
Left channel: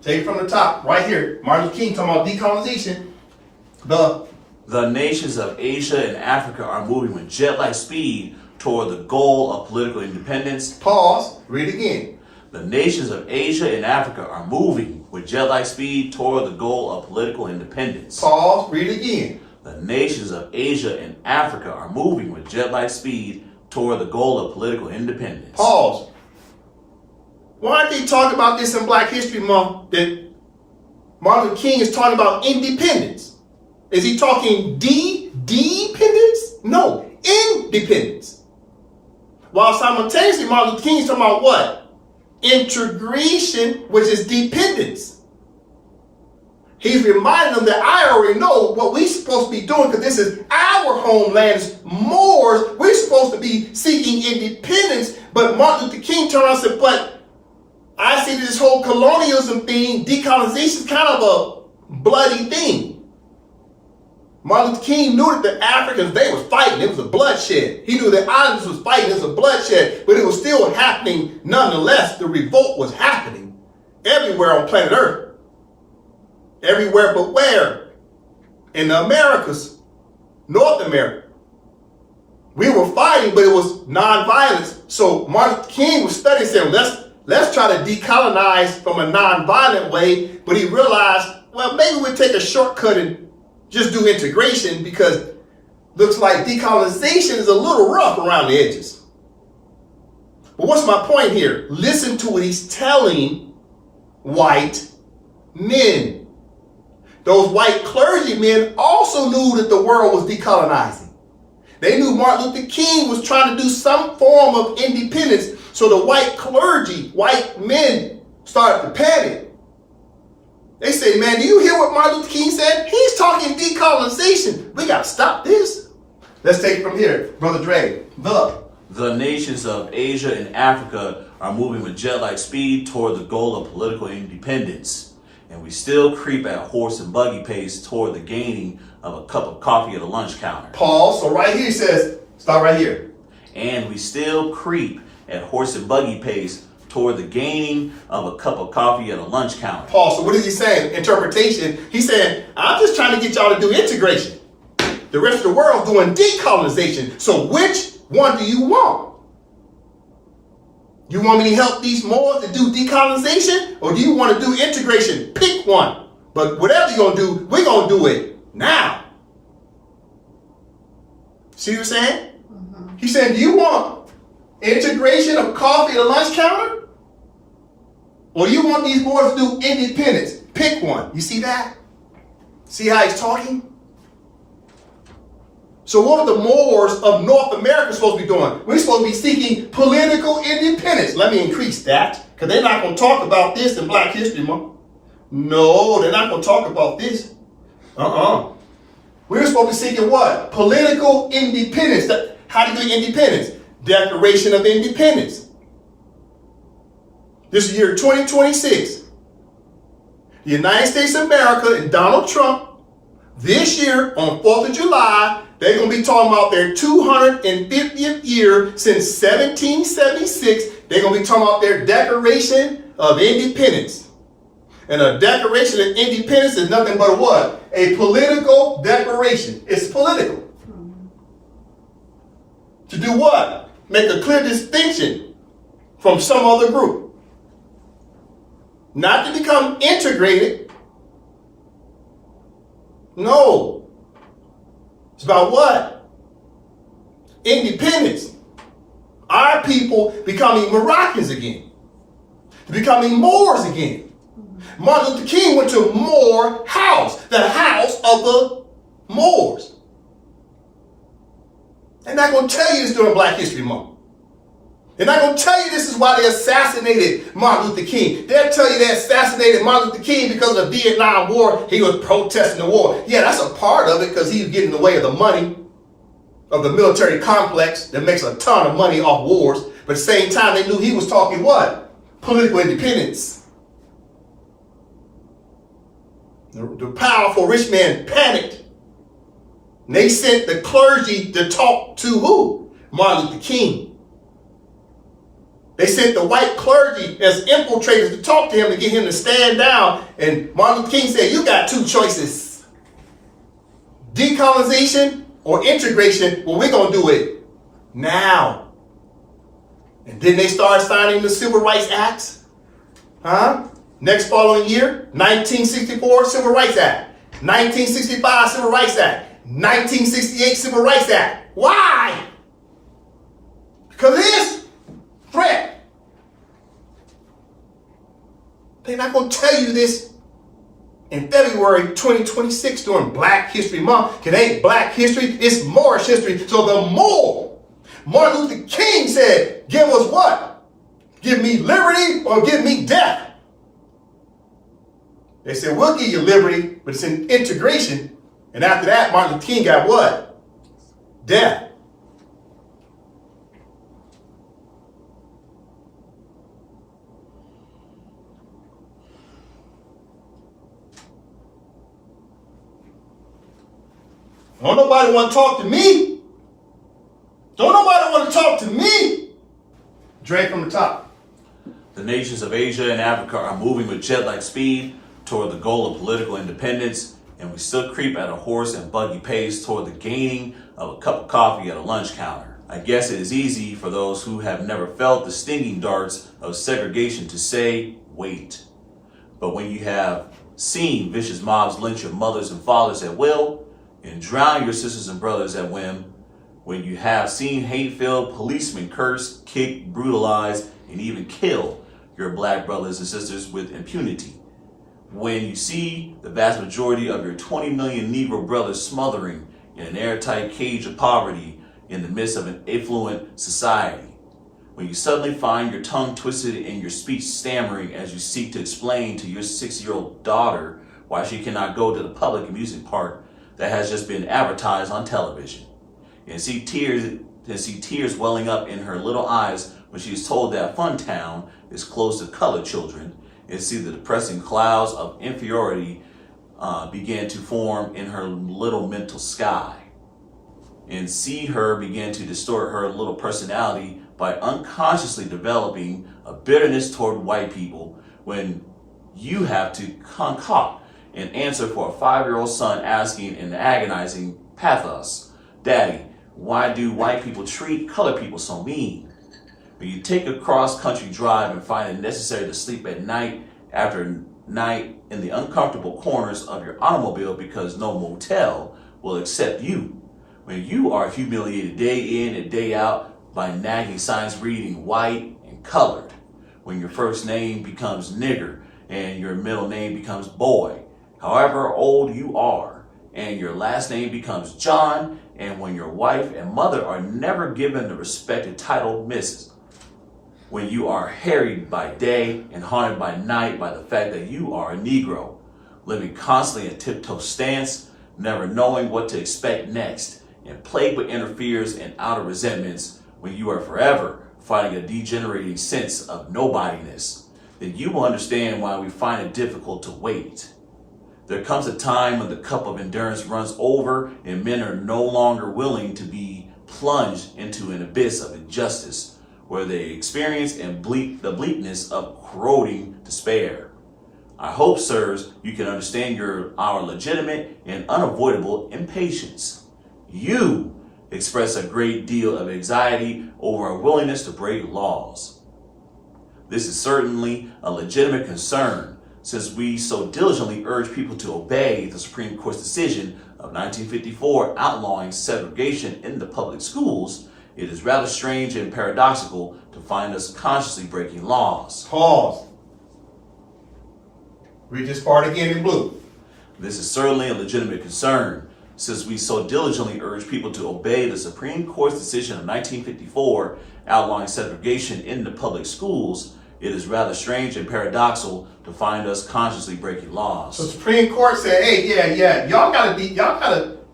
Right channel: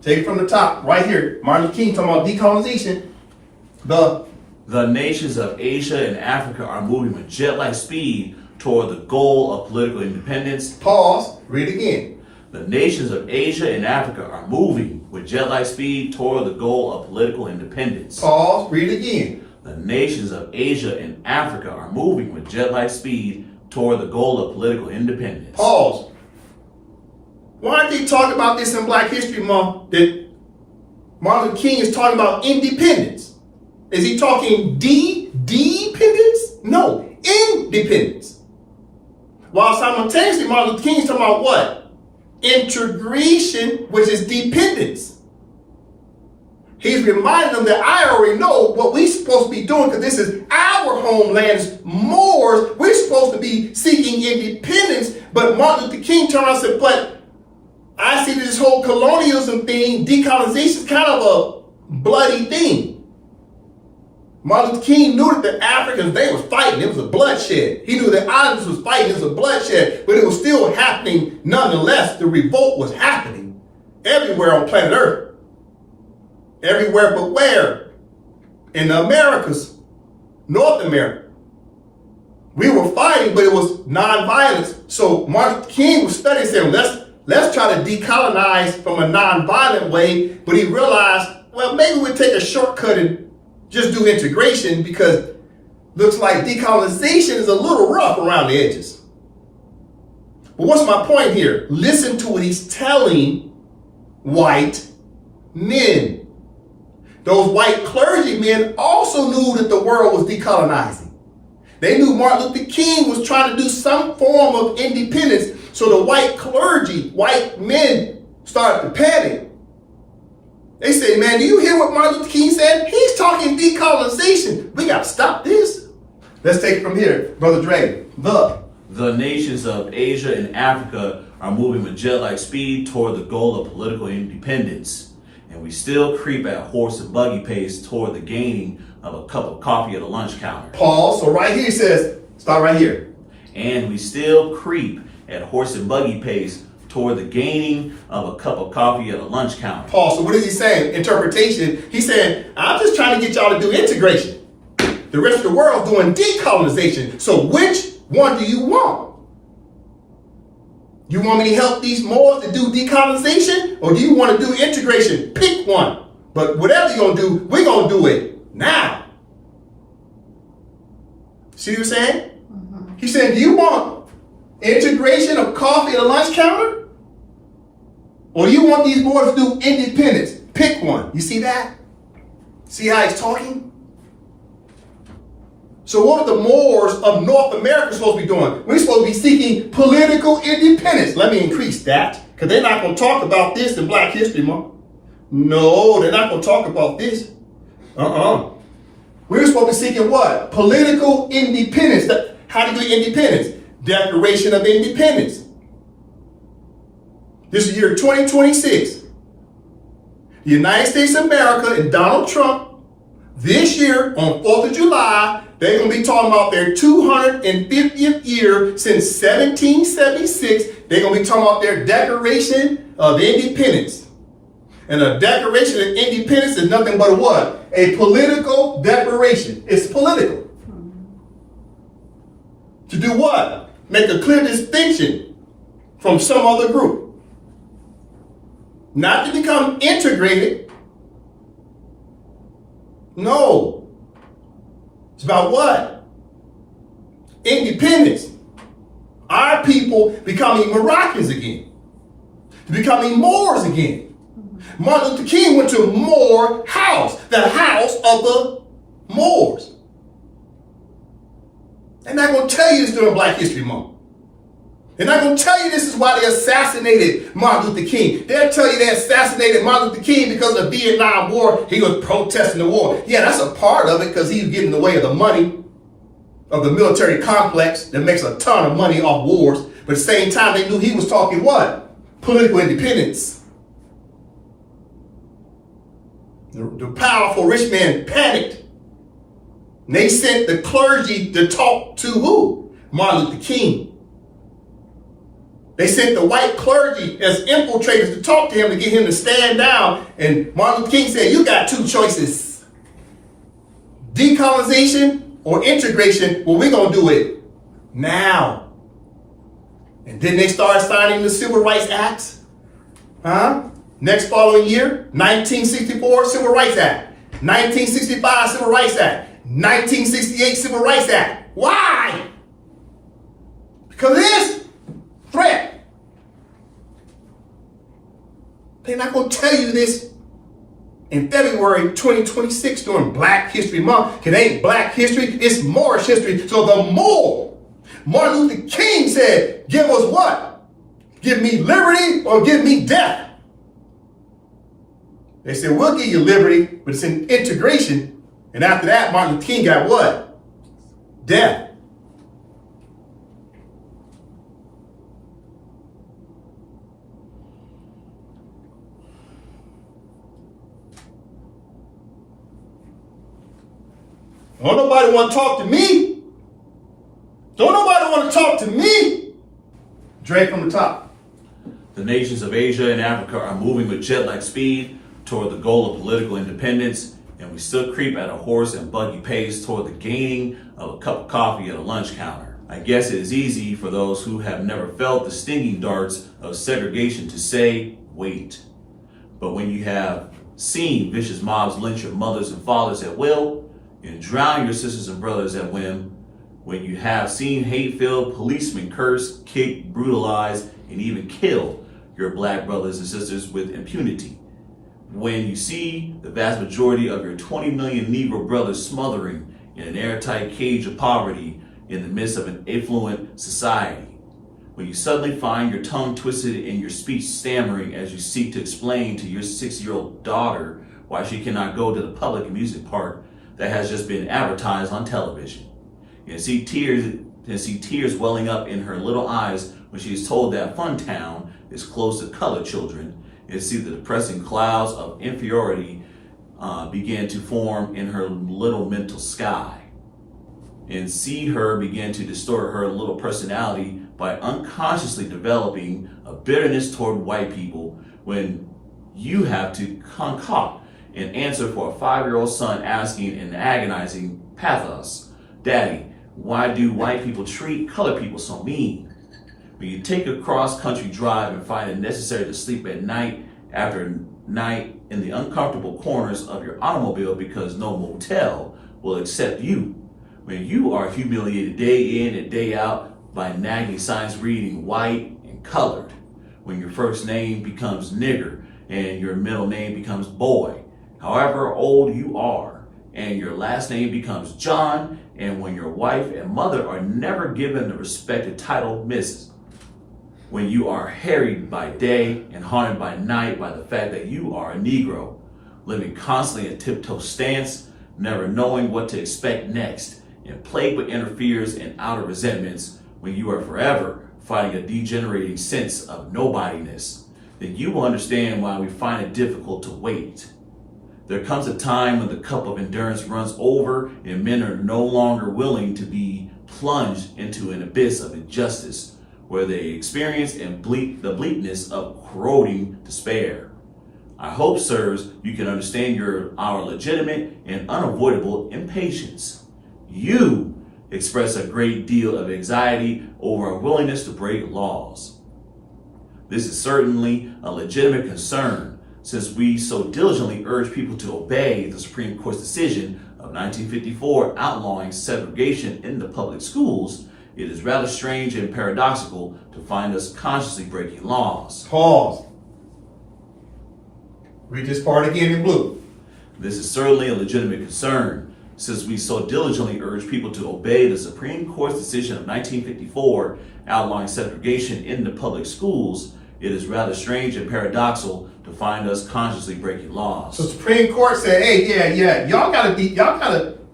take it from the top, right here. Martin Luther King talking about decolonization. The nations of Asia and Africa are moving with jet-like speed toward the goal of political independence. Pause, read again. The nations of Asia and Africa are moving with jet-like speed toward the goal of political independence. Pause, read again. The nations of Asia and Africa are moving with jet-like speed toward the goal of political independence. Pause. Why aren't they talking about this in Black History Month, that Martin Luther King is talking about independence? Is he talking dependence? No, independence. While simultaneously Martin Luther King is talking about what? Integration, which is dependence. He's reminding them that I already know what we're supposed to be doing, because this is our homeland as Moors. We're supposed to be seeking independence. But Martin Luther King turned around and said, but I see this whole colonialism thing, decolonization, is kind of a bloody thing. Martin Luther King knew that the Africans, they were fighting. It was a bloodshed. He knew the islanders was fighting. It was a bloodshed, but it was still happening nonetheless. The revolt was happening everywhere on planet Earth. Everywhere but where? In the Americas, North America. We were fighting, but it was non-violence. So Martin Luther King was studying, saying, let's try to decolonize from a non-violent way. But he realized, well, maybe we'll take a shortcut and just do integration, because looks like decolonization is a little rough around the edges. But what's my point here? Listen to what he's telling white men. Those white clergymen also knew that the world was decolonizing. They knew Martin Luther King was trying to do some form of independence. So the white clergy, white men, started to panic. They say, man, do you hear what Martin Luther King said? He's talking decolonization. We got to stop this. Let's take it from here, Brother Dre. The nations of Asia and Africa are moving with jet-like speed toward the goal of political independence, and we still creep at horse and buggy pace toward the gaining of a cup of coffee at a lunch counter. Pause. So right here he says, stop right here. And we still creep at horse and buggy pace toward the gaining of a cup of coffee at a lunch counter. Pause. So what is he saying? Interpretation. He's saying, I'm just trying to get y'all to do integration. The rest of the world doing decolonization. So which one do you want? You want me to help these Moors to do decolonization? Or do you want to do integration? Pick one. But whatever you're going to do, we're going to do it now. See what I'm saying? Mm-hmm. He's saying, do you want integration of coffee at a lunch counter? Or you want these Moors to do independence? Pick one. You see that? See how he's talking? So what are the Moors of North America supposed to be doing? We're supposed to be seeking political independence. Let me increase that, because they're not going to talk about this in Black History Month. No, they're not going to talk about this. We're supposed to be seeking what? Political independence. How do you get independence? Declaration of Independence. This is year 2026. The United States of America and Donald Trump, this year on 4th of July, they're going to be talking about their 250th year since 1776. They're going to be talking about their Declaration of Independence. And a Declaration of Independence is nothing but a what? A political declaration. It's political. To do what? Make a clear distinction from some other group. Not to become integrated. No. It's about what? Independence. Our people becoming Moroccans again. Becoming Moors again. Martin Luther King went to Moor House, the house of the Moors. They're not going to tell you this during Black History Month. They're not going to tell you this is why they assassinated Martin Luther King. They'll tell you they assassinated Martin Luther King because of the Vietnam War. He was protesting the war. Yeah, that's a part of it because he was getting in the way of the money of the military complex that makes a ton of money off wars. But at the same time, they knew he was talking what? Political independence. The powerful rich man panicked. And they sent the clergy to talk to who? Martin Luther King. They sent the white clergy as infiltrators to talk to him to get him to stand down. And Martin Luther King said, you got two choices. Decolonization or integration. Well, we're going to do it now. And then they started signing the Civil Rights Acts. Next following year, 1964 Civil Rights Act. 1965 Civil Rights Act. 1968 Civil Rights Act. Why? Because of this threat. They're not going to tell you this in February 2026 during Black History Month. It ain't Black history, it's Moorish history. So the Moor, Martin Luther King said, give us what? Give me liberty or give me death. They said, we'll give you liberty, but it's in integration. And after that, Martin Luther King got what? Death. Don't nobody want to talk to me. Don't nobody want to talk to me. Dre from the top. The nations of Asia and Africa are moving with jet-like speed toward the goal of political independence, and we still creep at a horse and buggy pace toward the gaining of a cup of coffee at a lunch counter. I guess it is easy for those who have never felt the stinging darts of segregation to say, wait. But when you have seen vicious mobs lynch your mothers and fathers at will, and drown your sisters and brothers at whim, when you have seen hate-filled policemen curse, kick, brutalize, and even kill your black brothers and sisters with impunity, when you see the vast majority of your 20 million Negro brothers smothering in an airtight cage of poverty in the midst of an affluent society, when you suddenly find your tongue twisted and your speech stammering as you seek to explain to your 6-year-old daughter why she cannot go to the public amusement park that has just been advertised on television, and see can see tears welling up in her little eyes when she is told that Funtown is closed to colored children, and see the depressing clouds of inferiority begin to form in her little mental sky, and see her begin to distort her little personality by unconsciously developing a bitterness toward white people when you have to concoct an answer for a 5-year-old son asking in agonizing pathos, "Daddy, why do white people treat colored people so mean?" When you take a cross-country drive and find it necessary to sleep at night after night in the uncomfortable corners of your automobile because no motel will accept you, when you are humiliated day in and day out by nagging signs reading white and colored, when your first name becomes nigger and your middle name becomes boy, however old you are, and your last name becomes John, and when your wife and mother are never given the respected title Mrs., when you are harried by day and haunted by night by the fact that you are a Negro, living constantly in tiptoe stance, never knowing what to expect next, and plagued with inner fears and outer resentments, when you are forever fighting a degenerating sense of nobodiness, then you will understand why we find it difficult to wait. There comes a time when the cup of endurance runs over and men are no longer willing to be plunged into an abyss of injustice, where they experience the bleakness of corroding despair. I hope, sirs, you can understand our legitimate and unavoidable impatience. You express a great deal of anxiety over a willingness to break laws. This is certainly a legitimate concern, since we so diligently urge people to obey the Supreme Court's decision of 1954 outlawing segregation in the public schools. It is rather strange and paradoxical to find us consciously breaking laws. Pause. Read this part again in blue. This is certainly a legitimate concern, since we so diligently urge people to obey the Supreme Court's decision of 1954 outlawing segregation in the public schools. It is rather strange and paradoxical to find us consciously breaking laws. So the Supreme Court said, hey, y'all gotta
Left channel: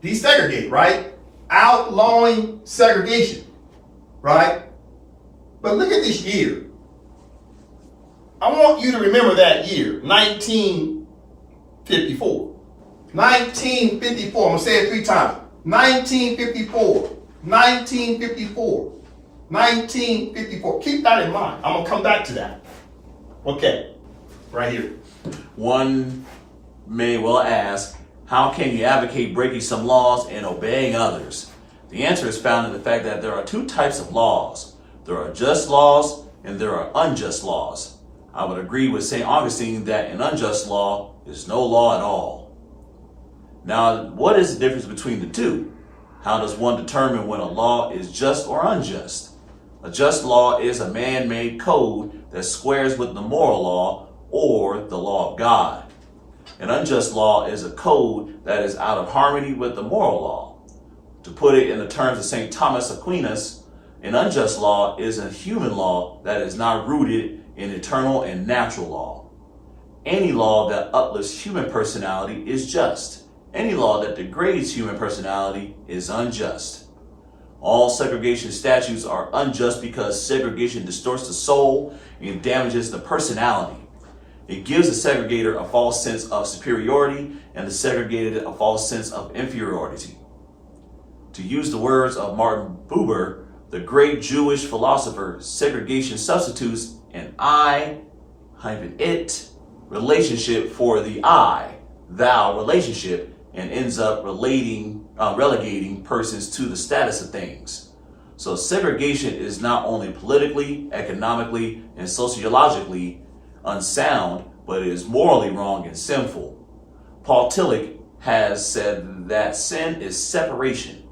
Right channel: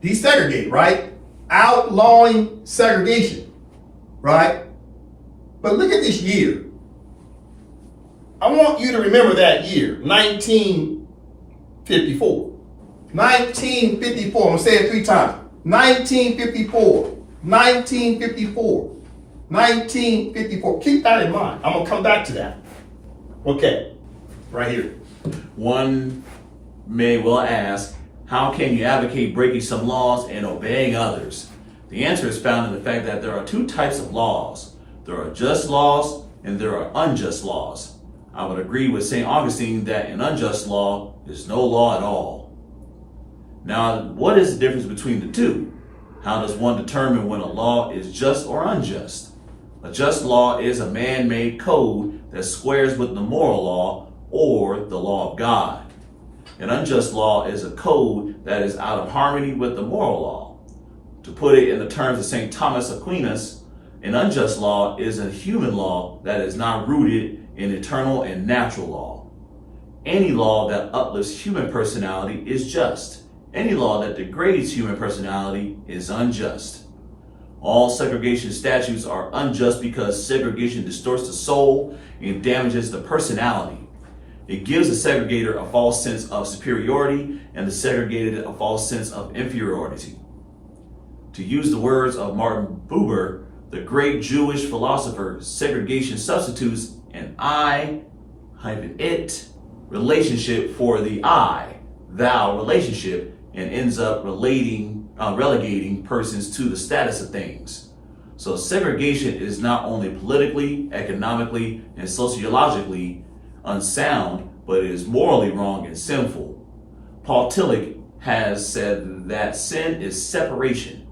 desegregate, right? Outlawing segregation, right? But look at this year. I want you to remember that year, 1954. 1954, I'm gonna say it 3 times. 1954, 1954, 1954. Keep that in mind. I'm gonna come back to that. Okay, right here. One may well ask, how can you advocate breaking some laws and obeying others? The answer is found in the fact that there are 2 types of laws. There are just laws and there are unjust laws. I would agree with St. Augustine that an unjust law is no law at all. Now, what is the difference between the 2? How does one determine when a law is just or unjust? A just law is a man-made code that squares with the moral law or the law of God. An unjust law is a code that is out of harmony with the moral law. To put it in the terms of St. Thomas Aquinas, an unjust law is a human law that is not rooted in eternal and natural law. Any law that uplifts human personality is just. Any law that degrades human personality is unjust. All segregation statutes are unjust because segregation distorts the soul and damages the personality. It gives the segregator a false sense of superiority and the segregated a false sense of inferiority. To use the words of Martin Buber, the great Jewish philosopher, segregation substitutes an I-it relationship for the I-thou relationship and ends up relegating persons to the status of things. So segregation is not only politically, economically, and sociologically unsound, but it is morally wrong and sinful. Paul Tillich has said that sin is separation.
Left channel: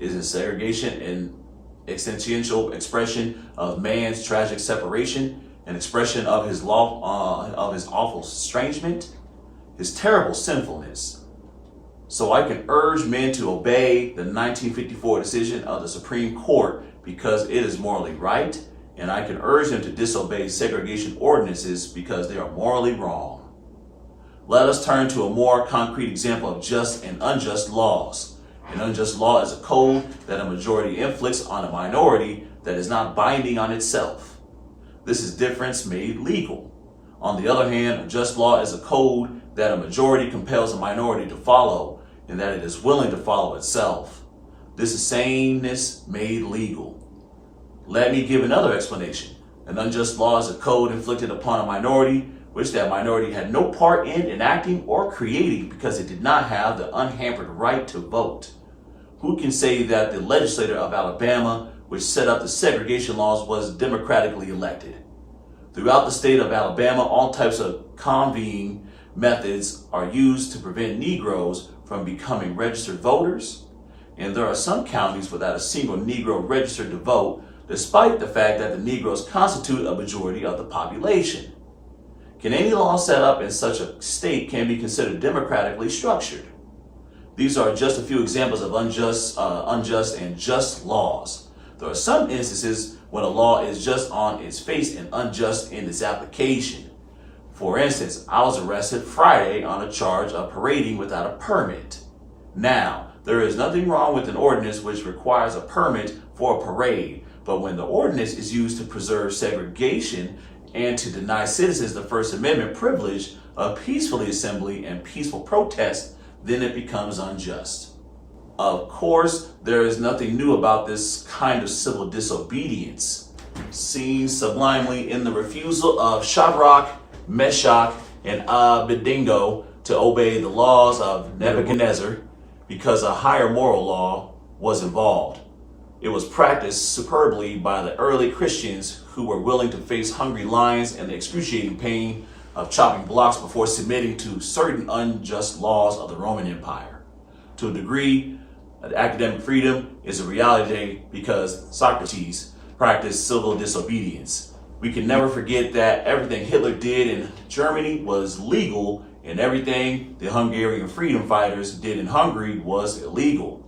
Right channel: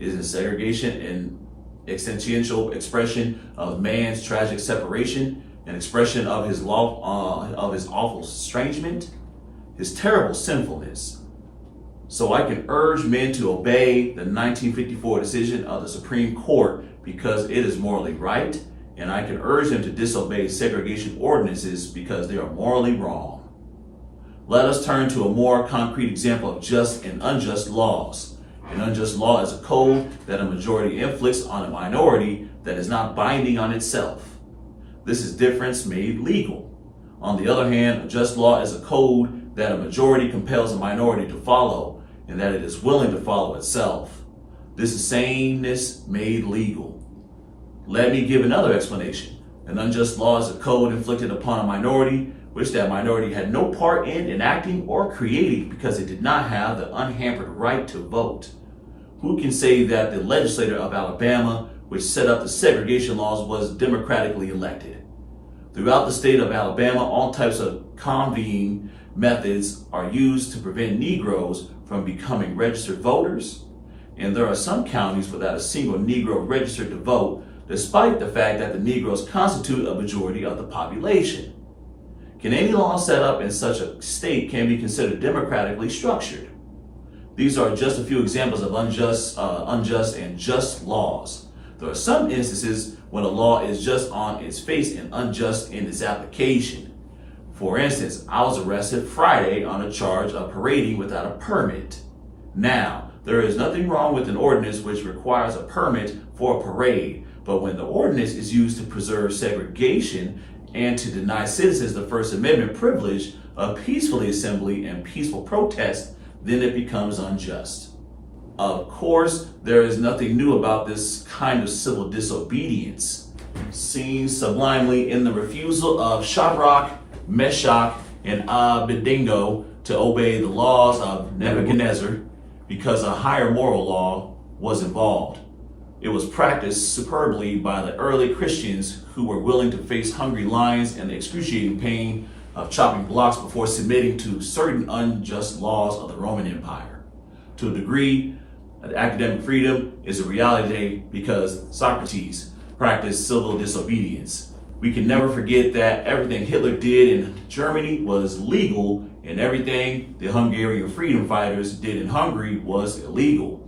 Isn't segregation an existential expression of man's tragic separation, an expression of his awful estrangement, his terrible sinfulness? So I can urge men to obey the 1954 decision of the Supreme Court because it is morally right, and I can urge them to disobey segregation ordinances because they are morally wrong. Let us turn to a more concrete example of just and unjust laws. An unjust law is a code that a majority inflicts on a minority that is not binding on itself. This is difference made legal. On the other hand, a just law is a code that a majority compels a minority to follow and that it is willing to follow itself. This is sameness made legal. Let me give another explanation. An unjust law is a code inflicted upon a minority which that minority had no part in enacting or creating because it did not have the unhampered right to vote. Who can say that the legislator of Alabama, which set up the segregation laws, was democratically elected? Throughout the state of Alabama, all types of convening methods are used to prevent Negroes from becoming registered voters, and there are some counties without a single Negro registered to vote, despite the fact that the Negroes constitute a majority of the population. Can any law set up in such a state can be considered democratically structured? These are just a few examples of unjust and just laws. There are some instances when a law is just on its face and unjust in its application. For instance, I was arrested Friday on a charge of parading without a permit. Now, there is nothing wrong with an ordinance which requires a permit for a parade, but when the ordinance is used to preserve segregation and to deny citizens the First Amendment privilege of peacefully assembly and peaceful protest, then it becomes unjust. Of course, there is nothing new about this kind of civil disobedience, seen sublimely in the refusal of Shadrach, Meshach, and Abednego to obey the laws of Nebuchadnezzar because a higher moral law was involved. It was practiced superbly by the early Christians who were willing to face hungry lions and the excruciating pain of chopping blocks before submitting to certain unjust laws of the Roman Empire. To a degree, academic freedom is a reality because Socrates practiced civil disobedience. We can never forget that everything Hitler did in Germany was legal and everything the Hungarian freedom fighters did in Hungary was illegal.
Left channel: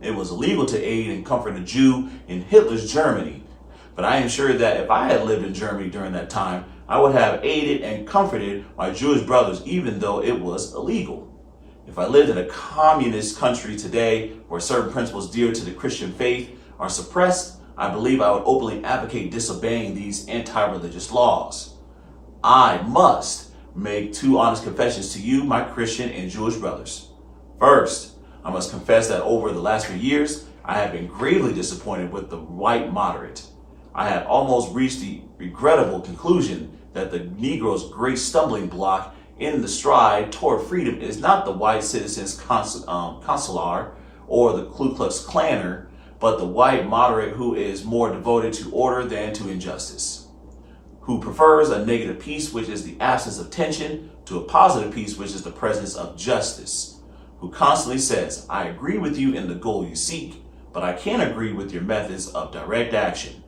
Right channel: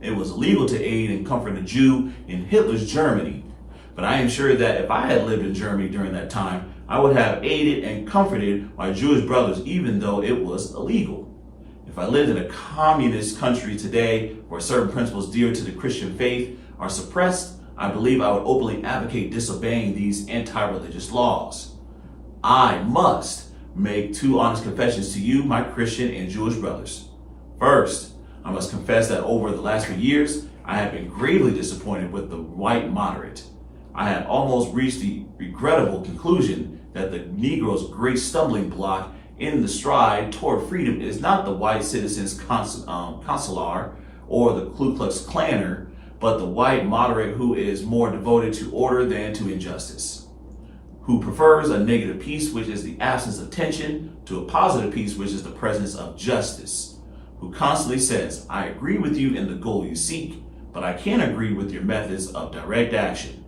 It was illegal to aid and comfort a Jew in Hitler's Germany. But I am sure that if I had lived in Germany during that time, I would have aided and comforted my Jewish brothers, even though it was illegal. If I lived in a communist country today where certain principles dear to the Christian faith are suppressed, I believe I would openly advocate disobeying these anti-religious laws. I must make two honest confessions to you, my Christian and Jewish brothers. First, I must confess that over the last few years, I have been gravely disappointed with the white moderate. I have almost reached the regrettable conclusion that the Negro's great stumbling block in the stride toward freedom is not the white citizens consular or the Ku Klux Klaner, but the white moderate who is more devoted to order than to injustice, who prefers a negative peace, which is the absence of tension, to a positive peace, which is the presence of justice, who constantly says, I agree with you in the goal you seek, but I can't agree with your methods of direct action,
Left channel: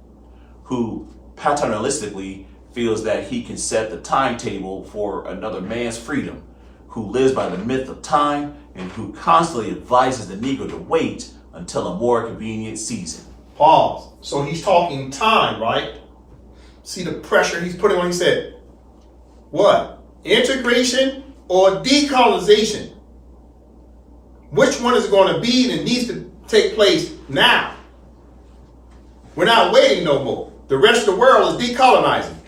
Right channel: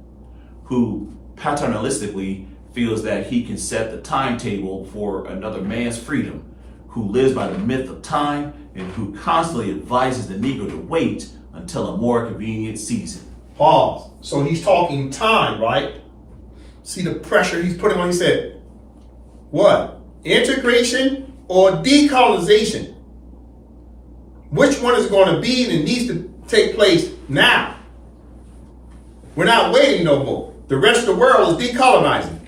who paternalistically feels that he can set the timetable for another man's freedom, who lives by the myth of time, and who constantly advises the Negro to wait until a more convenient season. Pause. So he's talking time, right? See the pressure he's putting on. He said, what? Integration or decolonization? Which one is going to be and needs to take place now? We're not waiting no more. The rest of the world is decolonizing.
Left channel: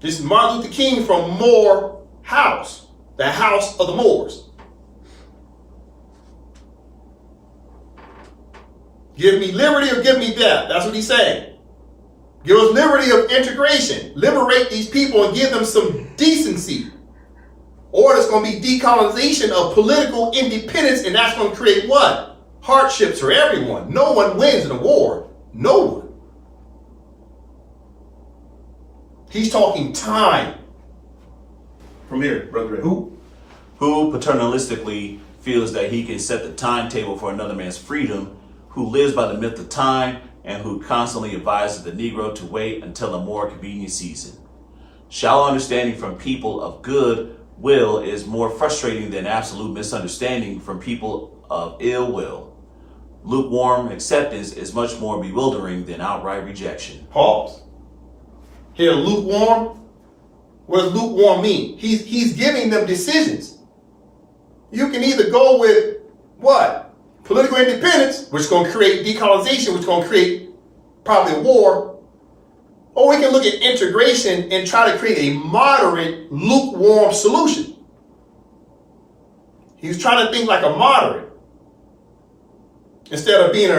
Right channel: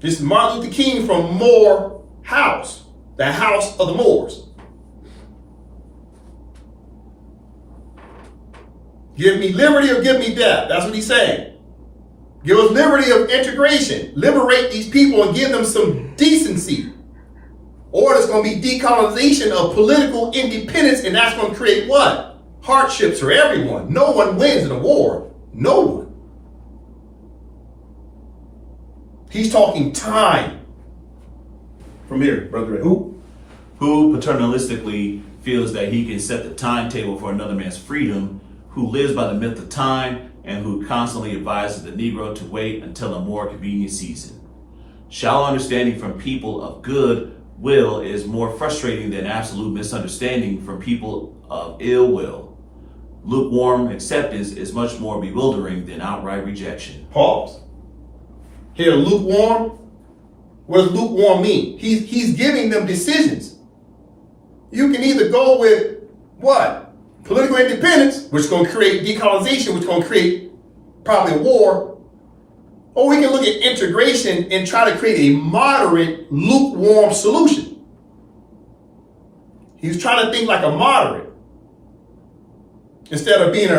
This is Martin Luther King from Moor House, the house of the Moors. Give me liberty or give me death. That's what he's saying. Give us liberty of integration. Liberate these people and give them some decency. Or there's going to be decolonization of political independence, and that's going to create what? Hardships for everyone. No one wins in a war. No one. He's talking time. From here, Brother Ray. Who paternalistically feels that he can set the timetable for another man's freedom, who lives by the myth of time, and who constantly advises the Negro to wait until a more convenient season. Shallow understanding from people of good will is more frustrating than absolute misunderstanding from people of ill will. Lukewarm acceptance is much more bewildering than outright rejection. Pause. Here, lukewarm. What does lukewarm mean? He's giving them decisions. You can either go with what? Political independence, which is going to create decolonization, which is going to create probably a war. Or we can look at integration and try to create a moderate, lukewarm solution. He was trying to think like a moderate instead of being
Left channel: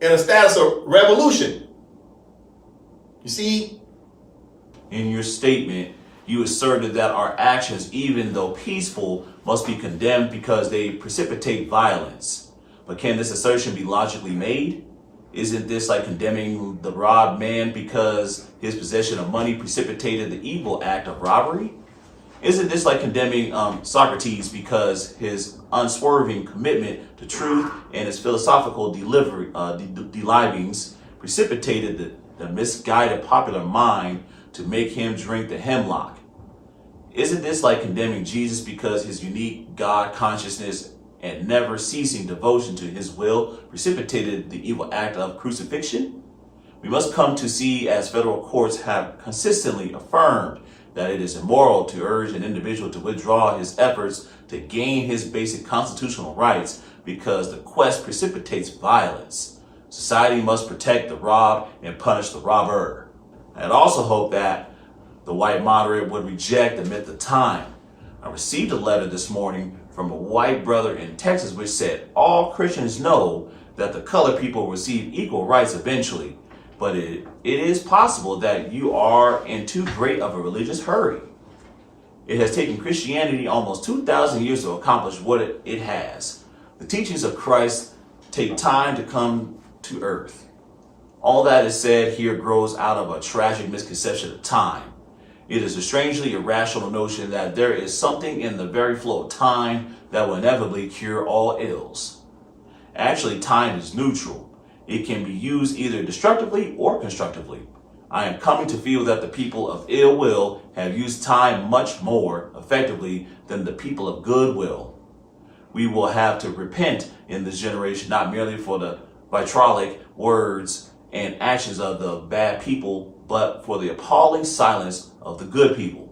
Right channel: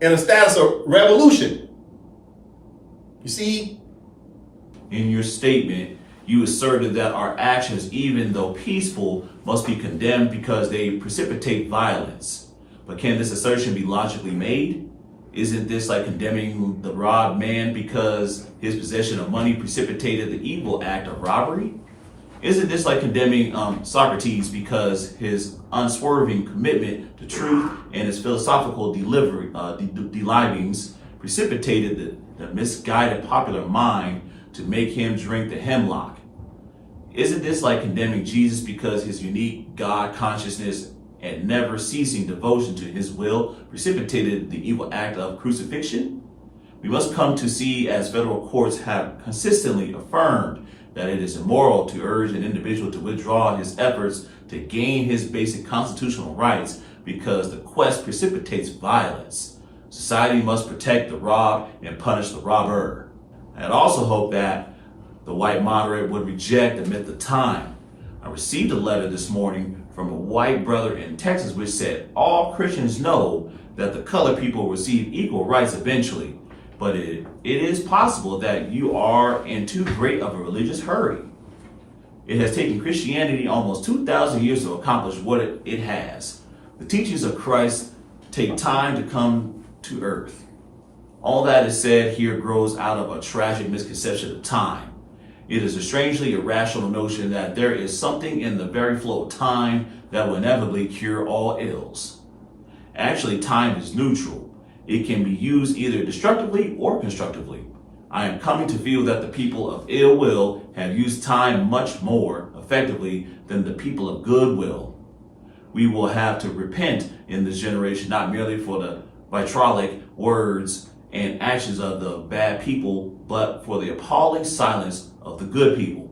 in a status of revolution. You see? In your statement, you asserted that our actions, even though peaceful, must be condemned because they precipitate violence. But can this assertion be logically made? Isn't this like condemning the robbed man because his possession of money precipitated the evil act of robbery? Isn't this like condemning Socrates because his unswerving commitment to truth and his philosophical delivings precipitated the misguided popular mind to make him drink the hemlock? Isn't this like condemning Jesus because his unique God consciousness and never ceasing devotion to his will precipitated the evil act of crucifixion? We must come to see, as federal courts have consistently affirmed, that it is immoral to urge an individual to withdraw his efforts to gain his basic constitutional rights because the quest precipitates violence. Society must protect the robbed and punish the robber. I'd also hope that the white moderate would reject the myth of time. I received a letter this morning from a white brother in Texas which said all Christians know that the colored people receive equal rights eventually, but it is possible that you are in too great of a religious hurry. It has taken Christianity almost 2,000 years to accomplish what it has. The teachings of Christ take time to come to earth. All that is said here grows out of a tragic misconception of time. It is a strangely irrational notion that there is something in the very flow of time that will inevitably cure all ills. Actually, time is neutral. It can be used either destructively or constructively. I am coming to feel that the people of ill will have used time much more effectively than the people of goodwill. We will have to repent in this generation, not merely for the vitriolic words and actions of the bad people, but for the appalling silence of the good people.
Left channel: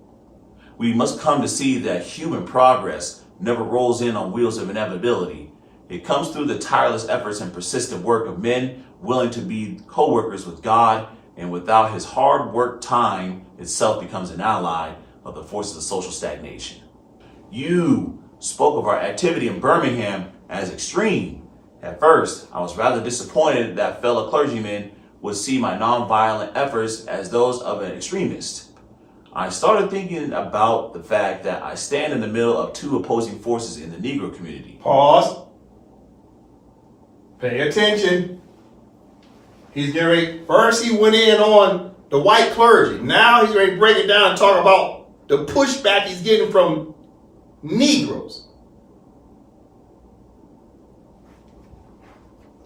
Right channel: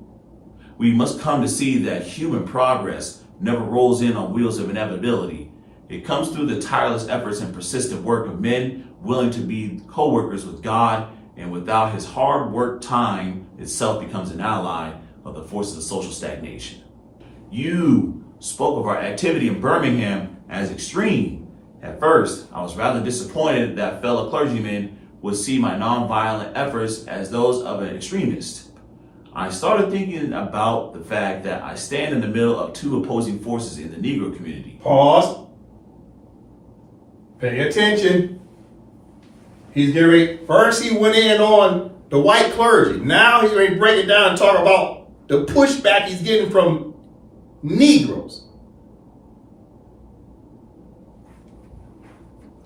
We must come to see that human progress never rolls in on wheels of inevitability. It comes through the tireless efforts and persistent work of men willing to be co-workers with God, and without his hard work, time itself becomes an ally of the forces of social stagnation. You spoke of our activity in Birmingham as extreme. At first, I was rather disappointed that fellow clergymen would see my nonviolent efforts as those of an extremist. I started thinking about the fact that I stand in the middle of two opposing forces in the Negro community. Pause. Pay attention. He's getting ready. First he went in on the white clergy. Now he's ready to break it down and talk about the pushback he's getting from Negroes.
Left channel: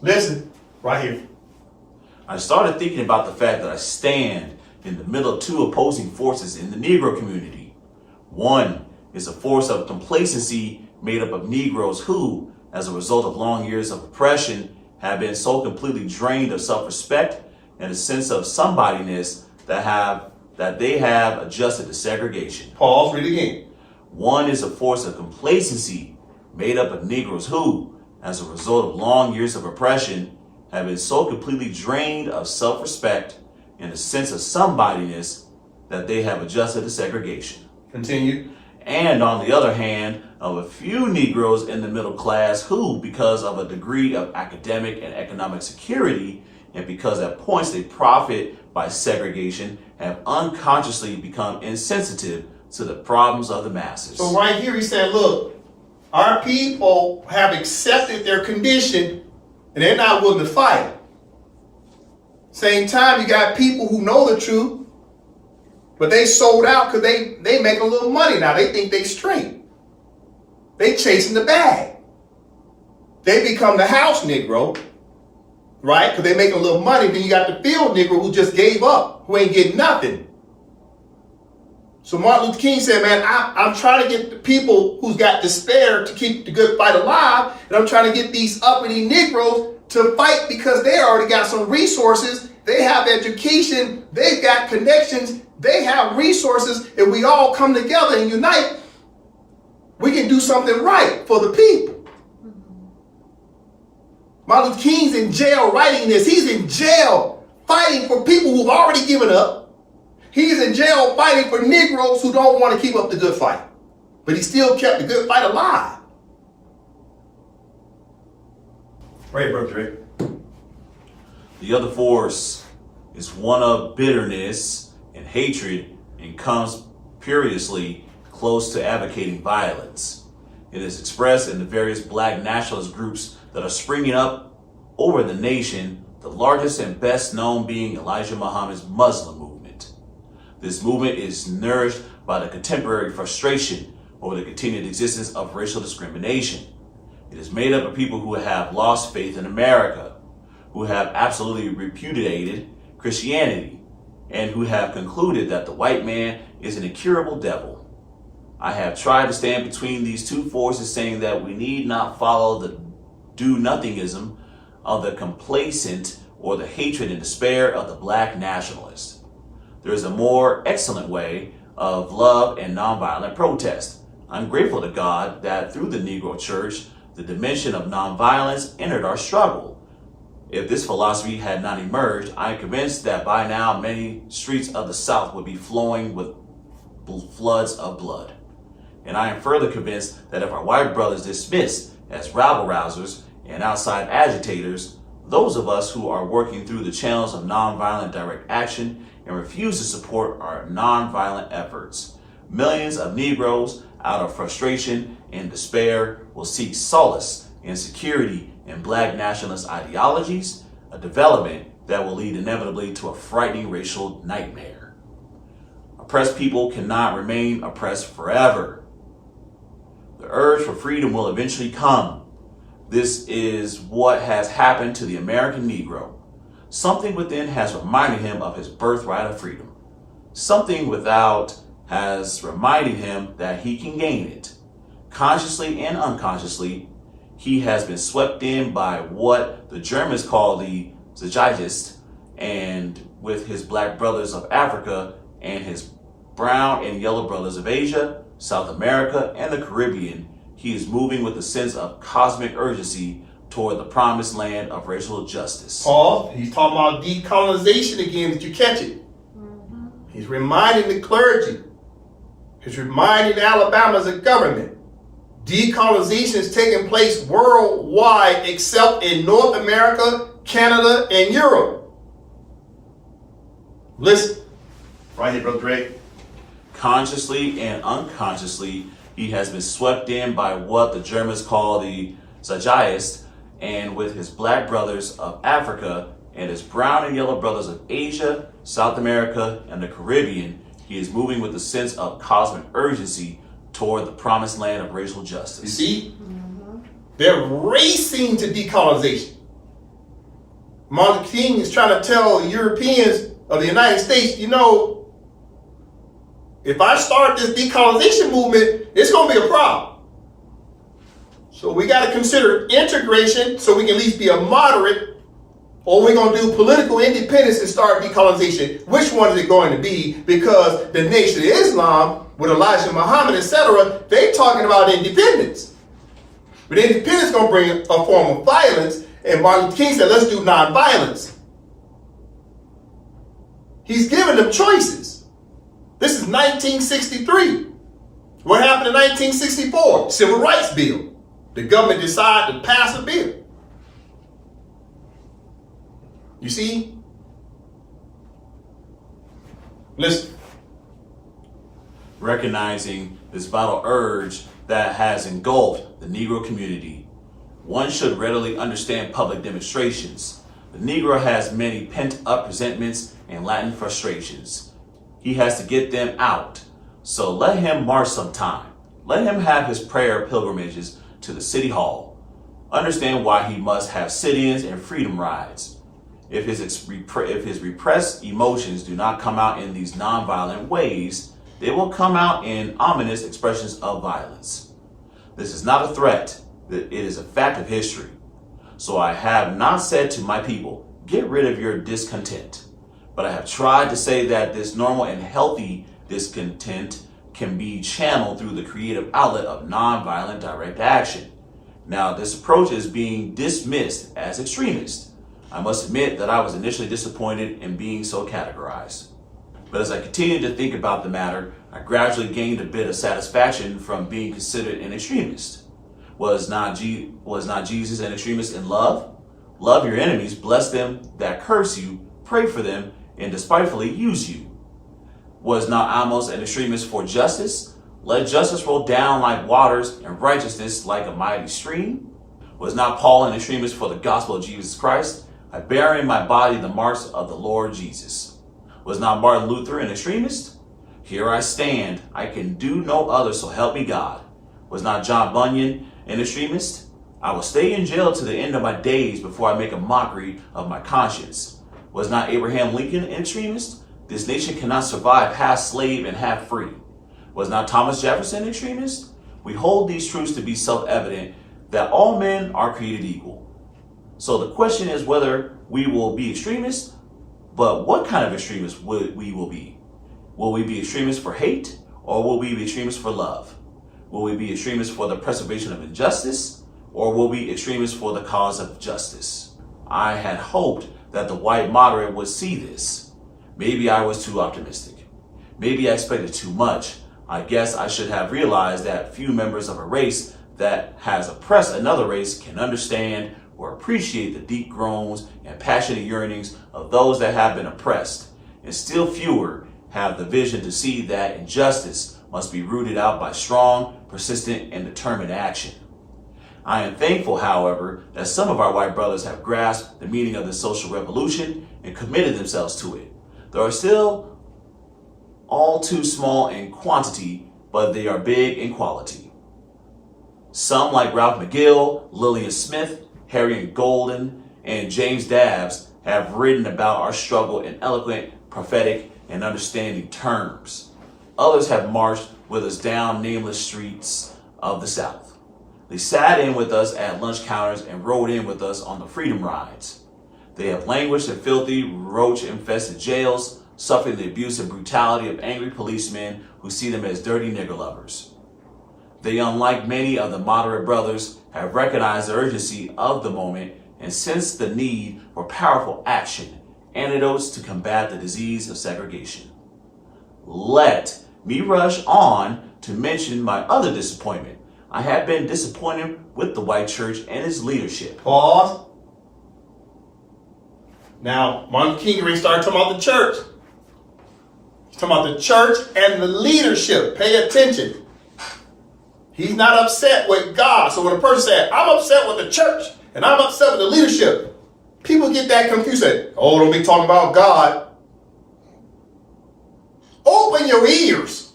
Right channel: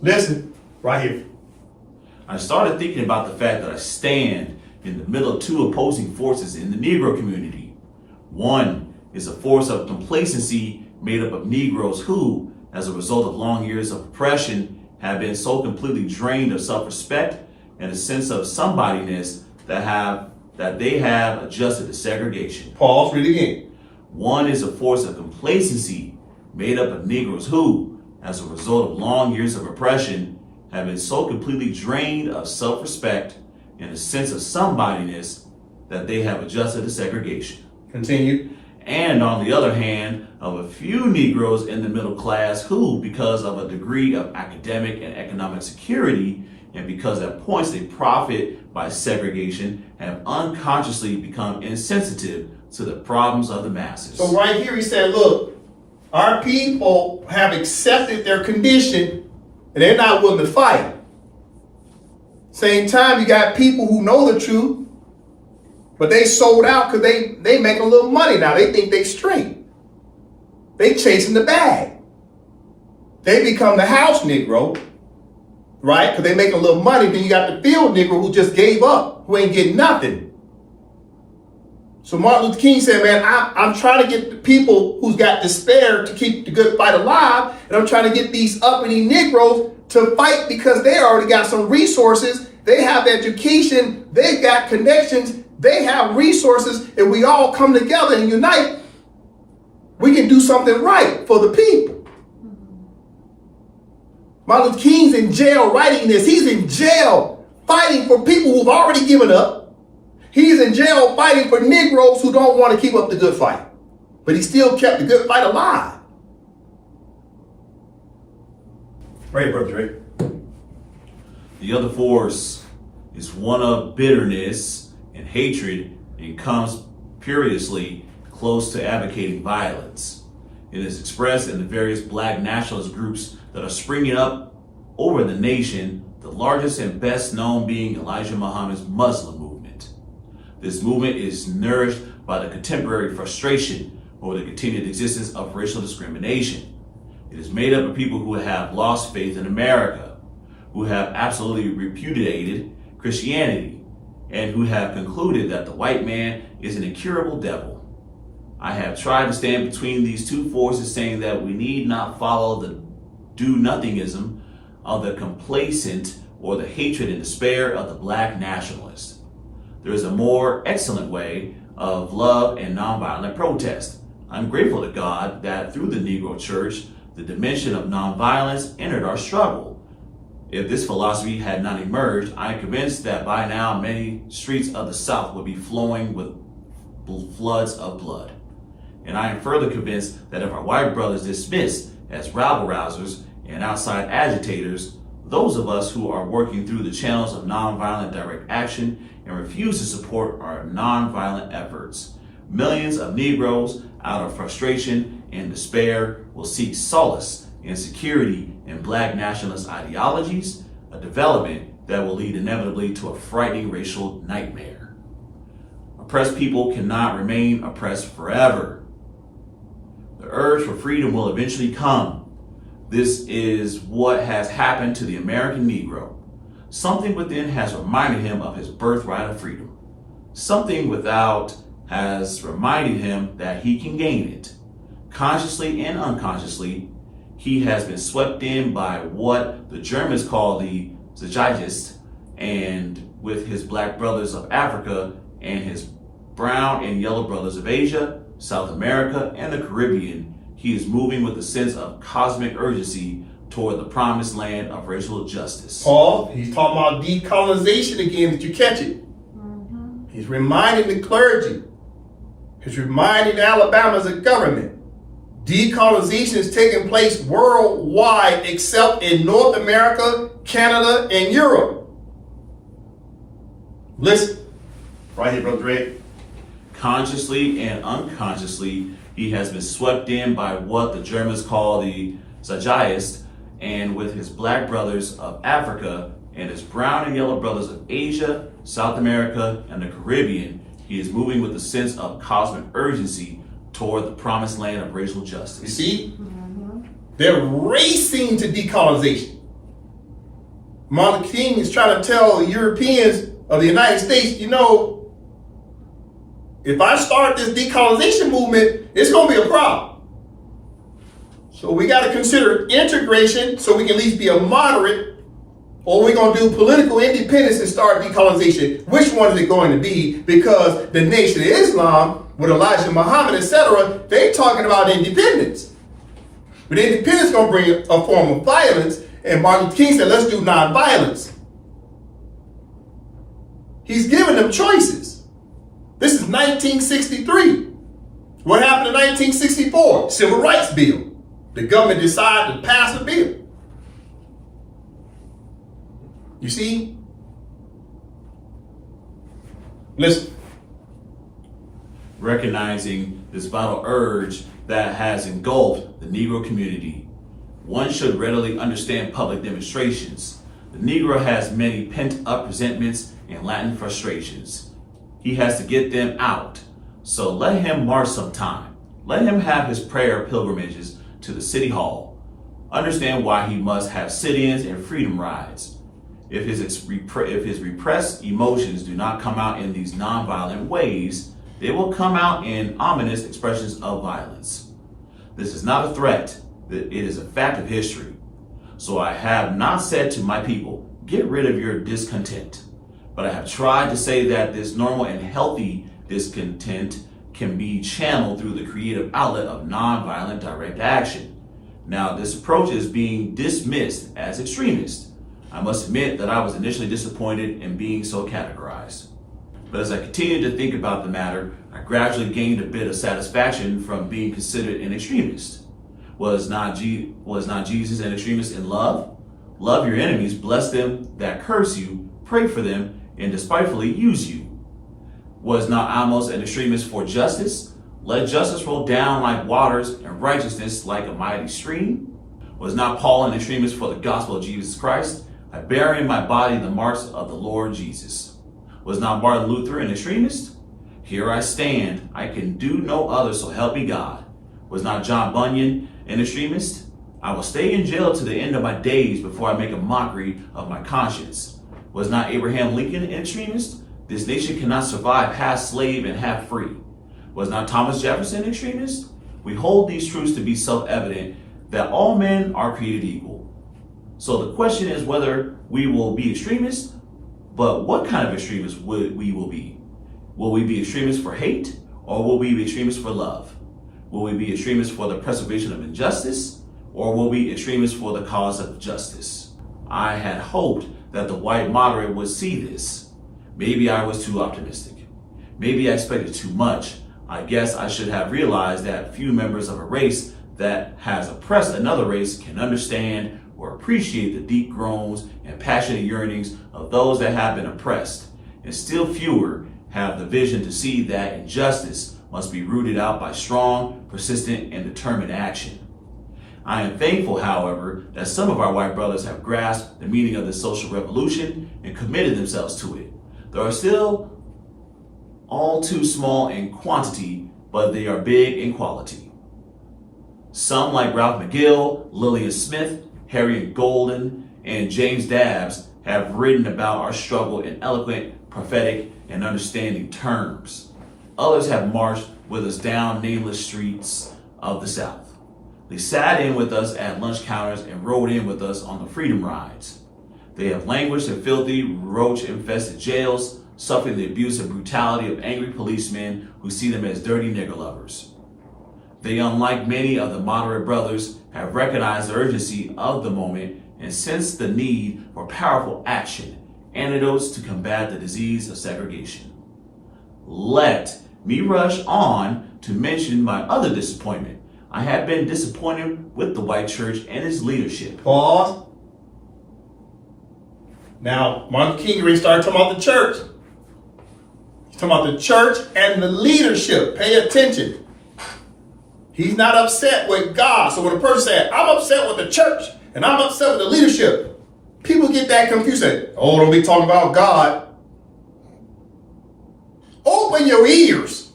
Listen, right here. I started thinking about the fact that I stand in the middle of two opposing forces in the Negro community. One is a force of complacency made up of Negroes who, as a result of long years of oppression, have been so completely drained of self-respect and a sense of somebodyness that they have adjusted to segregation. Pause, read again. One is a force of complacency made up of Negroes who, as a result of long years of oppression, have been so completely drained of self-respect and a sense of somebodyness that they have adjusted to segregation. Continue. And on the other hand, of a few Negroes in the middle class who, because of a degree of academic and economic security, and because at points they profit by segregation, have unconsciously become insensitive to the problems of the masses. So right here he said, look, our people have accepted their condition and they're not willing to fight. Same time, you got people who know the truth, but they sold out because they make a little money now. They think they straight. They chasing the bag. They become the house Negro, right? Because they make a little money. Then you got the field Negro who just gave up, who ain't getting nothing. So Martin Luther King said, man, I'm trying to get the people who's got despair to keep the good fight alive. And I'm trying to get these uppity Negroes to fight because they already got some resources. They have education. They've got connections. They have resources. And we all come together and unite. We can do something right for the people. Martin Luther King's in jail writing this. He's in jail fighting for people who've already given up. He's in jail fighting for Negroes who don't want to keep up the good fight. But he still kept the good fight alive. Right here, Brother Dre. The other force is one of bitterness and hatred and comes perilously close to advocating violence. It is expressed in the various black nationalist groups that are springing up over the nation, the largest and best known being Elijah Muhammad's Muslim movement. This movement is nourished by the contemporary frustration over the continued existence of racial discrimination. It is made up of people who have lost faith in America, who have absolutely repudiated Christianity, and who have concluded that the white man is an incurable devil. I have tried to stand between these two forces, saying that we need not follow the do-nothingism of the complacent or the hatred and despair of the black nationalist. There is a more excellent way of love and nonviolent protest. I'm grateful to God that through the Negro Church, the dimension of nonviolence entered our struggle. If this philosophy had not emerged, I am convinced that by now many streets of the South would be flowing with floods of blood. And I am further convinced that if our white brothers dismissed as rabble-rousers and outside agitators those of us who are working through the channels of nonviolent direct action and refuse to support our nonviolent efforts, millions of Negroes, out of frustration and despair, will seek solace and security in black nationalist ideologies, a development that will lead inevitably to a frightening racial nightmare. Oppressed people cannot remain oppressed forever. The urge for freedom will eventually come. This is what has happened to the American Negro. Something within has reminded him of his birthright of freedom. Something without has reminded him that he can gain it. Consciously and unconsciously, he has been swept in by what the Germans call the Zeitgeist, and with his black brothers of Africa and his brown and yellow brothers of Asia, South America, and the Caribbean, he is moving with a sense of cosmic urgency toward the promised land of racial justice. Paul, he's talking about decolonization again. Did you catch it? Mm-hmm. He's reminding the clergy. He's reminding Alabama as a government. Decolonization is taking place worldwide except in North America, Canada, and Europe. Listen, right here, Brother Drake. Consciously and unconsciously, he has been swept in by what the Germans call the Zeitgeist, and with his black brothers of Africa and his brown and yellow brothers of Asia, South America, and the Caribbean, he is moving with a sense of cosmic urgency toward the promised land of racial justice. You see? Mm-hmm. They're racing to decolonization. Martin Luther King is trying to tell the Europeans of the United States, you know, if I start this decolonization movement, it's going to be a problem. So we got to consider integration so we can at least be a moderate, or we're going to do political independence and start decolonization. Which one is it going to be? Because the Nation of Islam, with Elijah Muhammad, etc., they talking about independence. But independence is going to bring a form of violence, and Martin Luther King said, let's do nonviolence. He's giving them choices. This is 1963. What happened in 1964? Civil Rights Bill. The government decided to pass a bill. You see? Listen. Recognizing this vital urge that has engulfed the Negro community, one should readily understand public demonstrations. The Negro has many pent-up resentments and latent frustrations. He has to get them out. So let him march some time. Let him have his prayer pilgrimages to the city hall. Understand why he must have sit-ins and freedom rides. If his repressed emotions do not come out in these nonviolent ways, they will come out in ominous expressions of violence. This is not a threat. It is a fact of history. So I have not said to my people, get rid of your discontent. But I have tried to say that this normal and healthy discontent can be channeled through the creative outlet of nonviolent direct action. Now, this approach is being dismissed as extremist. I must admit that I was initially disappointed in being so categorized. But as I continued to think about the matter, I gradually gained a bit of satisfaction from being considered an extremist. Was not Jesus an extremist in love? Love your enemies, bless them that curse you, pray for them, and despitefully use you. Was not Amos an extremist for justice? Let justice roll down like waters and righteousness like a mighty stream. Was not Paul an extremist for the gospel of Jesus Christ? I bear in my body the marks of the Lord Jesus. Was not Martin Luther an extremist? Here I stand, I can do no other, so help me God. Was not John Bunyan an extremist? I will stay in jail to the end of my days before I make a mockery of my conscience. Was not Abraham Lincoln an extremist? This nation cannot survive half slave and half free. Was not Thomas Jefferson an extremist? We hold these truths to be self-evident that all men are created equal. So the question is whether we will be extremists, but what kind of extremists we will be? Will we be extremists for hate, or will we be extremists for love? Will we be extremists for the preservation of injustice, or will we be extremists for the cause of justice? I had hoped that the white moderate would see this. Maybe I was too optimistic. Maybe I expected too much. I guess I should have realized that few members of a race that has oppressed another race can understand or appreciate the deep groans and passionate yearnings of those that have been oppressed, and still fewer have the vision to see that injustice must be rooted out by strong, persistent, and determined action. I am thankful, however, that some of our white brothers have grasped the meaning of the social revolution and committed themselves to it. They are still all too small in quantity, but they are big in quality. Some, like Ralph McGill, Lillian Smith, Harriet Golden, and James Dabbs, have written about our struggle in eloquent, prophetic, and understanding terms. Others have marched with us down nameless streets of the South. They sat in with us at lunch counters and rode in with us on the freedom rides. They have languished in filthy, roach-infested jails, suffering the abuse and brutality of angry policemen who see them as dirty nigger lovers. They, unlike many of the moderate brothers, have recognized the urgency of the moment and sensed the need for powerful action, antidotes to combat the disease of segregation. Let me rush on to mention my other disappointment. I have been disappointed with the white church and its leadership. Pause. Now, Martin Luther King already started talking about the church. He's talking about the church and the leadership. Pay attention. He's not upset with God. So when a person says, I'm upset with the church and I'm upset with the leadership, people get that confused. Say, oh, don't be talking about God. Open your ears.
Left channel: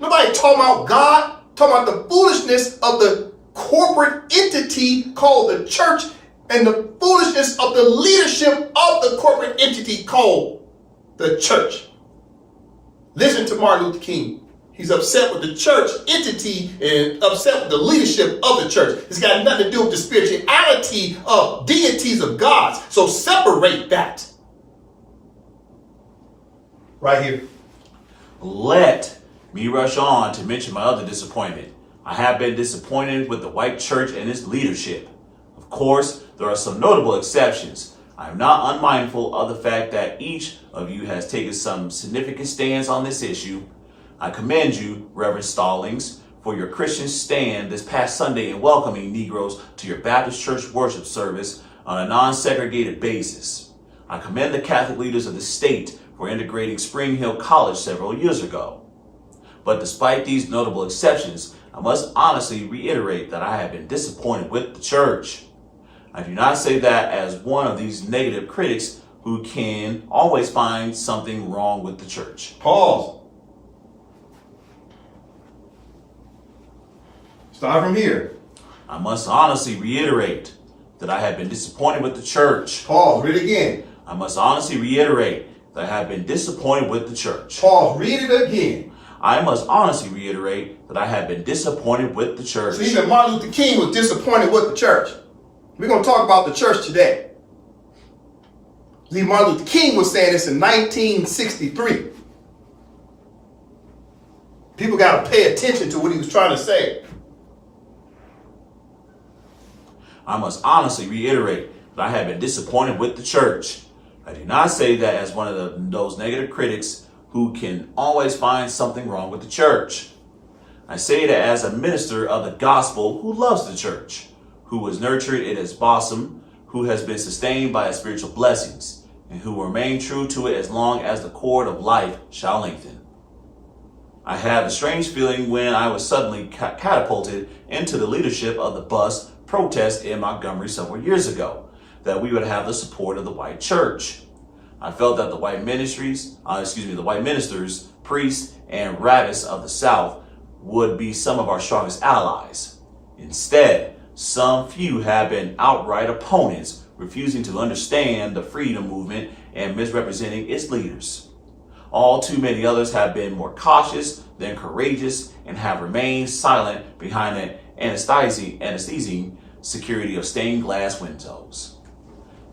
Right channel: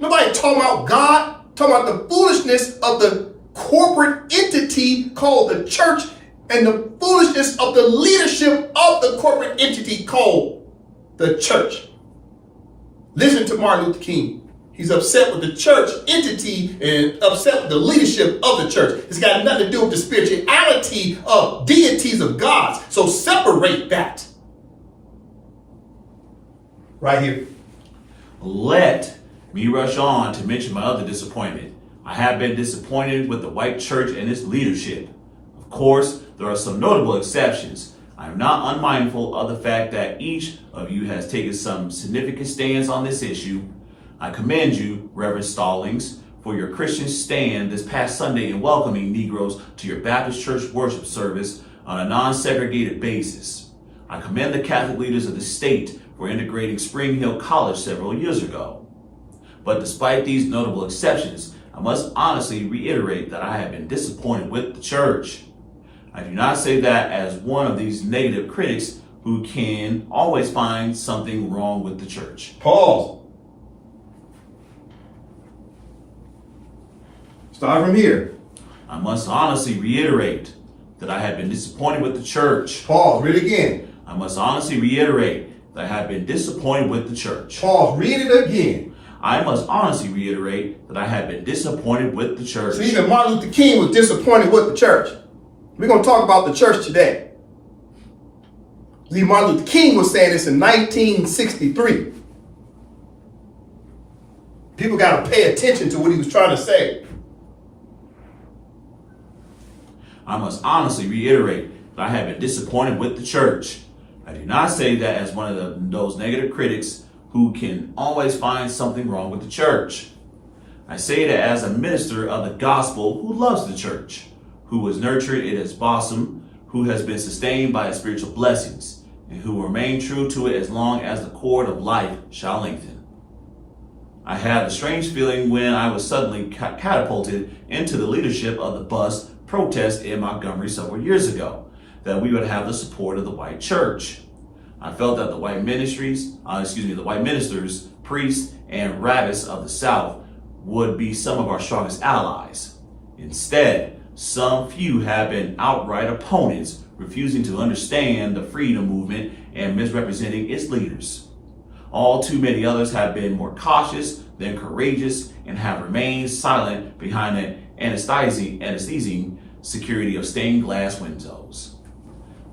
Nobody talking about God. Talking about the foolishness of the corporate entity called the church and the foolishness of the leadership of the corporate entity called the church. Listen to Martin Luther King. He's upset with the church entity and upset with the leadership of the church. It's got nothing to do with the spirituality of deities of gods. So separate that. Right here. Let me rush on to mention my other disappointment. I have been disappointed with the white church and its leadership. Of course, there are some notable exceptions. I am not unmindful of the fact that each of you has taken some significant stands on this issue. I commend you, Reverend Stallings, for your Christian stand this past Sunday in welcoming Negroes to your Baptist church worship service on a non-segregated basis. I commend the Catholic leaders of the state for integrating Spring Hill College several years ago. But despite these notable exceptions, I must honestly reiterate that I have been disappointed with the church. I do not say that as one of these negative critics who can always find something wrong with the church. Pause. Start from here. I must honestly reiterate that I have been disappointed with the church. Pause. Read it again. I must honestly reiterate that I have been disappointed with the church. Pause. Read it again. I must honestly reiterate that I have been disappointed with the church. So even Martin Luther King was disappointed with the church. We're going to talk about the church today. Martin Luther King was saying this in 1963. People got to pay attention to what he was trying to say. I must honestly reiterate that I have been disappointed with the church. I do not say that as one of those negative critics who can always find something wrong with the church. I say that as a minister of the gospel who loves the church, who has nurtured it as blossom, who has been sustained by its spiritual blessings, and who will remain true to it as long as the cord of life shall lengthen. I had a strange feeling when I was suddenly catapulted into the leadership of the bus protest in Montgomery several years ago, that we would have the support of the white church. I felt that the white ministers, priests, and rabbis of the South would be some of our strongest allies. Instead, some few have been outright opponents, refusing to understand the freedom movement and misrepresenting its leaders. All too many others have been more cautious than courageous and have remained silent behind the anesthesia security of stained glass windows.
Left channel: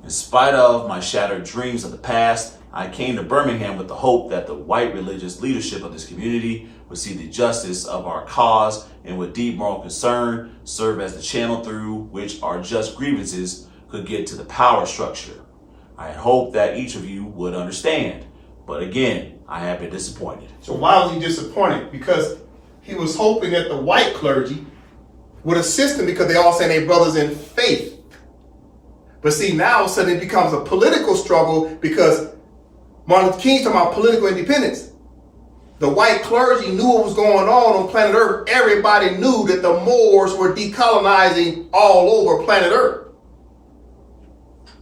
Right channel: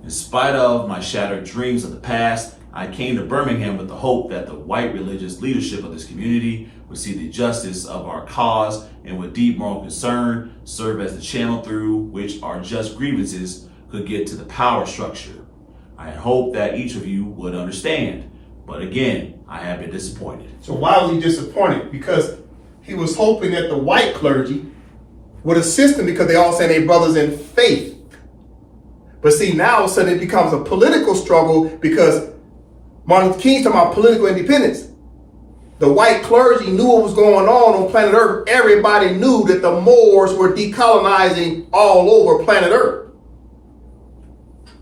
In spite of my shattered dreams of the past, I came to Birmingham with the hope that the white religious leadership of this community would see the justice of our cause and with deep moral concern serve as the channel through which our just grievances could get to the power structure. I had hoped that each of you would understand, but again, I have been disappointed. So why was he disappointed? Because he was hoping that the white clergy would assist him because they all say they brothers in faith. But see, now all of a sudden it becomes a political struggle because Martin Luther King's talking about political independence. The white clergy knew what was going on planet Earth. Everybody knew that the Moors were decolonizing all over planet Earth.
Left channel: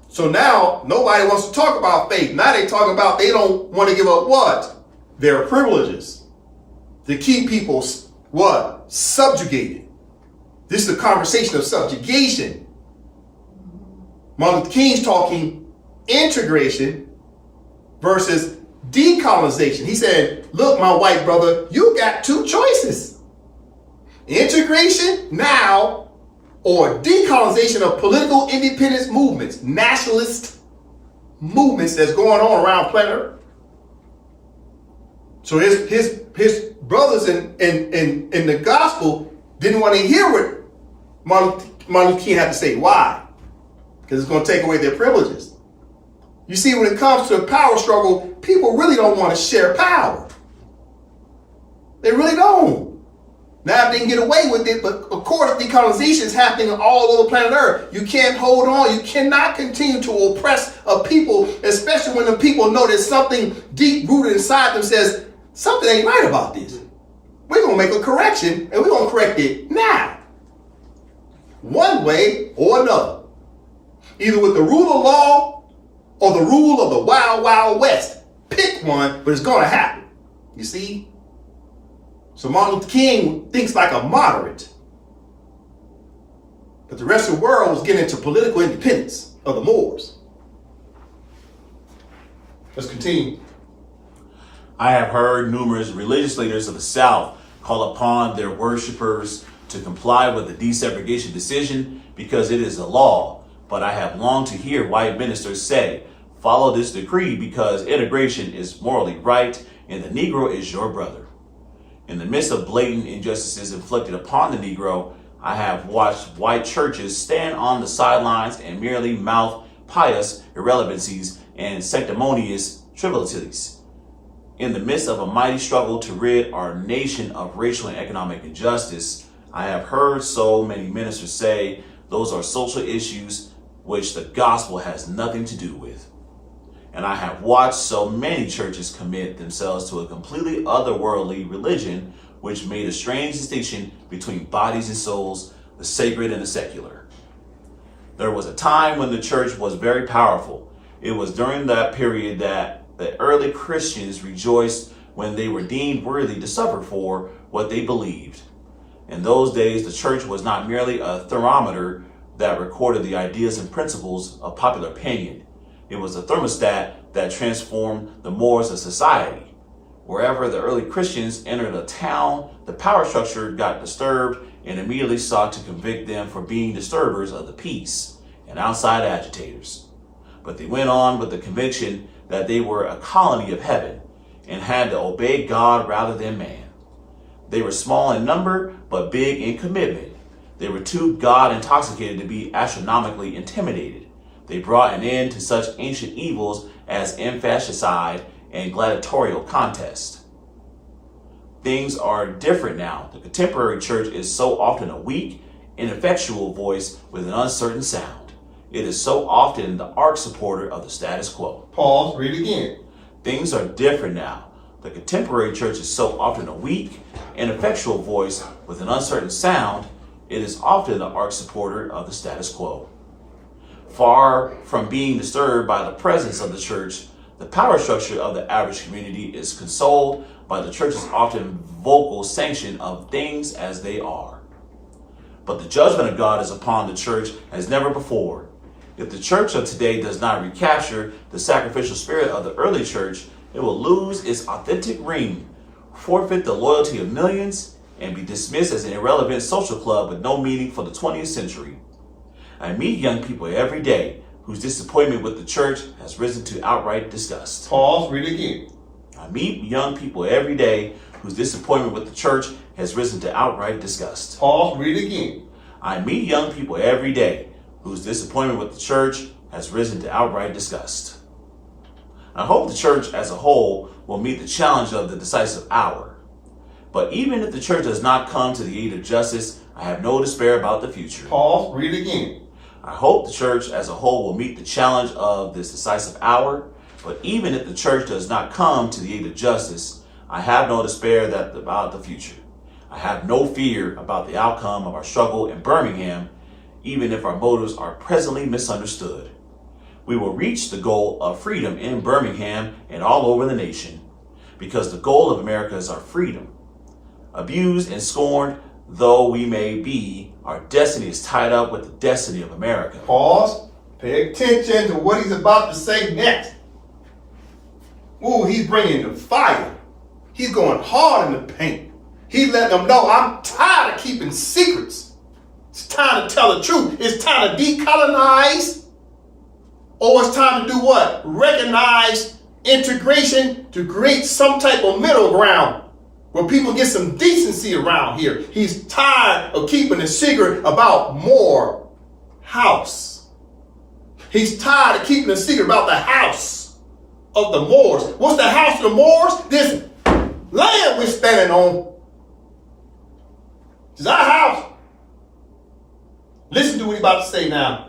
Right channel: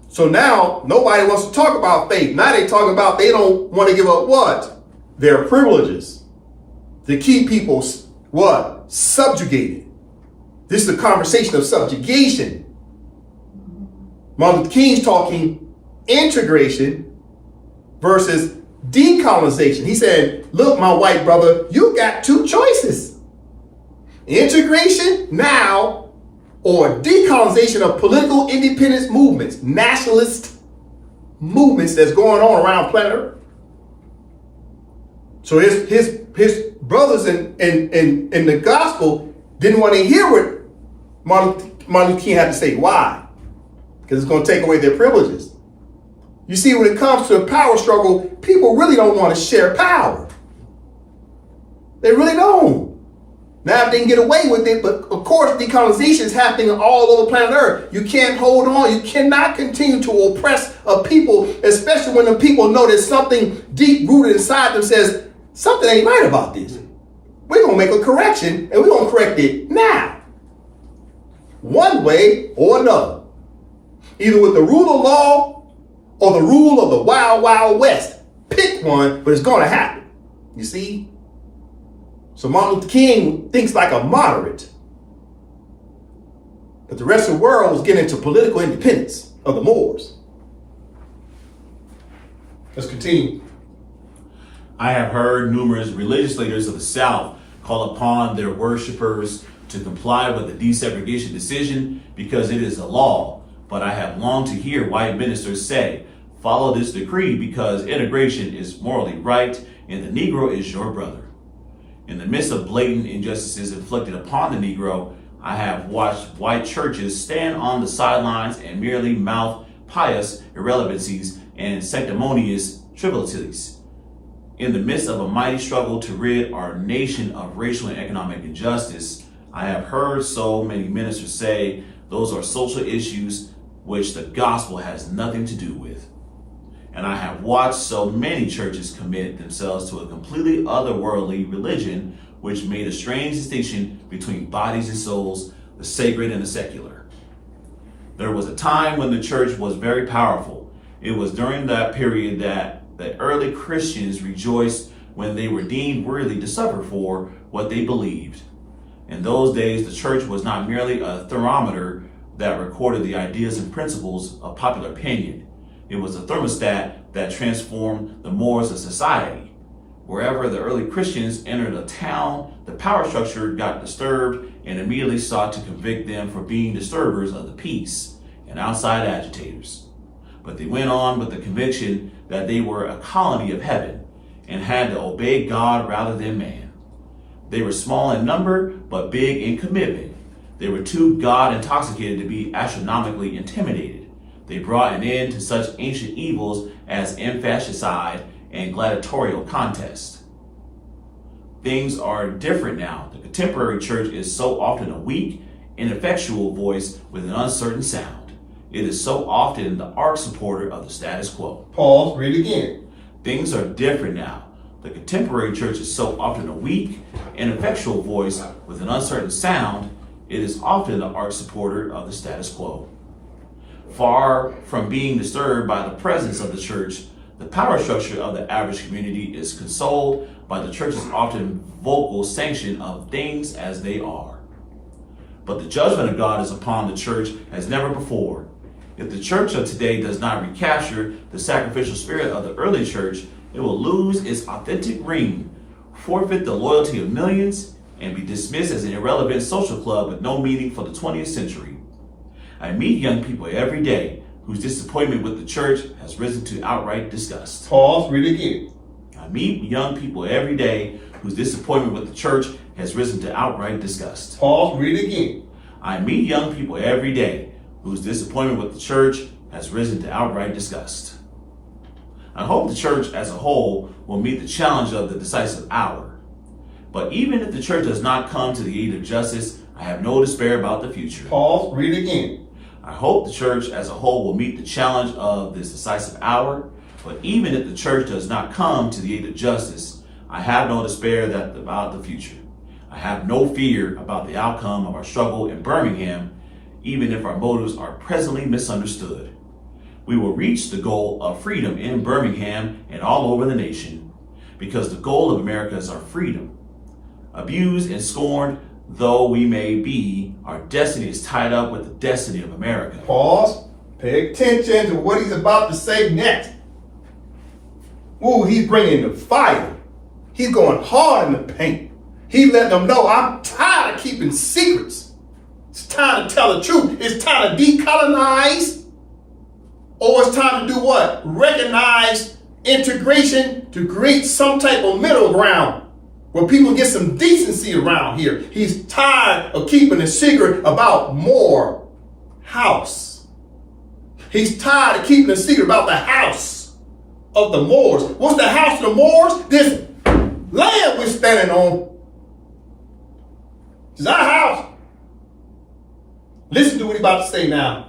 So now nobody wants to talk about faith. Now they talk about they don't want to give up what? Their privileges. To keep people what? Subjugated. This is a conversation of subjugation. Martin Luther King's talking integration versus decolonization. He said, look, my white brother, you got two choices. Integration now or decolonization of political independence movements, nationalist movements that's going on around planet Earth. So his brothers in the gospel didn't want to hear what Martin Luther King had to say. Why? Because it's going to take away their privileges. You see, when it comes to a power struggle, people really don't want to share power. They really don't. Now, if they can get away with it, but of course, decolonization is happening all over planet Earth. You can't hold on. You cannot continue to oppress a people, especially when the people know there's something deep rooted inside them says, something ain't right about this. We're going to make a correction, and we're going to correct it now. One way or another. Either with the rule of law or the rule of the wild, wild west. Pick one, but it's going to happen. You see? So Martin Luther King thinks like a moderate. But the rest of the world was getting into political independence of the Moors. Let's continue. I have heard numerous religious leaders of the South call upon their worshipers to comply with the desegregation decision because it is a law. But I have longed to hear white ministers say, follow this decree because integration is morally right and the Negro is your brother. In the midst of blatant injustices inflicted upon the Negro, I have watched white churches stand on the sidelines and merely mouth pious irrelevancies and sanctimonious trivialities. In the midst of a mighty struggle to rid our nation of racial and economic injustice, I have heard so many ministers say those are social issues which the gospel has nothing to do with. And I have watched so many churches commit themselves to a completely otherworldly religion which made a strange distinction between bodies and souls, the sacred and the secular. There was a time when the church was very powerful. It was during that period that the early Christians rejoiced when they were deemed worthy to suffer for what they believed. In those days, the church was not merely a thermometer that recorded the ideas and principles of popular opinion. It was a thermostat that transformed the mores of society. Wherever the early Christians entered a town, the power structure got disturbed and immediately sought to convict them for being disturbers of the peace and outside agitators. But they went on with the conviction that they were a colony of heaven and had to obey God rather than man. They were small in number, but big in commitment. They were too God intoxicated to be astronomically intimidated. They brought an end to such ancient evils as infanticide and gladiatorial contest. Things are different now. The contemporary church is so often a weak, ineffectual voice with an uncertain sound. It is so often the arch supporter of the status quo. Pause, read again. Things are different now. The contemporary church is so often a weak, ineffectual voice with an uncertain sound. It is often the arch supporter of the status quo. Far from being disturbed by the presence of the church, the power structure of the average community is consoled by the church's often vocal sanction of things as they are. But the judgment of God is upon the church as never before. If the church of today does not recapture the sacrificial spirit of the early church, it will lose its authentic ring, forfeit the loyalty of millions, and be dismissed as an irrelevant social club with no meaning for the 20th century. I meet young people every day whose disappointment with the church has risen to outright disgust. Pause, read again. I meet young people every day whose disappointment with the church has risen to outright disgust. Pause, read again. I meet young people every day whose disappointment with the church has risen to outright disgust. I hope the church as a whole will meet the challenge of the decisive hour. But even if the church does not come to the aid of justice, I have no despair about the future. Pause, read again. I hope the church as a whole will meet the challenge of this decisive hour. But even if the church does not come to the aid of justice, I have no despair about the future. I have no fear about the outcome of our struggle in Birmingham, even if our motives are presently misunderstood. We will reach the goal of freedom in Birmingham and all over the nation, because the goal of America is our freedom. Abused and scorned though we may be, our destiny is tied up with the destiny of America. Pause. Pay attention to what he's about to say next. Ooh, he's bringing the fire. He's going hard in the paint. He's letting them know, I'm tired of keeping secrets. It's time to tell the truth. It's time to decolonize. Or it's time to do what? Recognize integration to create some type of middle ground where people get some decency around here. He's tired of keeping a secret about Moor house. He's tired of keeping a secret about the house of the Moors. What's the house of the Moors? This land we're standing on. It's our house. Listen to what he's about to say now.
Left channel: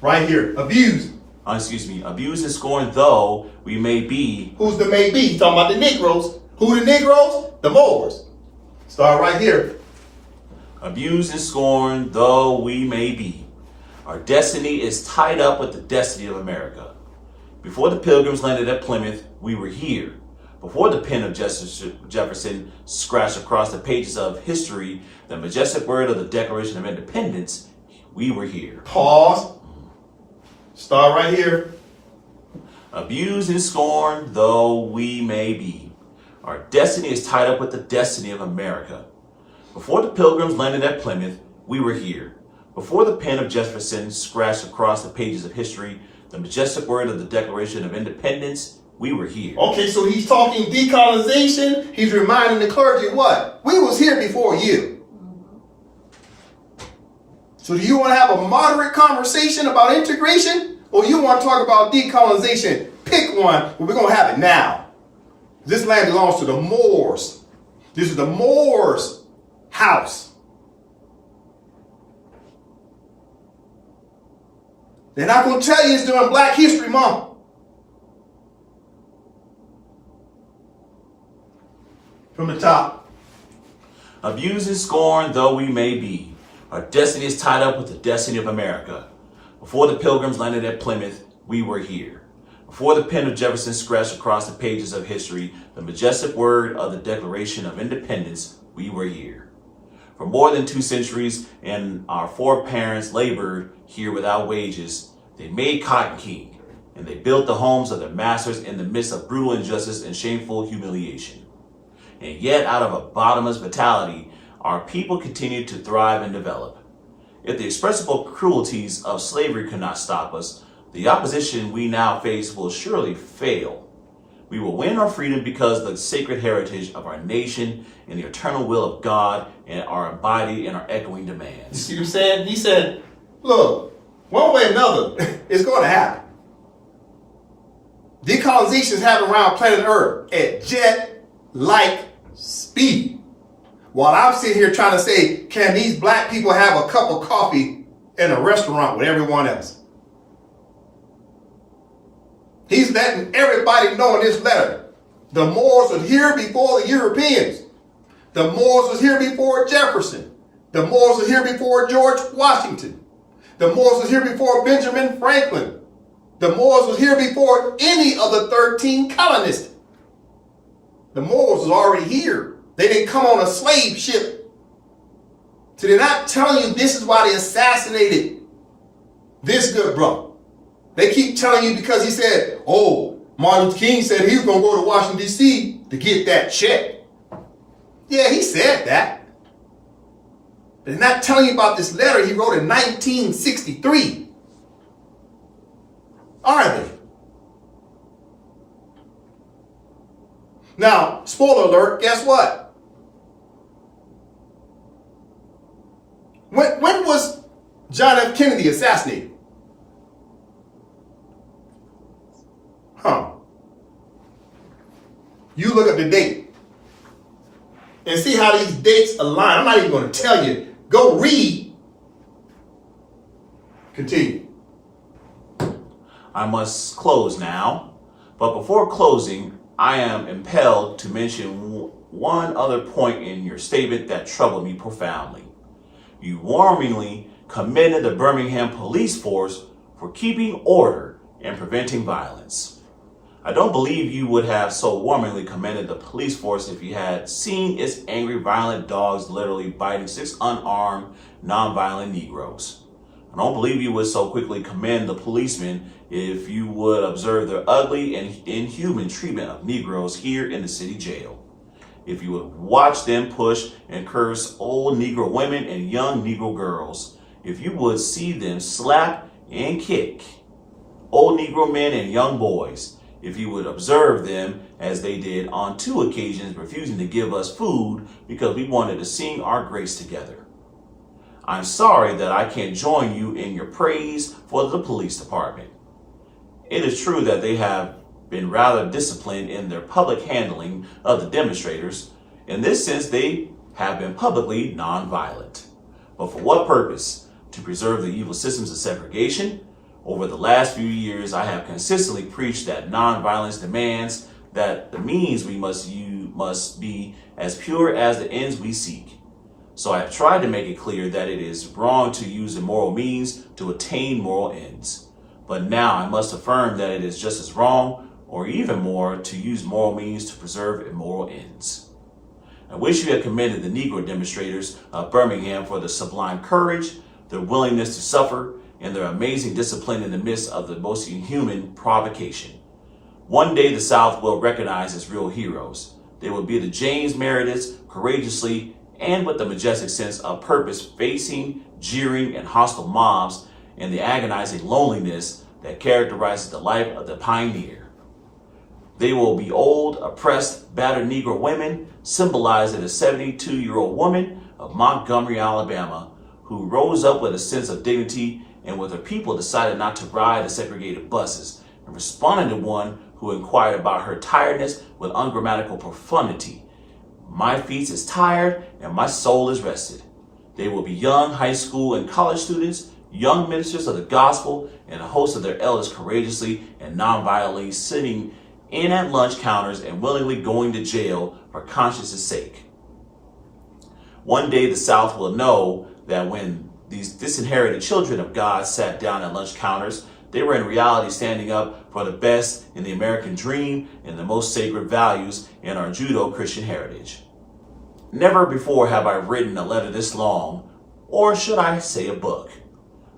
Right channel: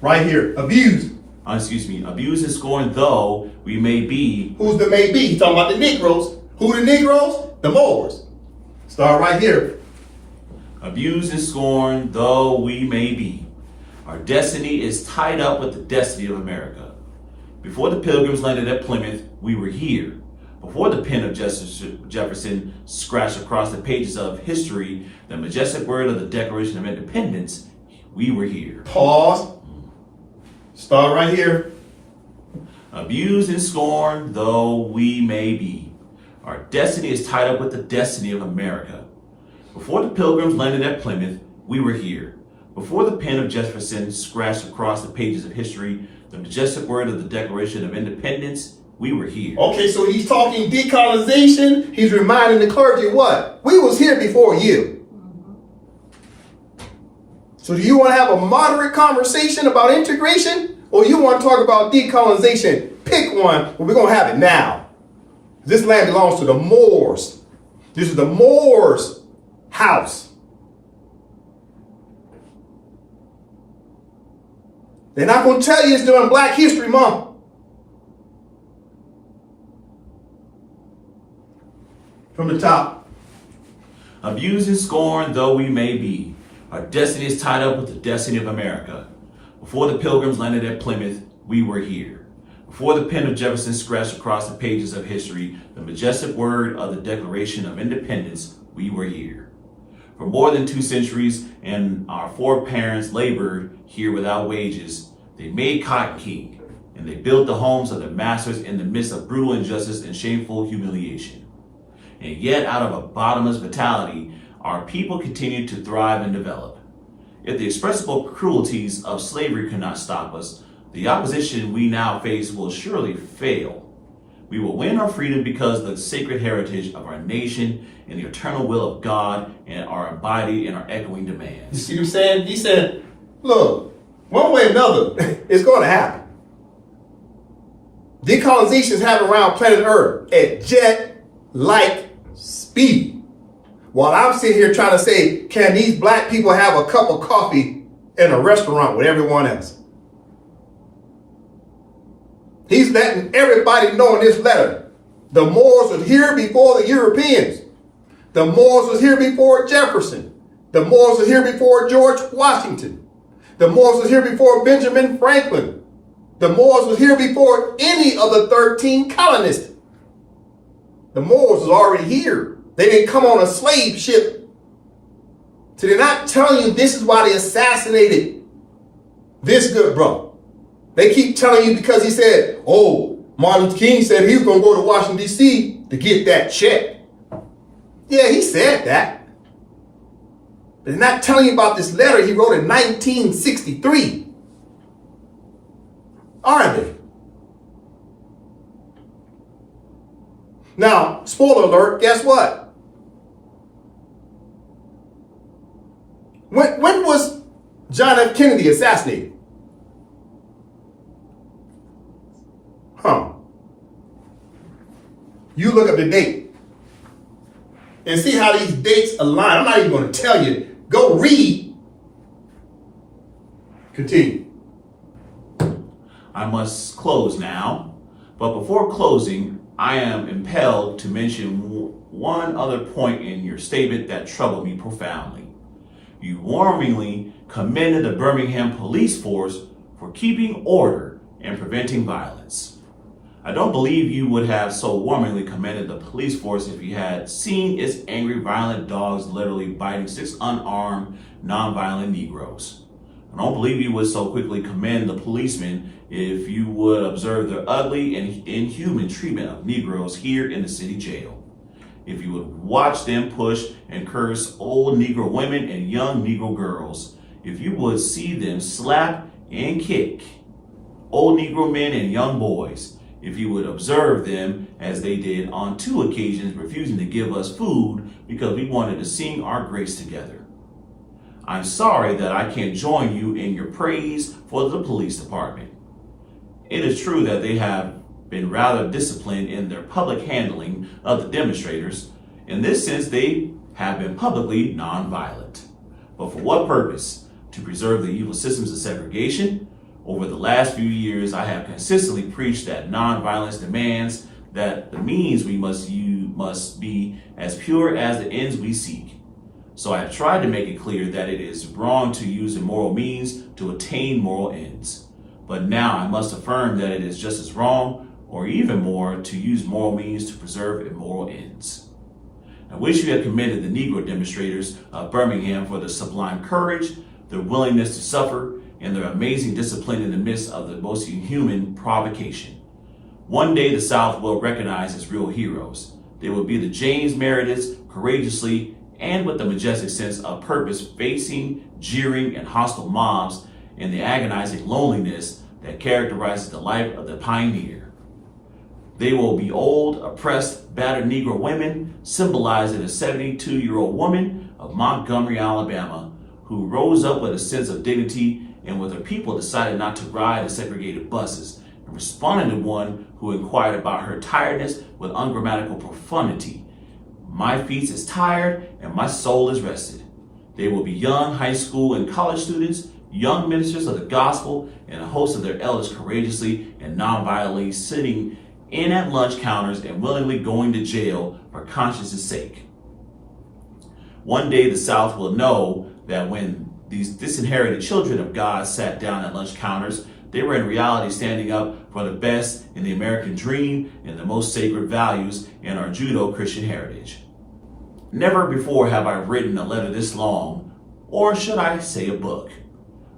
Right here. Abused. Abused and scorned though we may be. Who's the may be? He's talking about the Negroes. Who the Negroes? The Moors. Start right here. Abused and scorned though we may be, our destiny is tied up with the destiny of America. Before the Pilgrims landed at Plymouth, we were here. Before the pen of Jefferson scratched across the pages of history the majestic word of the Declaration of Independence, we were here. Pause. Start right here. Abused and scorned though we may be, our destiny is tied up with the destiny of America. Before the Pilgrims landed at Plymouth, we were here. Before the pen of Jefferson scratched across the pages of history the majestic word of the Declaration of Independence, we were here. Okay, so he's talking decolonization. He's reminding the clergy what? We was here before you. So do you want to have a moderate conversation about integration? Or you want to talk about decolonization? Pick one, but we're going to have it now. This land belongs to the Moors. This is the Moors' house. They're not going to tell you it's during Black History Month. From the top. Abused and scorned though we may be, our destiny is tied up with the destiny of America. Before the Pilgrims landed at Plymouth, we were here. Before the pen of Jefferson scratched across the pages of history the majestic word of the Declaration of Independence, we were here. For more than 2 centuries, and our foreparents labored here without wages. They made cotton king, and they built the homes of their masters in the midst of brutal injustice and shameful humiliation. And yet, out of a bottomless vitality, our people continued to thrive and develop. If the expressible cruelties of slavery could not stop us, the opposition we now face will surely fail. We will win our freedom because of the sacred heritage of our nation and the eternal will of God and are embodied in our echoing You demands. see what he said? He said, look, one way or another, it's going to happen. Decolonization is happening around planet Earth at jet-like speed. While I'm sitting here trying to say, can these black people have a cup of coffee in a restaurant with everyone else? He's letting everybody know in this letter, the Moors was here before the Europeans. The Moors was here before Jefferson. The Moors was here before George Washington. The Moors was here before Benjamin Franklin. The Moors was here before any of the 13 colonists. The Moors was already here. They didn't come on a slave ship. So they're not telling you this is why they assassinated this good brother. They keep telling you because he said, oh, Martin Luther King said he was going to go to Washington, D.C. to get that check. Yeah, he said that. But they're not telling you about this letter he wrote in 1963. Are they? Now, spoiler alert, guess what? When was John F. Kennedy assassinated? You look up the date and see how these dates align. I'm not even going to tell you. Go read. Continue. I must close now, but before closing, I am impelled to mention one other point in your statement that troubled me profoundly. You warmly commended the Birmingham police force for keeping order and preventing violence. I don't believe you would have so warmly commended the police force if you had seen its angry, violent dogs literally biting 6 unarmed, nonviolent Negroes. I don't believe you would so quickly commend the policemen if you would observe their ugly and inhuman treatment of Negroes here in the city jail. If you would watch them push and curse old Negro women and young Negro girls. If you would see them slap and kick old Negro men and young boys. If you would observe them as they did on 2 occasions, refusing to give us food because we wanted to sing our grace together. I'm sorry that I can't join you in your praise for the police department. It is true that they have been rather disciplined in their public handling of the demonstrators. In this sense, they have been publicly nonviolent. But for what purpose? To preserve the evil systems of segregation? Over the last few years, I have consistently preached that nonviolence demands that the means we must use must be as pure as the ends we seek. So I have tried to make it clear that it is wrong to use immoral means to attain moral ends. But now I must affirm that it is just as wrong, or even more, to use moral means to preserve immoral ends. I wish you had commended the Negro demonstrators of Birmingham for their sublime courage, their willingness to suffer, and their amazing discipline in the midst of the most inhuman provocation. One day the South will recognize as real heroes. They will be the James Merediths, courageously and with a majestic sense of purpose, facing jeering and hostile mobs and the agonizing loneliness that characterizes the life of the pioneer. They will be old, oppressed, battered Negro women, symbolizing a 72-year-old woman of Montgomery, Alabama, who rose up with a sense of dignity and with her people decided not to ride the segregated buses, and responded to one who inquired about her tiredness with ungrammatical profundity. My feet is tired and my soul is rested. They will be young high school and college students, young ministers of the gospel, and a host of their elders courageously and nonviolently sitting in at lunch counters and willingly going to jail for conscience' sake. One day the South will know that when these disinherited children of God sat down at lunch counters, they were in reality standing up for the best in the American dream and the most sacred values in our Judeo-Christian heritage. Never before have I written a letter this long, or should I say a book.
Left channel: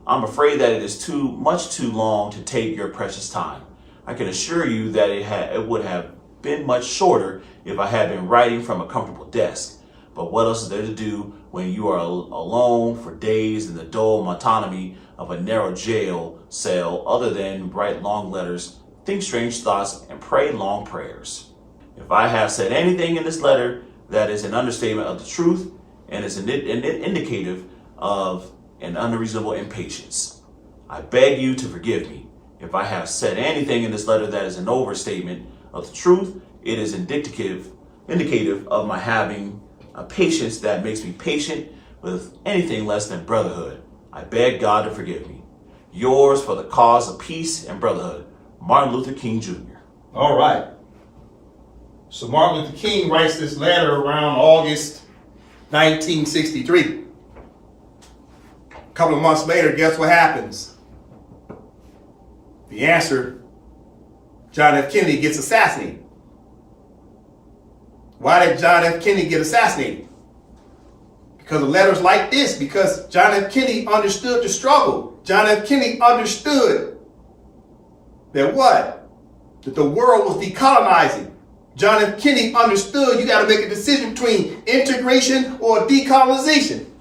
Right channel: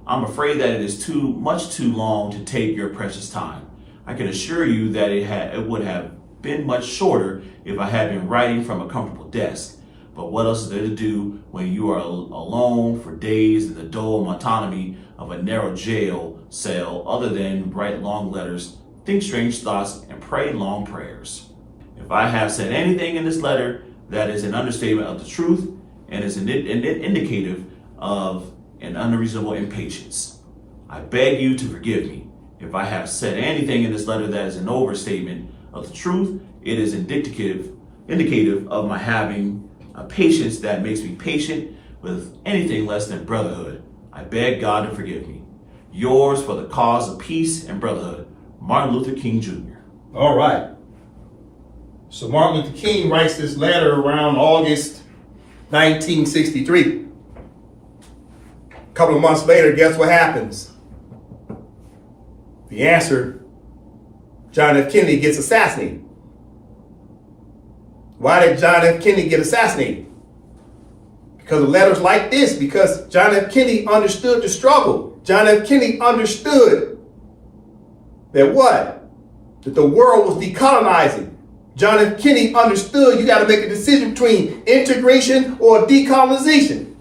I'm afraid that it is much too long to take your precious time. I can assure you that it would have been much shorter if I had been writing from a comfortable desk. But what else is there to do when you are alone for days in the dull monotony of a narrow jail cell other than write long letters think strange thoughts, and pray long prayers. If I have said anything in this letter that is an understatement of the truth and is indicative of an unreasonable impatience, I beg you to forgive me. If I have said anything in this letter that is an overstatement of the truth, it is indicative of my having a patience that makes me patient with anything less than brotherhood. I beg God to forgive me. Yours for the cause of peace and brotherhood, Martin Luther King Jr. All right. So Martin Luther King writes this letter around August 1963. A couple of months later, guess what happens? The answer, John F. Kennedy gets assassinated. Why did John F. Kennedy get assassinated? Because of letters like this, because John F. Kennedy understood the struggle. John F. Kennedy understood that what? That the world was decolonizing. John F. Kennedy understood you got to make a decision between integration or decolonization.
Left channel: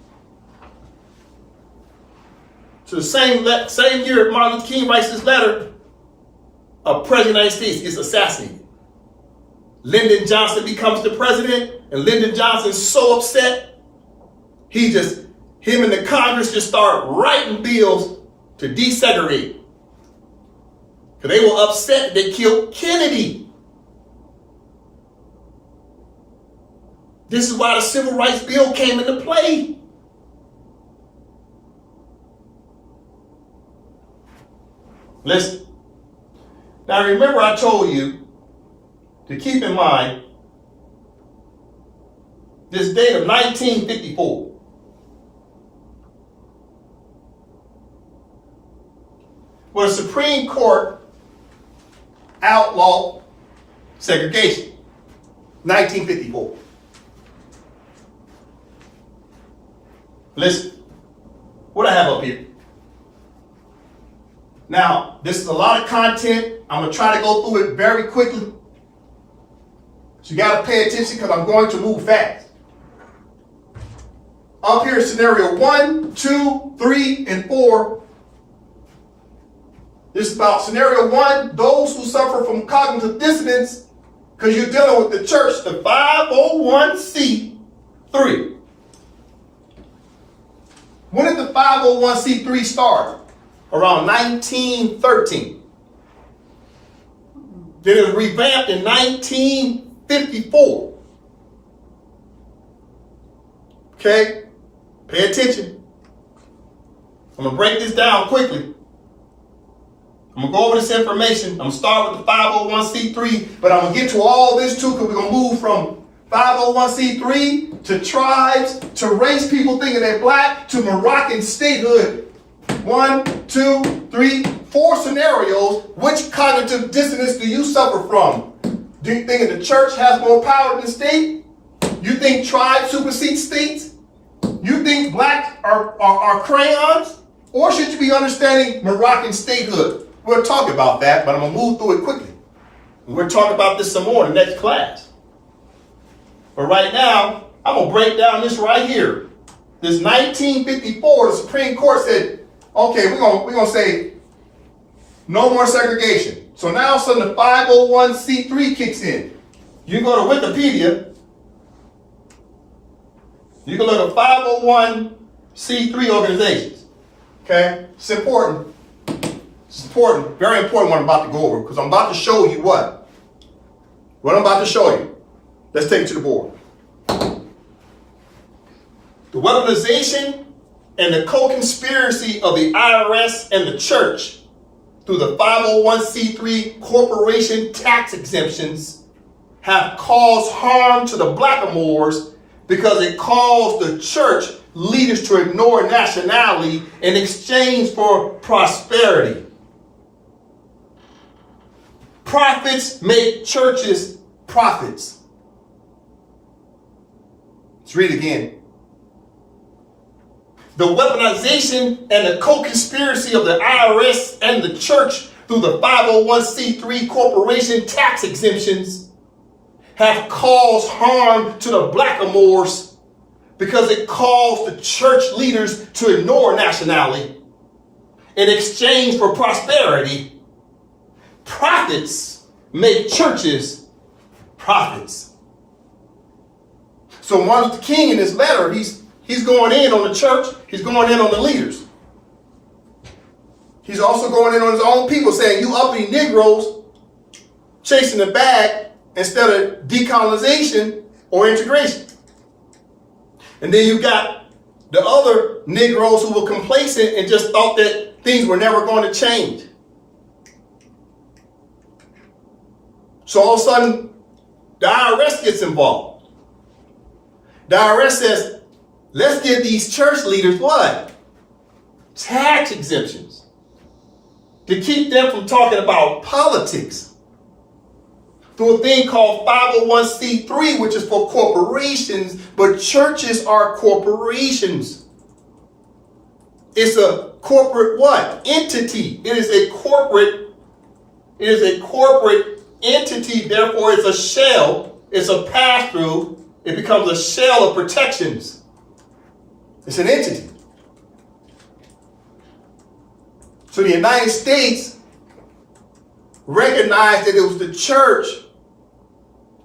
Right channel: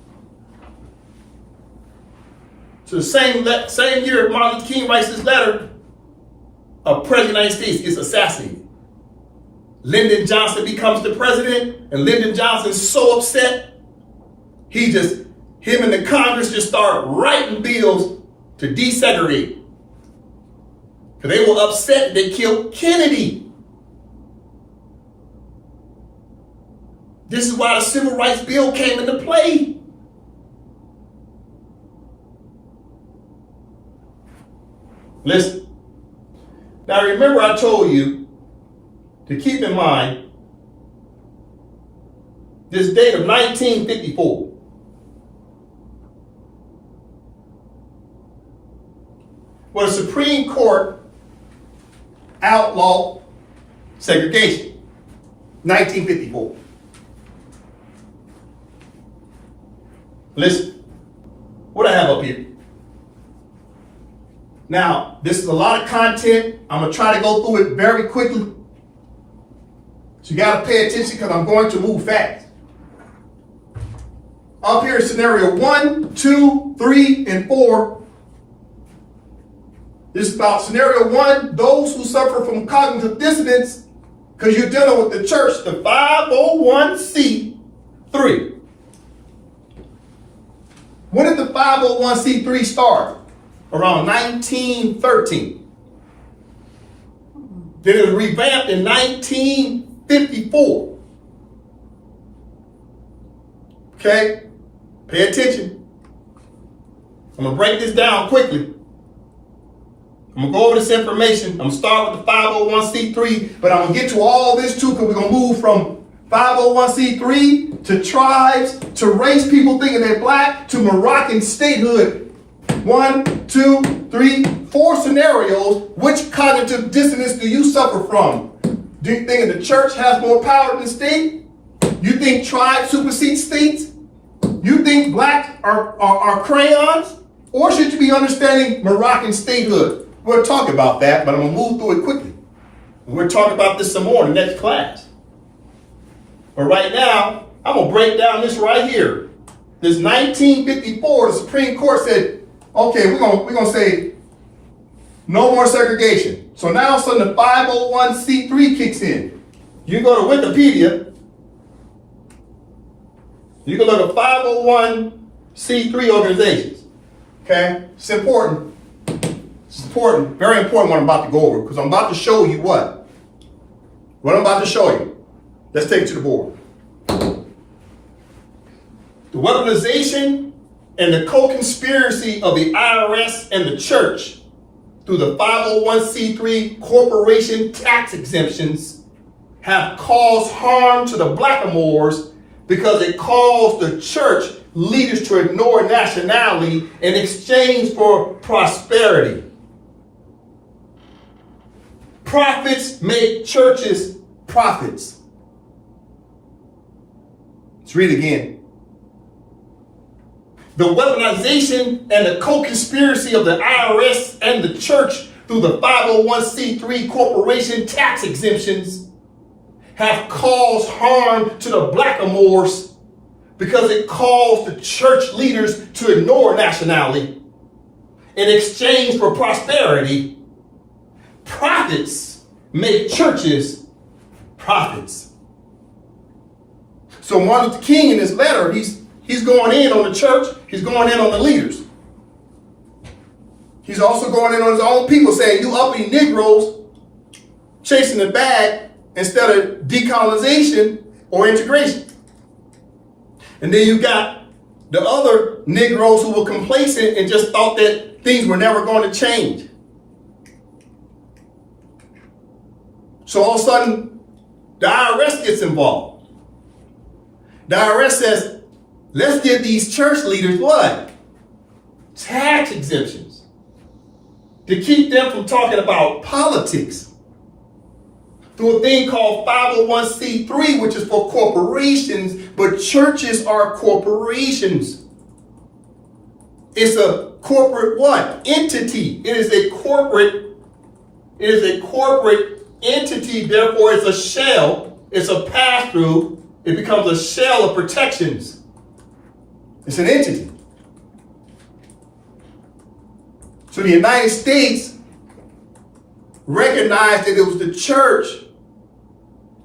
So the same year Martin Luther King writes this letter, a president of the United States is assassinated. Lyndon Johnson becomes the president, and Lyndon Johnson's so upset, him and the Congress just start writing bills to desegregate. Because they were upset they killed Kennedy. This is why the Civil Rights Bill came into play. Listen. Now remember I told you to keep in mind this date of 1954. Where the Supreme Court outlawed segregation. 1954. Listen, what I have up here. Now, this is a lot of content. I'm going to try to go through it very quickly. So you got to pay attention because I'm going to move fast. Up here is scenario 1, 2, 3, and 4. This is about scenario 1, those who suffer from cognitive dissonance because you're dealing with the church, the 501c3. When did the 501c3 start? Around 1913. Then it was revamped in 1954. Okay? Pay attention. I'm going to break this down quickly. I'm going to go over this information. I'm going to start with the 501c3, but I'm going to get to all this too because we're going to move from 501c3 to tribes, to race people thinking they're black, to Moroccan statehood. 1, 2, 3, 4 scenarios. Which cognitive dissonance do you suffer from? Do you think the church has more power than the state? You think tribes supersede states? You think black are crayons? Or should you be understanding Moroccan statehood? We'll talk about that, but I'm going to move through it quickly. We'll talk about this some more in the next class. But right now, I'm going to break down this right here. This 1954, the Supreme Court said, okay, we're going to say no more segregation. So now all of a sudden the 501c3 kicks in. You go to Wikipedia, you can look at 501c3 organizations. Okay? It's important. It's important, very important what I'm about to go over because I'm about to show you what? What I'm about to show you. Let's take it to the board. The weaponization and the co-conspiracy of the IRS and the church through the 501c3 corporation tax exemptions have caused harm to the blackamoors because it caused the church leaders to ignore nationality in exchange for prosperity. Profits make churches profits. Let's read it again. The weaponization and the co-conspiracy of the IRS and the church through the 501c3 corporation tax exemptions have caused harm to the blackamoors because it caused the church leaders to ignore nationality in exchange for prosperity. profits make churches profits. So Martin Luther King in his letter, he's going in on the church, he's going in on the leaders. He's also going in on his own people, saying, you uppity Negroes chasing the bag instead of decolonization or integration. And then you got the other Negroes who were complacent and just thought that things were never going to change. So all of a sudden, the IRS gets involved. The IRS says, let's give these church leaders what? Tax exemptions. To keep them from talking about politics. Through a thing called 501c3, which is for corporations, but churches are corporations. It's a corporate what? Entity. It is a corporate entity, therefore it's a shell, it's a pass-through, it becomes a shell of protections. It's an entity. So the United States recognized that it was the church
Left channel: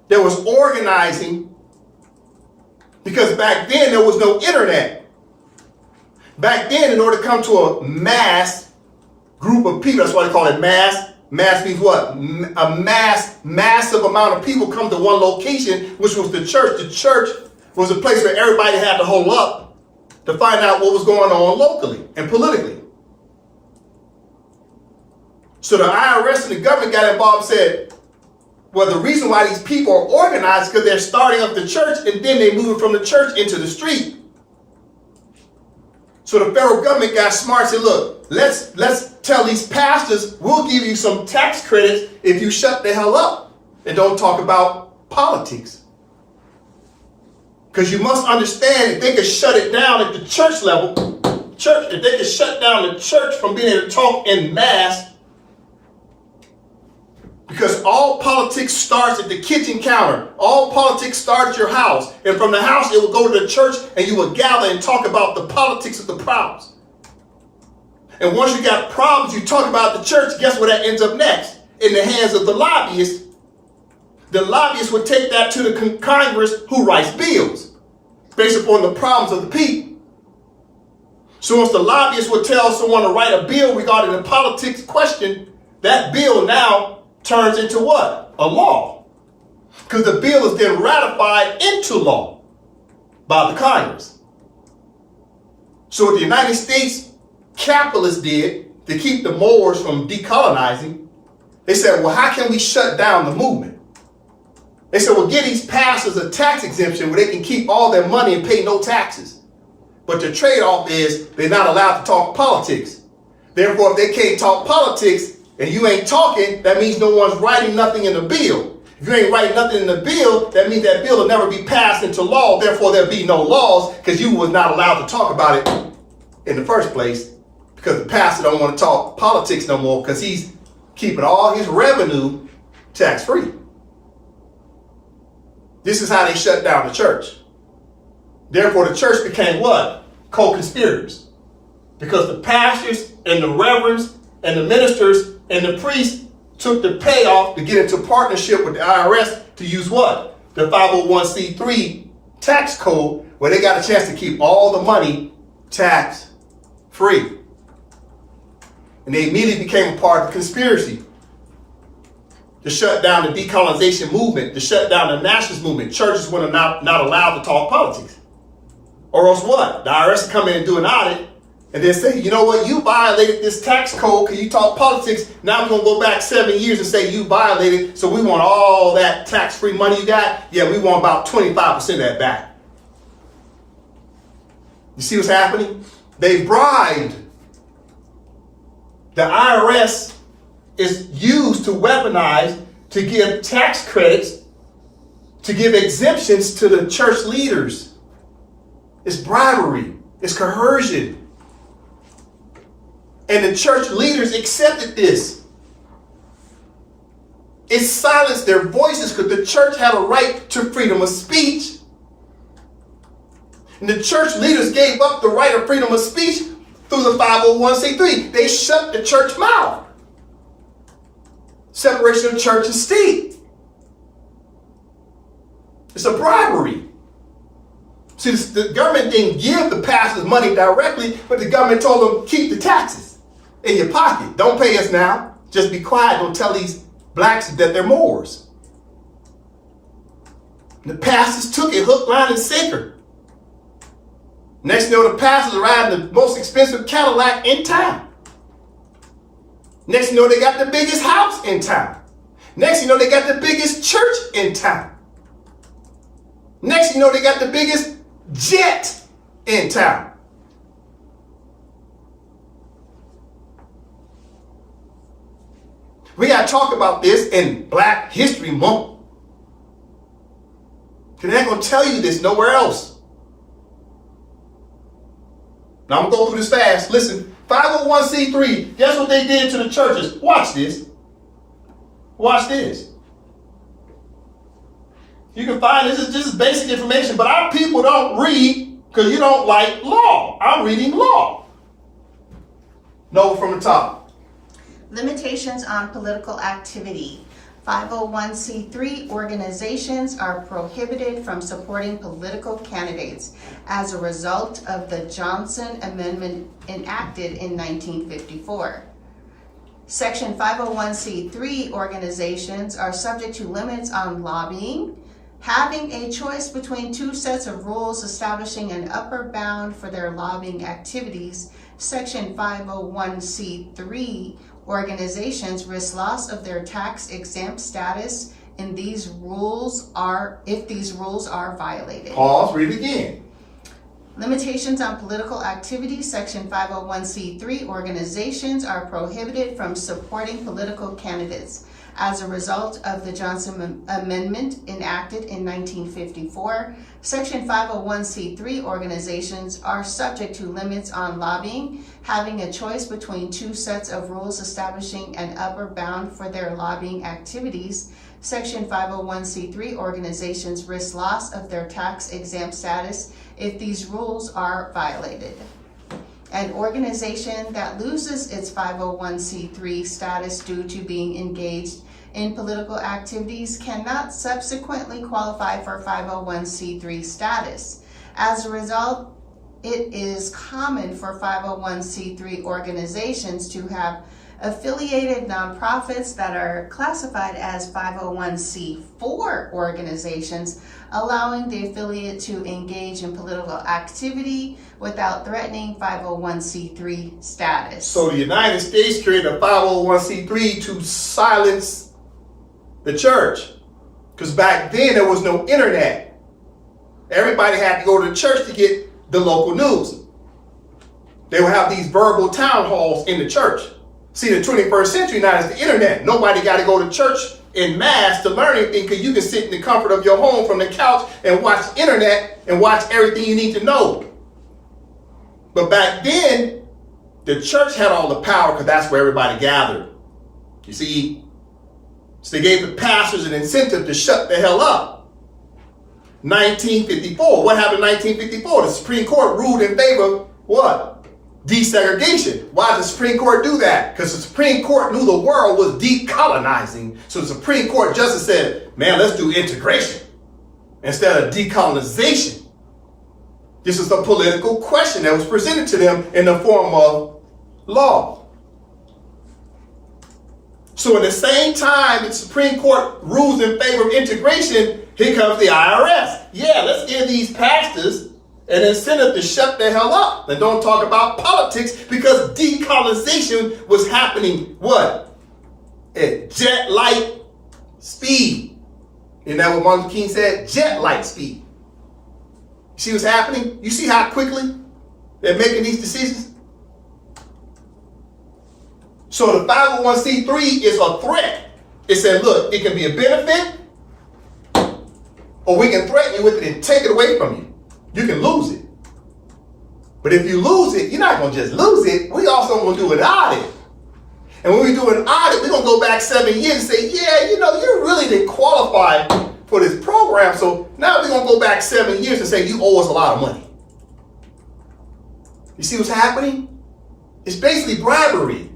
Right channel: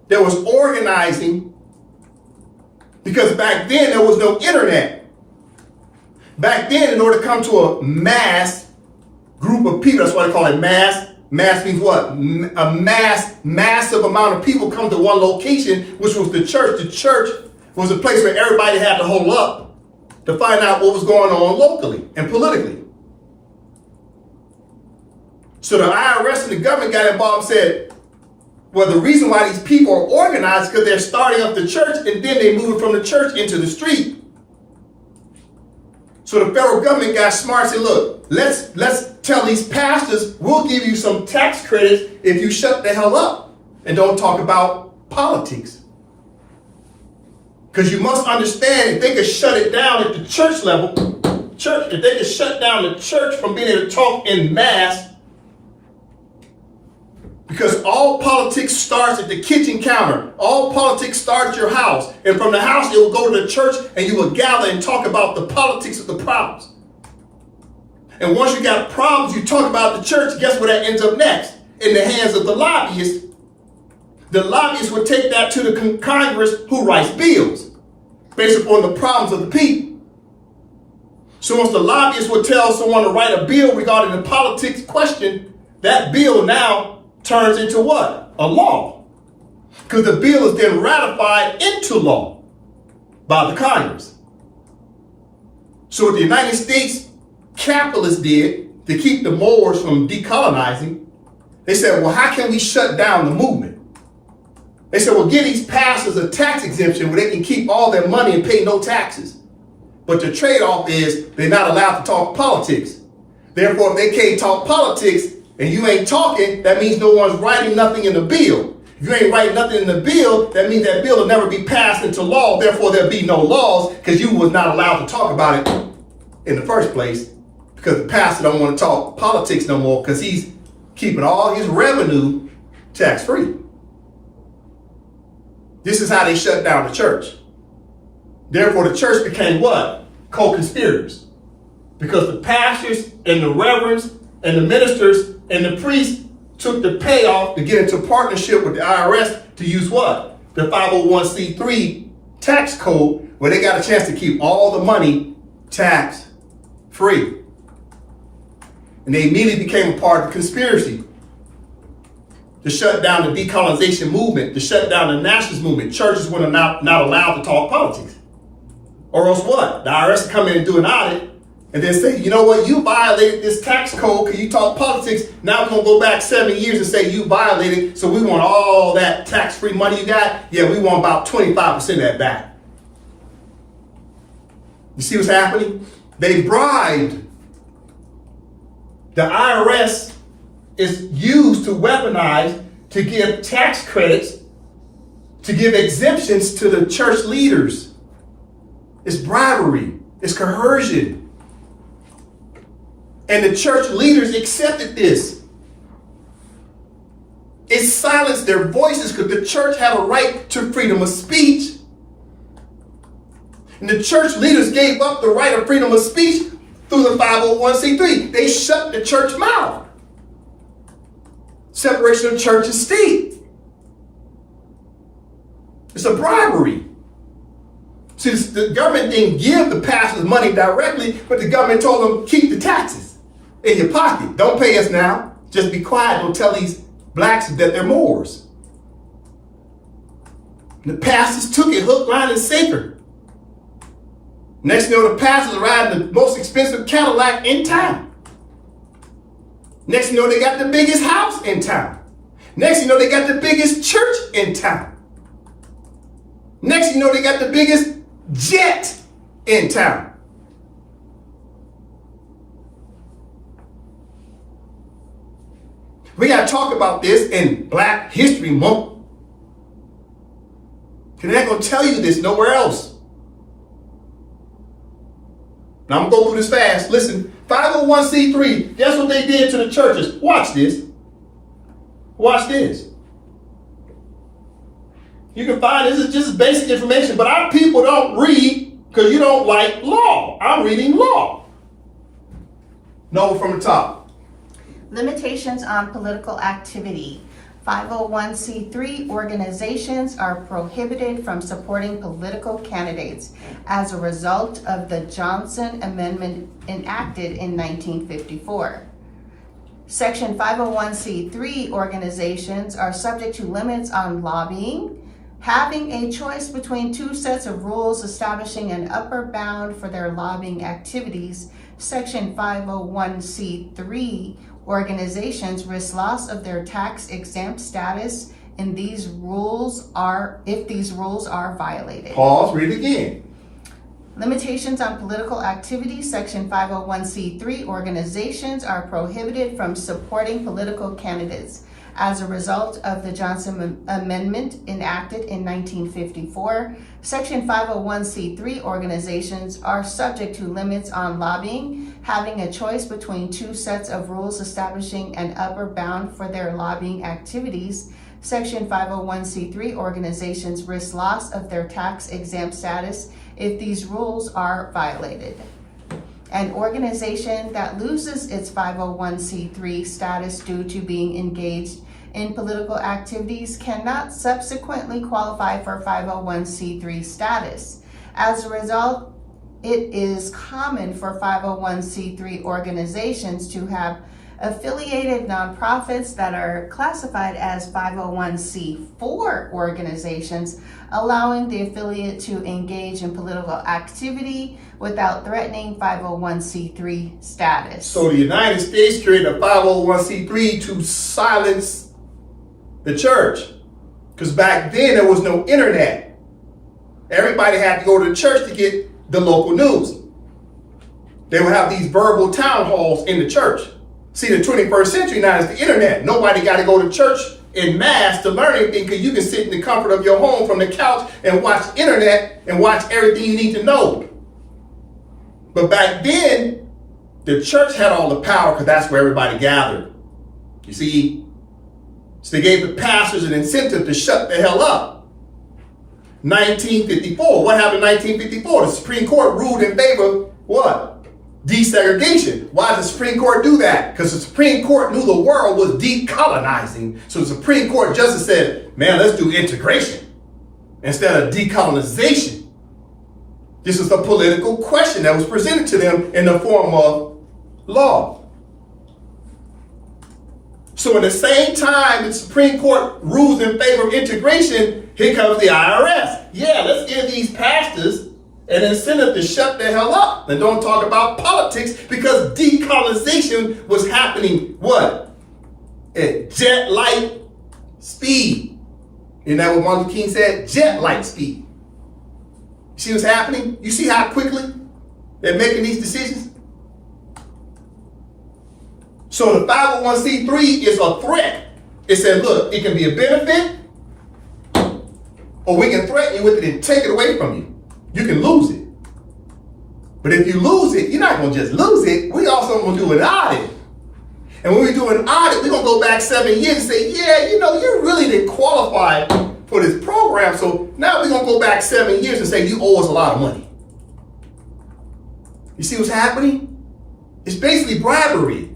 that was organizing, because back then there was no internet. Back then, in order to come to a mass group of people, that's why they call it mass. Mass means what? A massive amount of people come to one location, which was the church. The church was a place where everybody had to hold up to find out what was going on locally and politically. So the IRS and the government got involved and said, well, the reason why these people are organized is because they're starting up the church and then they move from the church into the street. So the federal government got smart and said, look, let's tell these pastors, we'll give you some tax credits if you shut the hell up and don't talk about politics. Because you must understand, if they could shut it down at the church level, if they could shut down the church from being able to talk in mass, because all politics starts at the kitchen counter. All politics starts at your house. And from the house, it will go to the church and you will gather and talk about the politics of the problems. And once you got problems, you talk about the church, guess where that ends up next? In the hands of the lobbyists. The lobbyists would take that to the Congress who writes bills based upon the problems of the people. So once the lobbyists would tell someone to write a bill regarding the politics question, that bill now turns into what? A law. Because the bill is then ratified into law by the Congress. So what the United States capitalists did to keep the Moors from decolonizing, they said, well, how can we shut down the movement? They said, well, give these pastors a tax exemption where they can keep all their money and pay no taxes. But the trade-off is they're not allowed to talk politics. Therefore, if they can't talk politics, and you ain't talking, that means no one's writing nothing in the bill. If you ain't writing nothing in the bill, that means that bill will never be passed into law. Therefore, there'll be no laws because you was not allowed to talk about it in the first place, because the pastor don't want to talk politics no more because he's keeping all his revenue tax-free. This is how they shut down the church. Therefore, the church became what? Co-conspirators. Because the pastors and the reverends and the ministers and the priests took the payoff to get into partnership with the IRS to use what? The 501c3 tax code, where they got a chance to keep all the money tax-free. And they immediately became a part of the conspiracy to shut down the decolonization movement, to shut down the nationalist movement. Churches were not allowed to talk politics. Or else what? The IRS would come in and do an audit and then say, you know what, you violated this tax code because you talk politics. Now we're going to go back 7 years and say you violated, so we want all that tax-free money you got. Yeah, we want about 25% of that back. You see what's happening? They bribed. The IRS is used to weaponize, to give tax credits, to give exemptions to the church leaders. It's bribery. It's coercion. And the church leaders accepted this. It silenced their voices because the church had a right to freedom of speech. And the church leaders gave up the right of freedom of speech through the 501c3. They shut the church mouth. separation of church and state. It's a bribery. See, the government didn't give the pastors money directly, but the government told them, keep the taxes in your pocket. Don't pay us now. Just be quiet. Don't tell these blacks that they're Moors. And the pastors took it hook, line, and sinker. Next thing you know, the pastors are riding the most expensive Cadillac in town. Next thing you know, they got the biggest house in town. Next thing you know, they got the biggest church in town. Next thing you know, they got the biggest jet in town. We got to talk about this in Black History Month. Because they're not going to tell you this nowhere else. Now I'm going to go through this fast. Listen, 501c3, guess what they did to the churches? Watch this. Watch this. You can find this is just basic information, but our people don't read because you don't like law. I'm reading law. No, from the top. Limitations on political activity. 501c3 organizations are prohibited from supporting political candidates as a result of the Johnson Amendment enacted in 1954. Section 501c3 organizations are subject to limits on lobbying, having a choice between two sets of rules establishing an upper bound for their lobbying activities. Section 501c3 organizations risk loss of their tax exempt status if these rules are violated. Pause, read again. Limitations on political activity. Section 501c3 organizations are prohibited from supporting political candidates as a result of the Johnson Amendment enacted in 1954. Section 501c3 organizations are subject to limits on lobbying, having a choice between two sets of rules establishing an upper bound for their lobbying activities. Section 501c3 organizations risk loss of their tax exempt status if these rules are violated. An organization that loses its 501c3 status due to being engaged in political activities cannot subsequently qualify for 501c3 status. As a result, it is common for 501c3 organizations to have affiliated nonprofits that are classified as 501c4 organizations, allowing the affiliate to engage in political activity without threatening 501c3 status. So the United States created a 501c3 to silence the church. Because back then there was no internet. Everybody had to go to the church to get the local news. They would have these verbal town halls in the church. See, the 21st century now is the internet. Nobody got to go to church in mass to learn anything because you can sit in the comfort of your home from the couch and watch the internet and watch everything you need to know. But back then, the church had all the power because that's where everybody gathered. You see? So they gave the pastors an incentive to shut the hell up. 1954. What happened in 1954? The Supreme Court ruled in favor of what? Desegregation. Why did the Supreme Court do that? Because the Supreme Court knew the world was decolonizing. So the Supreme Court justice said, man, let's do integration instead of decolonization. This is a political question that was presented to them in the form of law. So in the same time the Supreme Court rules in favor of integration, here comes the IRS. Yeah, let's give these pastors an incentive to shut the hell up and don't talk about politics because decolonization was happening, what? At jet light speed. Isn't that what Martin Luther King said? Jet light speed. You see what's happening? You see how quickly they're making these decisions? So the 501c3 is a threat. It said, look, it can be a benefit or we can threaten you with it and take it away from you. You can lose it. But if you lose it, you're not going to just lose it. We also going to do an audit. And when we do an audit, we're going to go back 7 years and say, yeah, you know, you really didn't qualify for this program. So now we're going to go back 7 years and say, you owe us a lot of money. You see what's happening? It's basically bribery.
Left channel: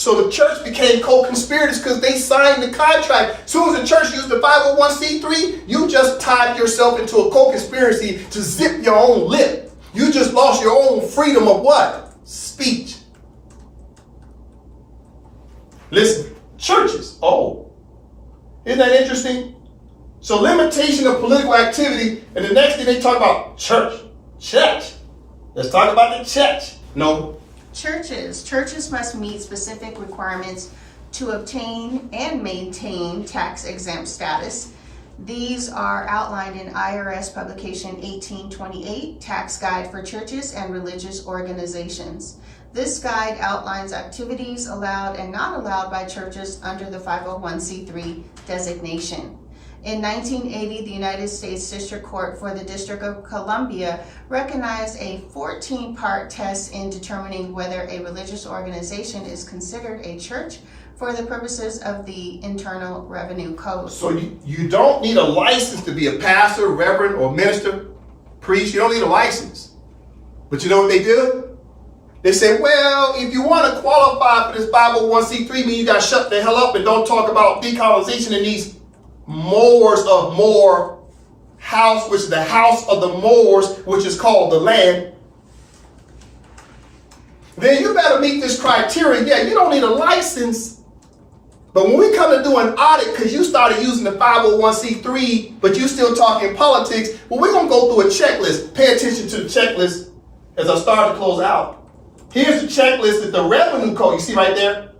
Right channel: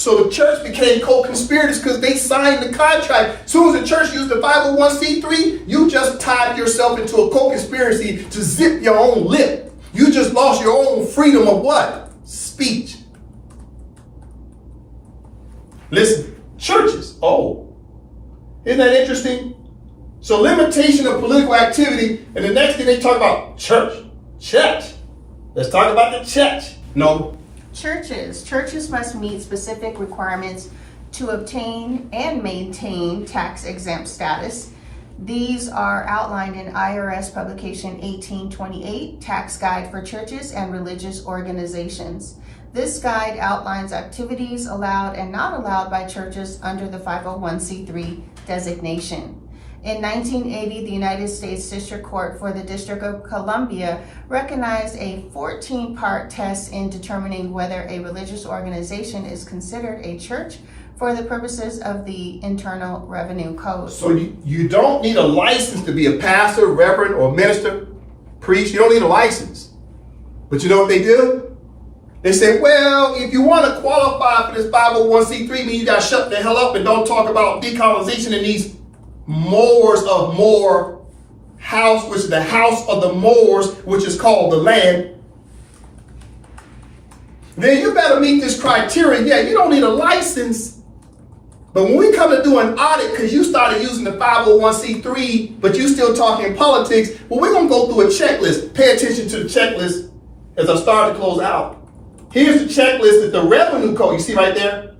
So the church became co-conspirators because they signed the contract. As soon as the church used the 501c3, you just tied yourself into a co-conspiracy to zip your own lip. You just lost your own freedom of what? Speech. Listen, churches. Oh, isn't that interesting? So limitation of political activity, and the next thing they talk about church. Let's talk about the church. No. Churches must meet specific requirements to obtain and maintain tax exempt status. These are outlined in IRS publication 1828, Tax Guide for Churches and Religious Organizations. This guide outlines activities allowed and not allowed by churches under the 501c3 designation. In 1980, the United States District Court for the District of Columbia recognized a 14-part test in determining whether a religious organization is considered a church for the purposes of the Internal Revenue Code. So you don't need a license to be a pastor, reverend, or minister, priest. You don't need a license. But you know what they do? They say, well, if you want to qualify for this 501c3, mean you got to shut the hell up and don't talk about decolonization in these Moors of Moor house, which is the house of the Moors, which is called the land. Then you better meet this criteria. Yeah, you don't need a license. But when we come to do an audit, because you started using the 501c3, but you still talking politics, well, we're going to go through a checklist. Pay attention to the checklist as I start to close out. Here's the checklist is the revenue code. You see right there?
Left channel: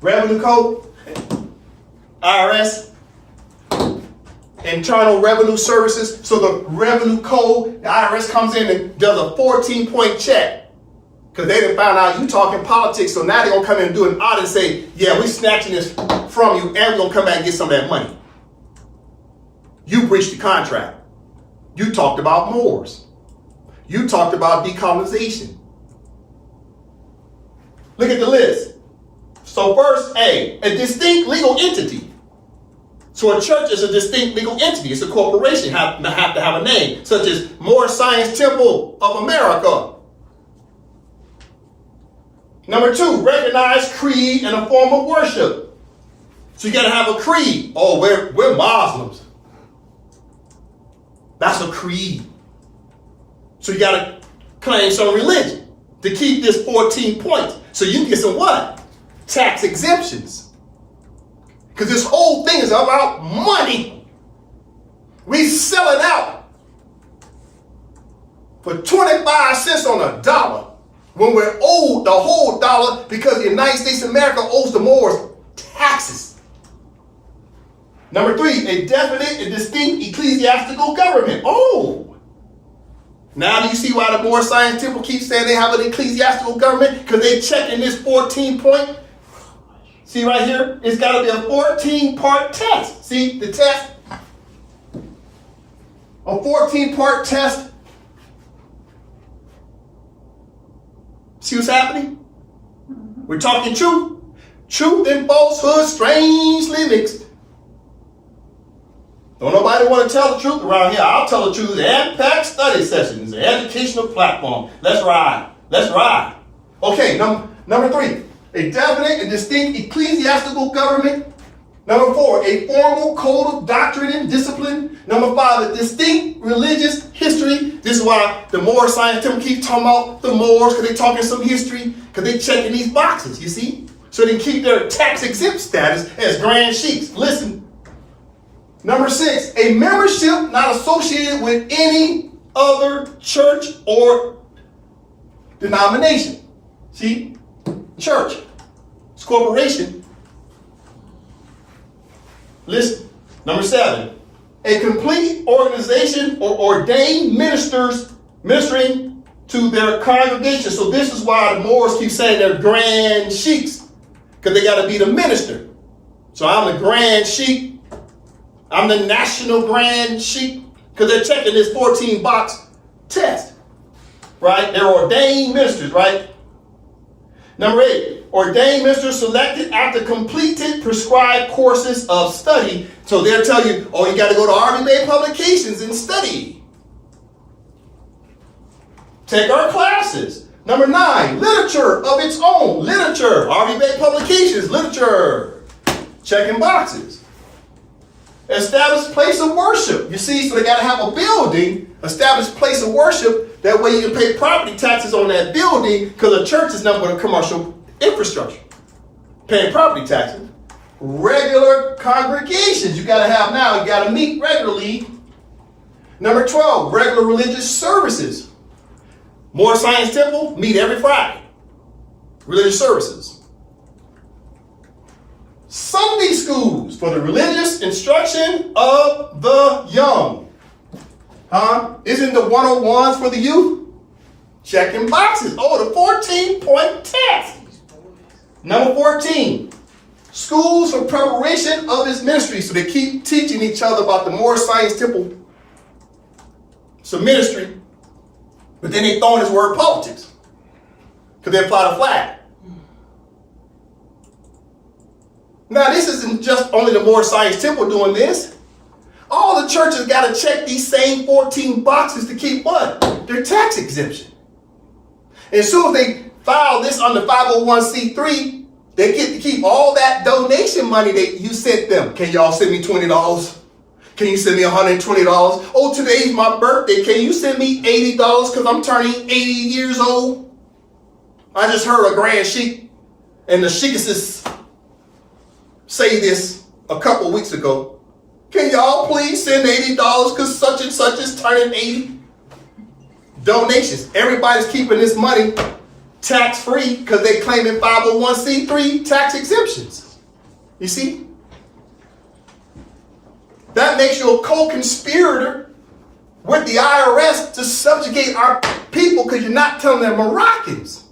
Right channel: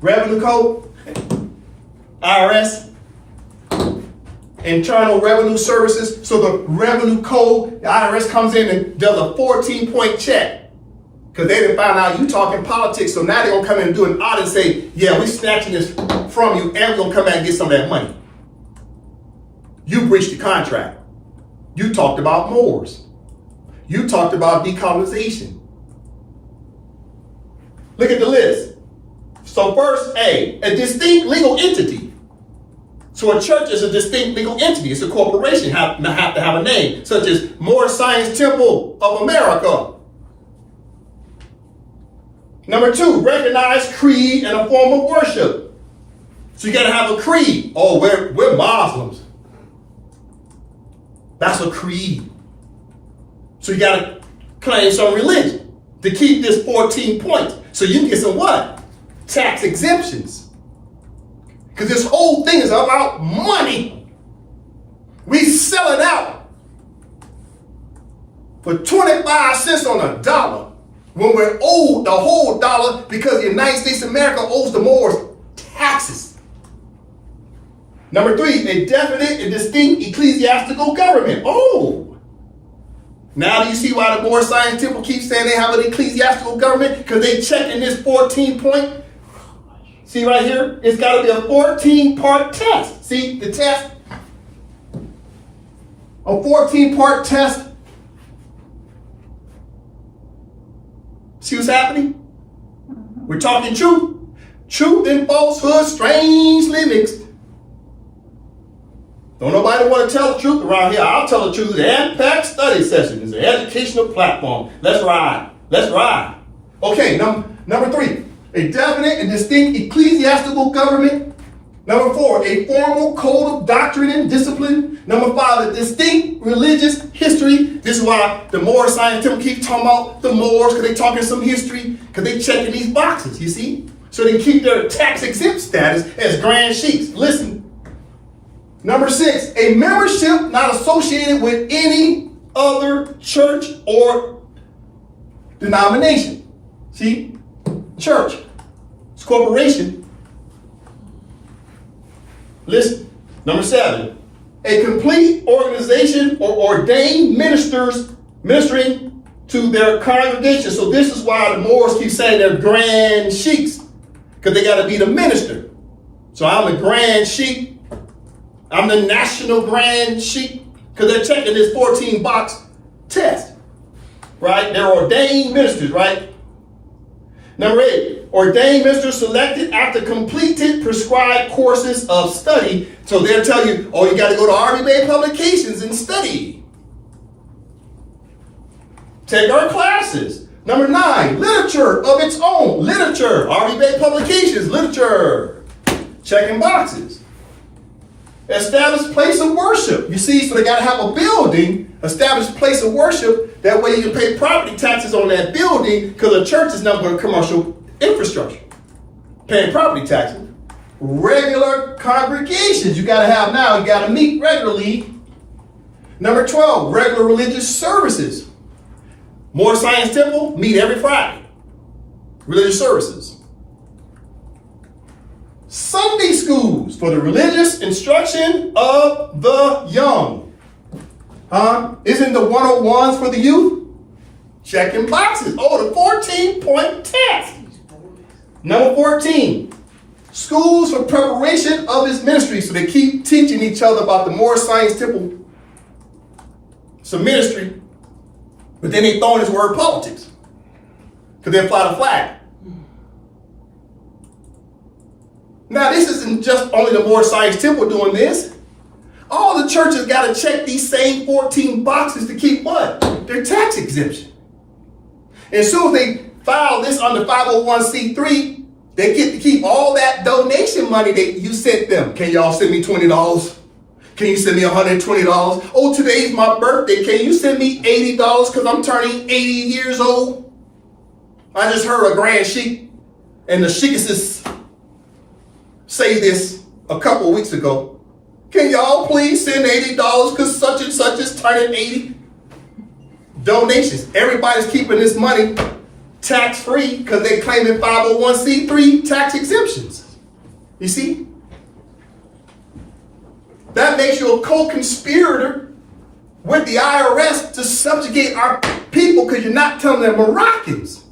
Revenue code, IRS, Internal Revenue Services. So the revenue code, the IRS comes in and does a 14-point check because they didn't find out you talking politics. So now they're going to come in and do an audit and say, yeah, we're snatching this from you and we're going to come back and get some of that money. You breached the contract. You talked about Moors. You talked about decolonization. Look at the list. So first, A distinct legal entity. So a church is a distinct legal entity. It's a corporation. Have to have a name, such as Moorish Science Temple of America. Number 2, recognized creed and a form of worship. So you got to have a creed. Oh, we're Muslims. That's a creed. So you got to claim some religion to keep this 14 points. So you can get some what? Tax exemptions. Because this whole thing is about money. We sell it out for 25 cents on a dollar when we're owed the whole dollar because the United States of America owes the Moors taxes. Number 3, a definite and distinct ecclesiastical government. Oh, now do you see why the Moorish Science Temple keeps saying they have an ecclesiastical government? Because they checking this 14-point. See right here? It's got to be a 14-part test. See the test? A 14-part test. See what's happening? We're talking truth. Truth and falsehood strangely mixed. Don't nobody want to tell the truth around here. I'll tell the truth. The AMPAC study session is an educational platform. Let's ride. Let's ride. Okay, number 3. A definite and distinct ecclesiastical government. Number 4, a formal code of doctrine and discipline. Number 5, a distinct religious history. This is why the Moorish Science Temple keeps talking about the Moors, because they talking some history, because they checking these boxes, you see? So they keep their tax exempt status as grand sheiks. Listen. Number 6, a membership not associated with any other church or denomination. See? Church. It's corporation. Listen. Number 7, a complete organization or ordained ministers ministering to their congregation. So this is why the Moors keep saying they're grand sheiks, because they got to be the minister. So I'm the grand sheik. I'm the national grand sheik, because they're checking this 14-box test, right? They're ordained ministers, right? Number 8, ordained ministers selected after completed prescribed courses of study. So they'll tell you, oh, you got to go to Army Bay Publications and study. Take our classes. Number 9, literature of its own. Literature, Harvey Bay Publications, literature. Checking boxes. Established place of worship. You see, so they got to have a building, established place of worship. That way you can pay property taxes on that building because a church is not but a commercial infrastructure. Paying property taxes. Regular congregations you got to have now. You got to meet regularly. Number 12, regular religious services. Moor Science Temple, meet every Friday. Religious services. Sunday schools for the religious instruction of the young. Isn't the 101s for the youth? Checking boxes. Oh, the 14-point test. Number 14, schools for preparation of his ministry. So they keep teaching each other about the Moor Science Temple. It's a ministry. But then they throw in this word politics. Because they fly the flag. Now, this isn't just only the Moor Science Temple doing this. All the churches got to check these same 14 boxes to keep what? Their tax exemption. And as soon as they file this under 501c3, they get to keep all that donation money that you sent them. Can y'all send me $20? Can you send me $120? Oh, today's my birthday. Can you send me $80 because I'm turning 80 years old? I just heard a grand sheik and the sheikesses say this a couple weeks ago. Can y'all please send $80 because such and such is turning 80? Donations. Everybody's keeping this money tax-free because they claiming 501c3 tax exemptions. You see? That makes you a co-conspirator with the IRS to subjugate our people because you're not telling them Moroccans.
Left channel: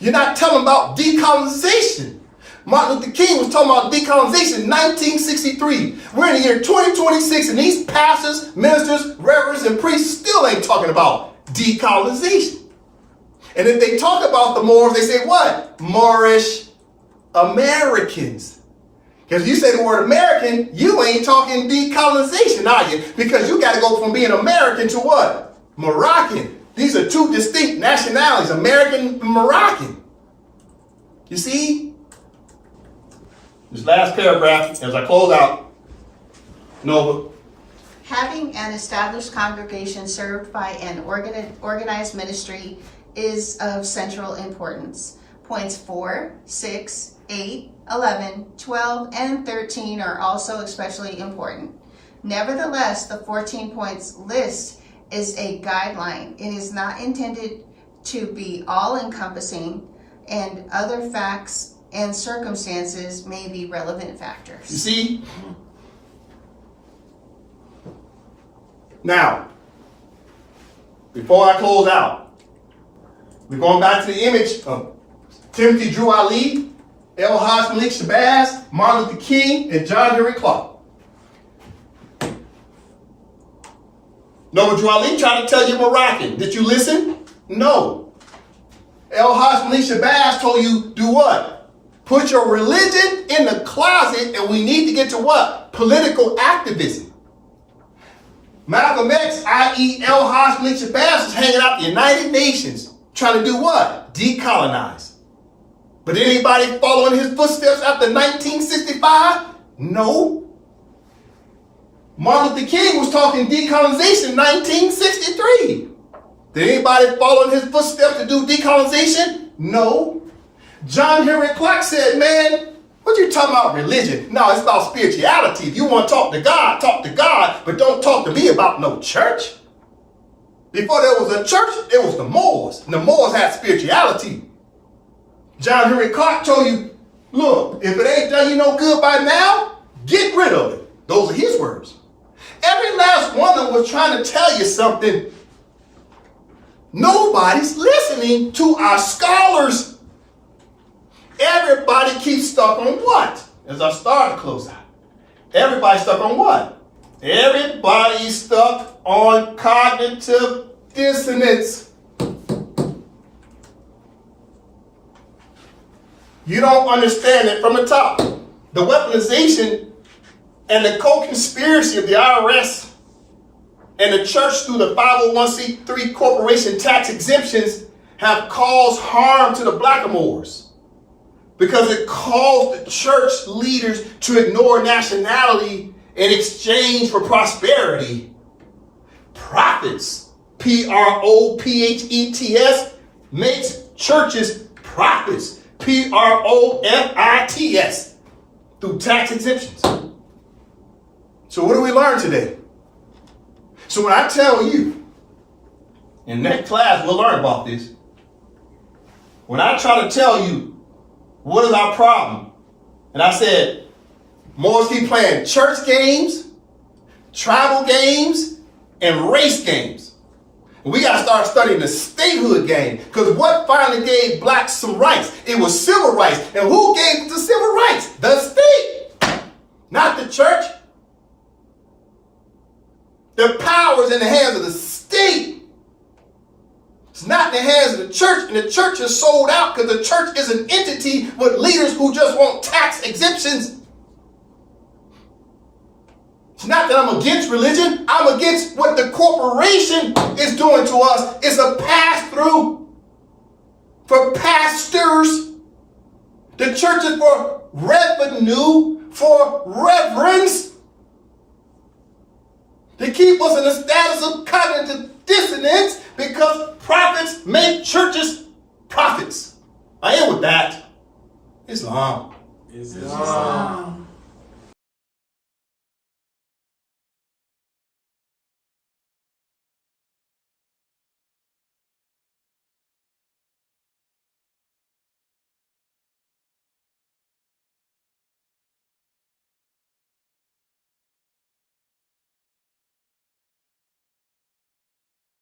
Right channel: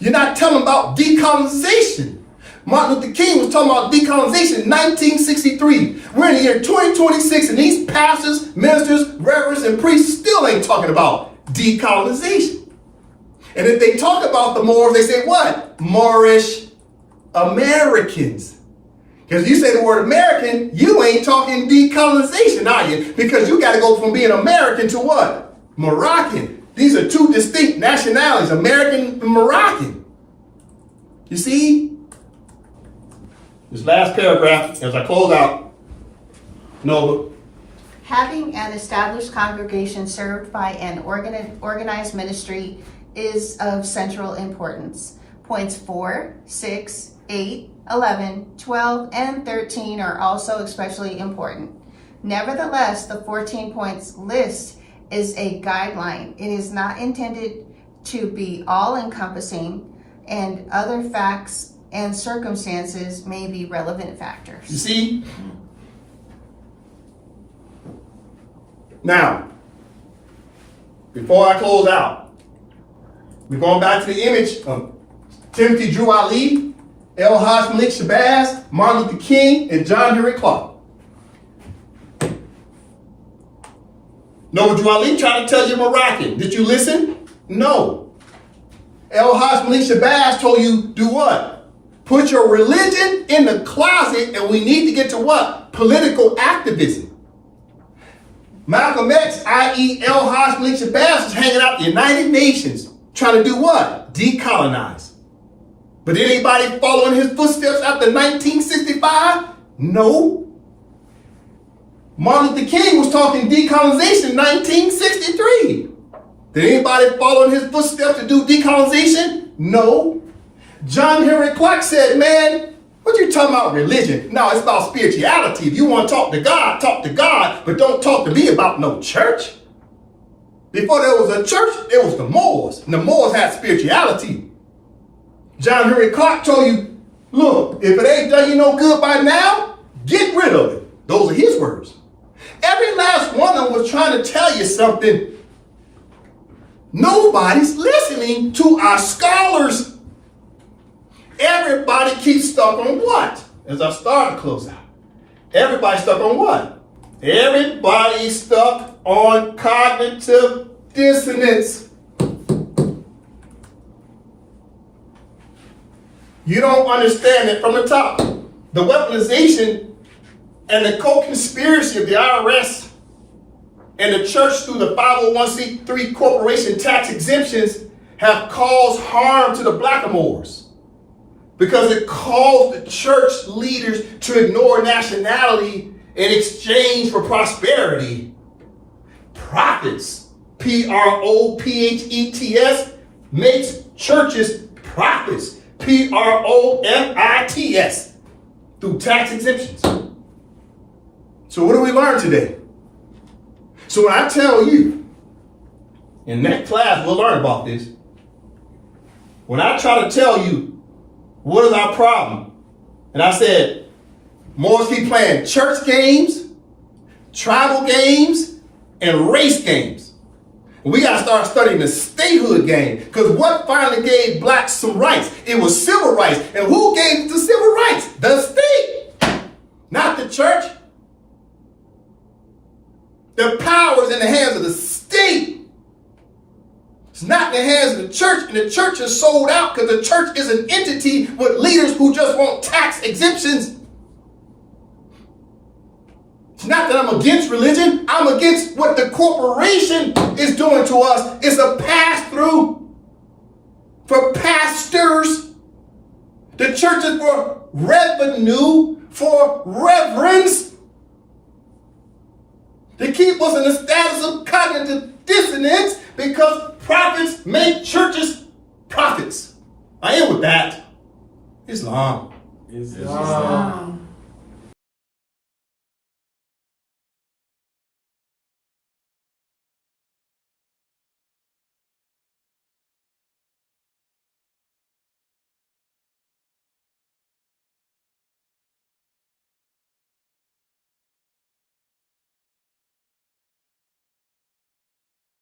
You're not telling them about decolonization. Martin Luther King was talking about decolonization in 1963. We're in the year 2026 and these pastors, ministers, reverends, and priests still ain't talking about decolonization. And if they talk about the Moors, they say what? Moorish Americans. Because you say the word American, you ain't talking decolonization, are you? Because you got to go from being American to what? Moroccan. These are two distinct nationalities, American and Moroccan. You see? This last paragraph, as I close out, Nova. Having an established congregation served by an organized ministry is of central importance. Points 4, 6, 8, 11, 12, and 13 are also especially important. Nevertheless, the 14 points list is a guideline. It is not intended to be all-encompassing, and other facts and circumstances may be relevant factors. You see? Now, before I close out, we're going back to the image of Timothy Drew Ali, El Haj Malik Shabazz, Martin Luther King, and John Henry Clark. Noah Drew Ali tried to tell you Moroccan. Did you listen? No. El Haj Malik Shabazz told you do what? Put your religion in the closet and we need to get to what? Political activism. Malcolm X, i.e. El Haj Malik Shabazz, was hanging out at the United Nations trying to do what? Decolonize. But anybody following his footsteps after 1965? No. Martin Luther King was talking decolonization in 1963. Did anybody follow in his footsteps to do decolonization? No. John Henry Clark said, man, what you talking about religion? No, it's about spirituality. If you want to talk to God, but don't talk to me about no church. Before there was a church, there was the Moors. And the Moors had spirituality. John Henry Clark told you, look, if it ain't done you no good by now, get rid of it. Those are his words. Every last one of them was trying to tell you something. Nobody's listening to our scholars. Everybody keeps stuck on what? As I start to close out. Everybody's stuck on what? Everybody's stuck on cognitive dissonance. You don't understand it from the top. The weaponization and the co-conspiracy of the IRS and the church through the 501c3 corporation tax exemptions have caused harm to the blackamoors because it caused the church leaders to ignore nationality in exchange for prosperity. Profits, P-R-O-P-H-E-T-S, makes churches profits, P-R-O-F-I-T-S, through tax exemptions. So what do we learn today? So when I tell you, in next class we'll learn about this. When I try to tell you what is our problem, and I said, Moors keep playing church games, tribal games, and race games. We got to start studying the statehood game, because what finally gave blacks some rights? It was civil rights. And who gave the civil rights? The state, not the church. The power is in the hands of the state. It's not in the hands of the church, and the church is sold out because the church is an entity with leaders who just want tax exemptions. It's not that I'm against religion. I'm against what the corporation is doing to us. It's a pass-through for pastors. The church is for revenue, for reverence, to keep us in a status of cognitive dissonance because profits make churches profits. I end with that. Islam. Islam.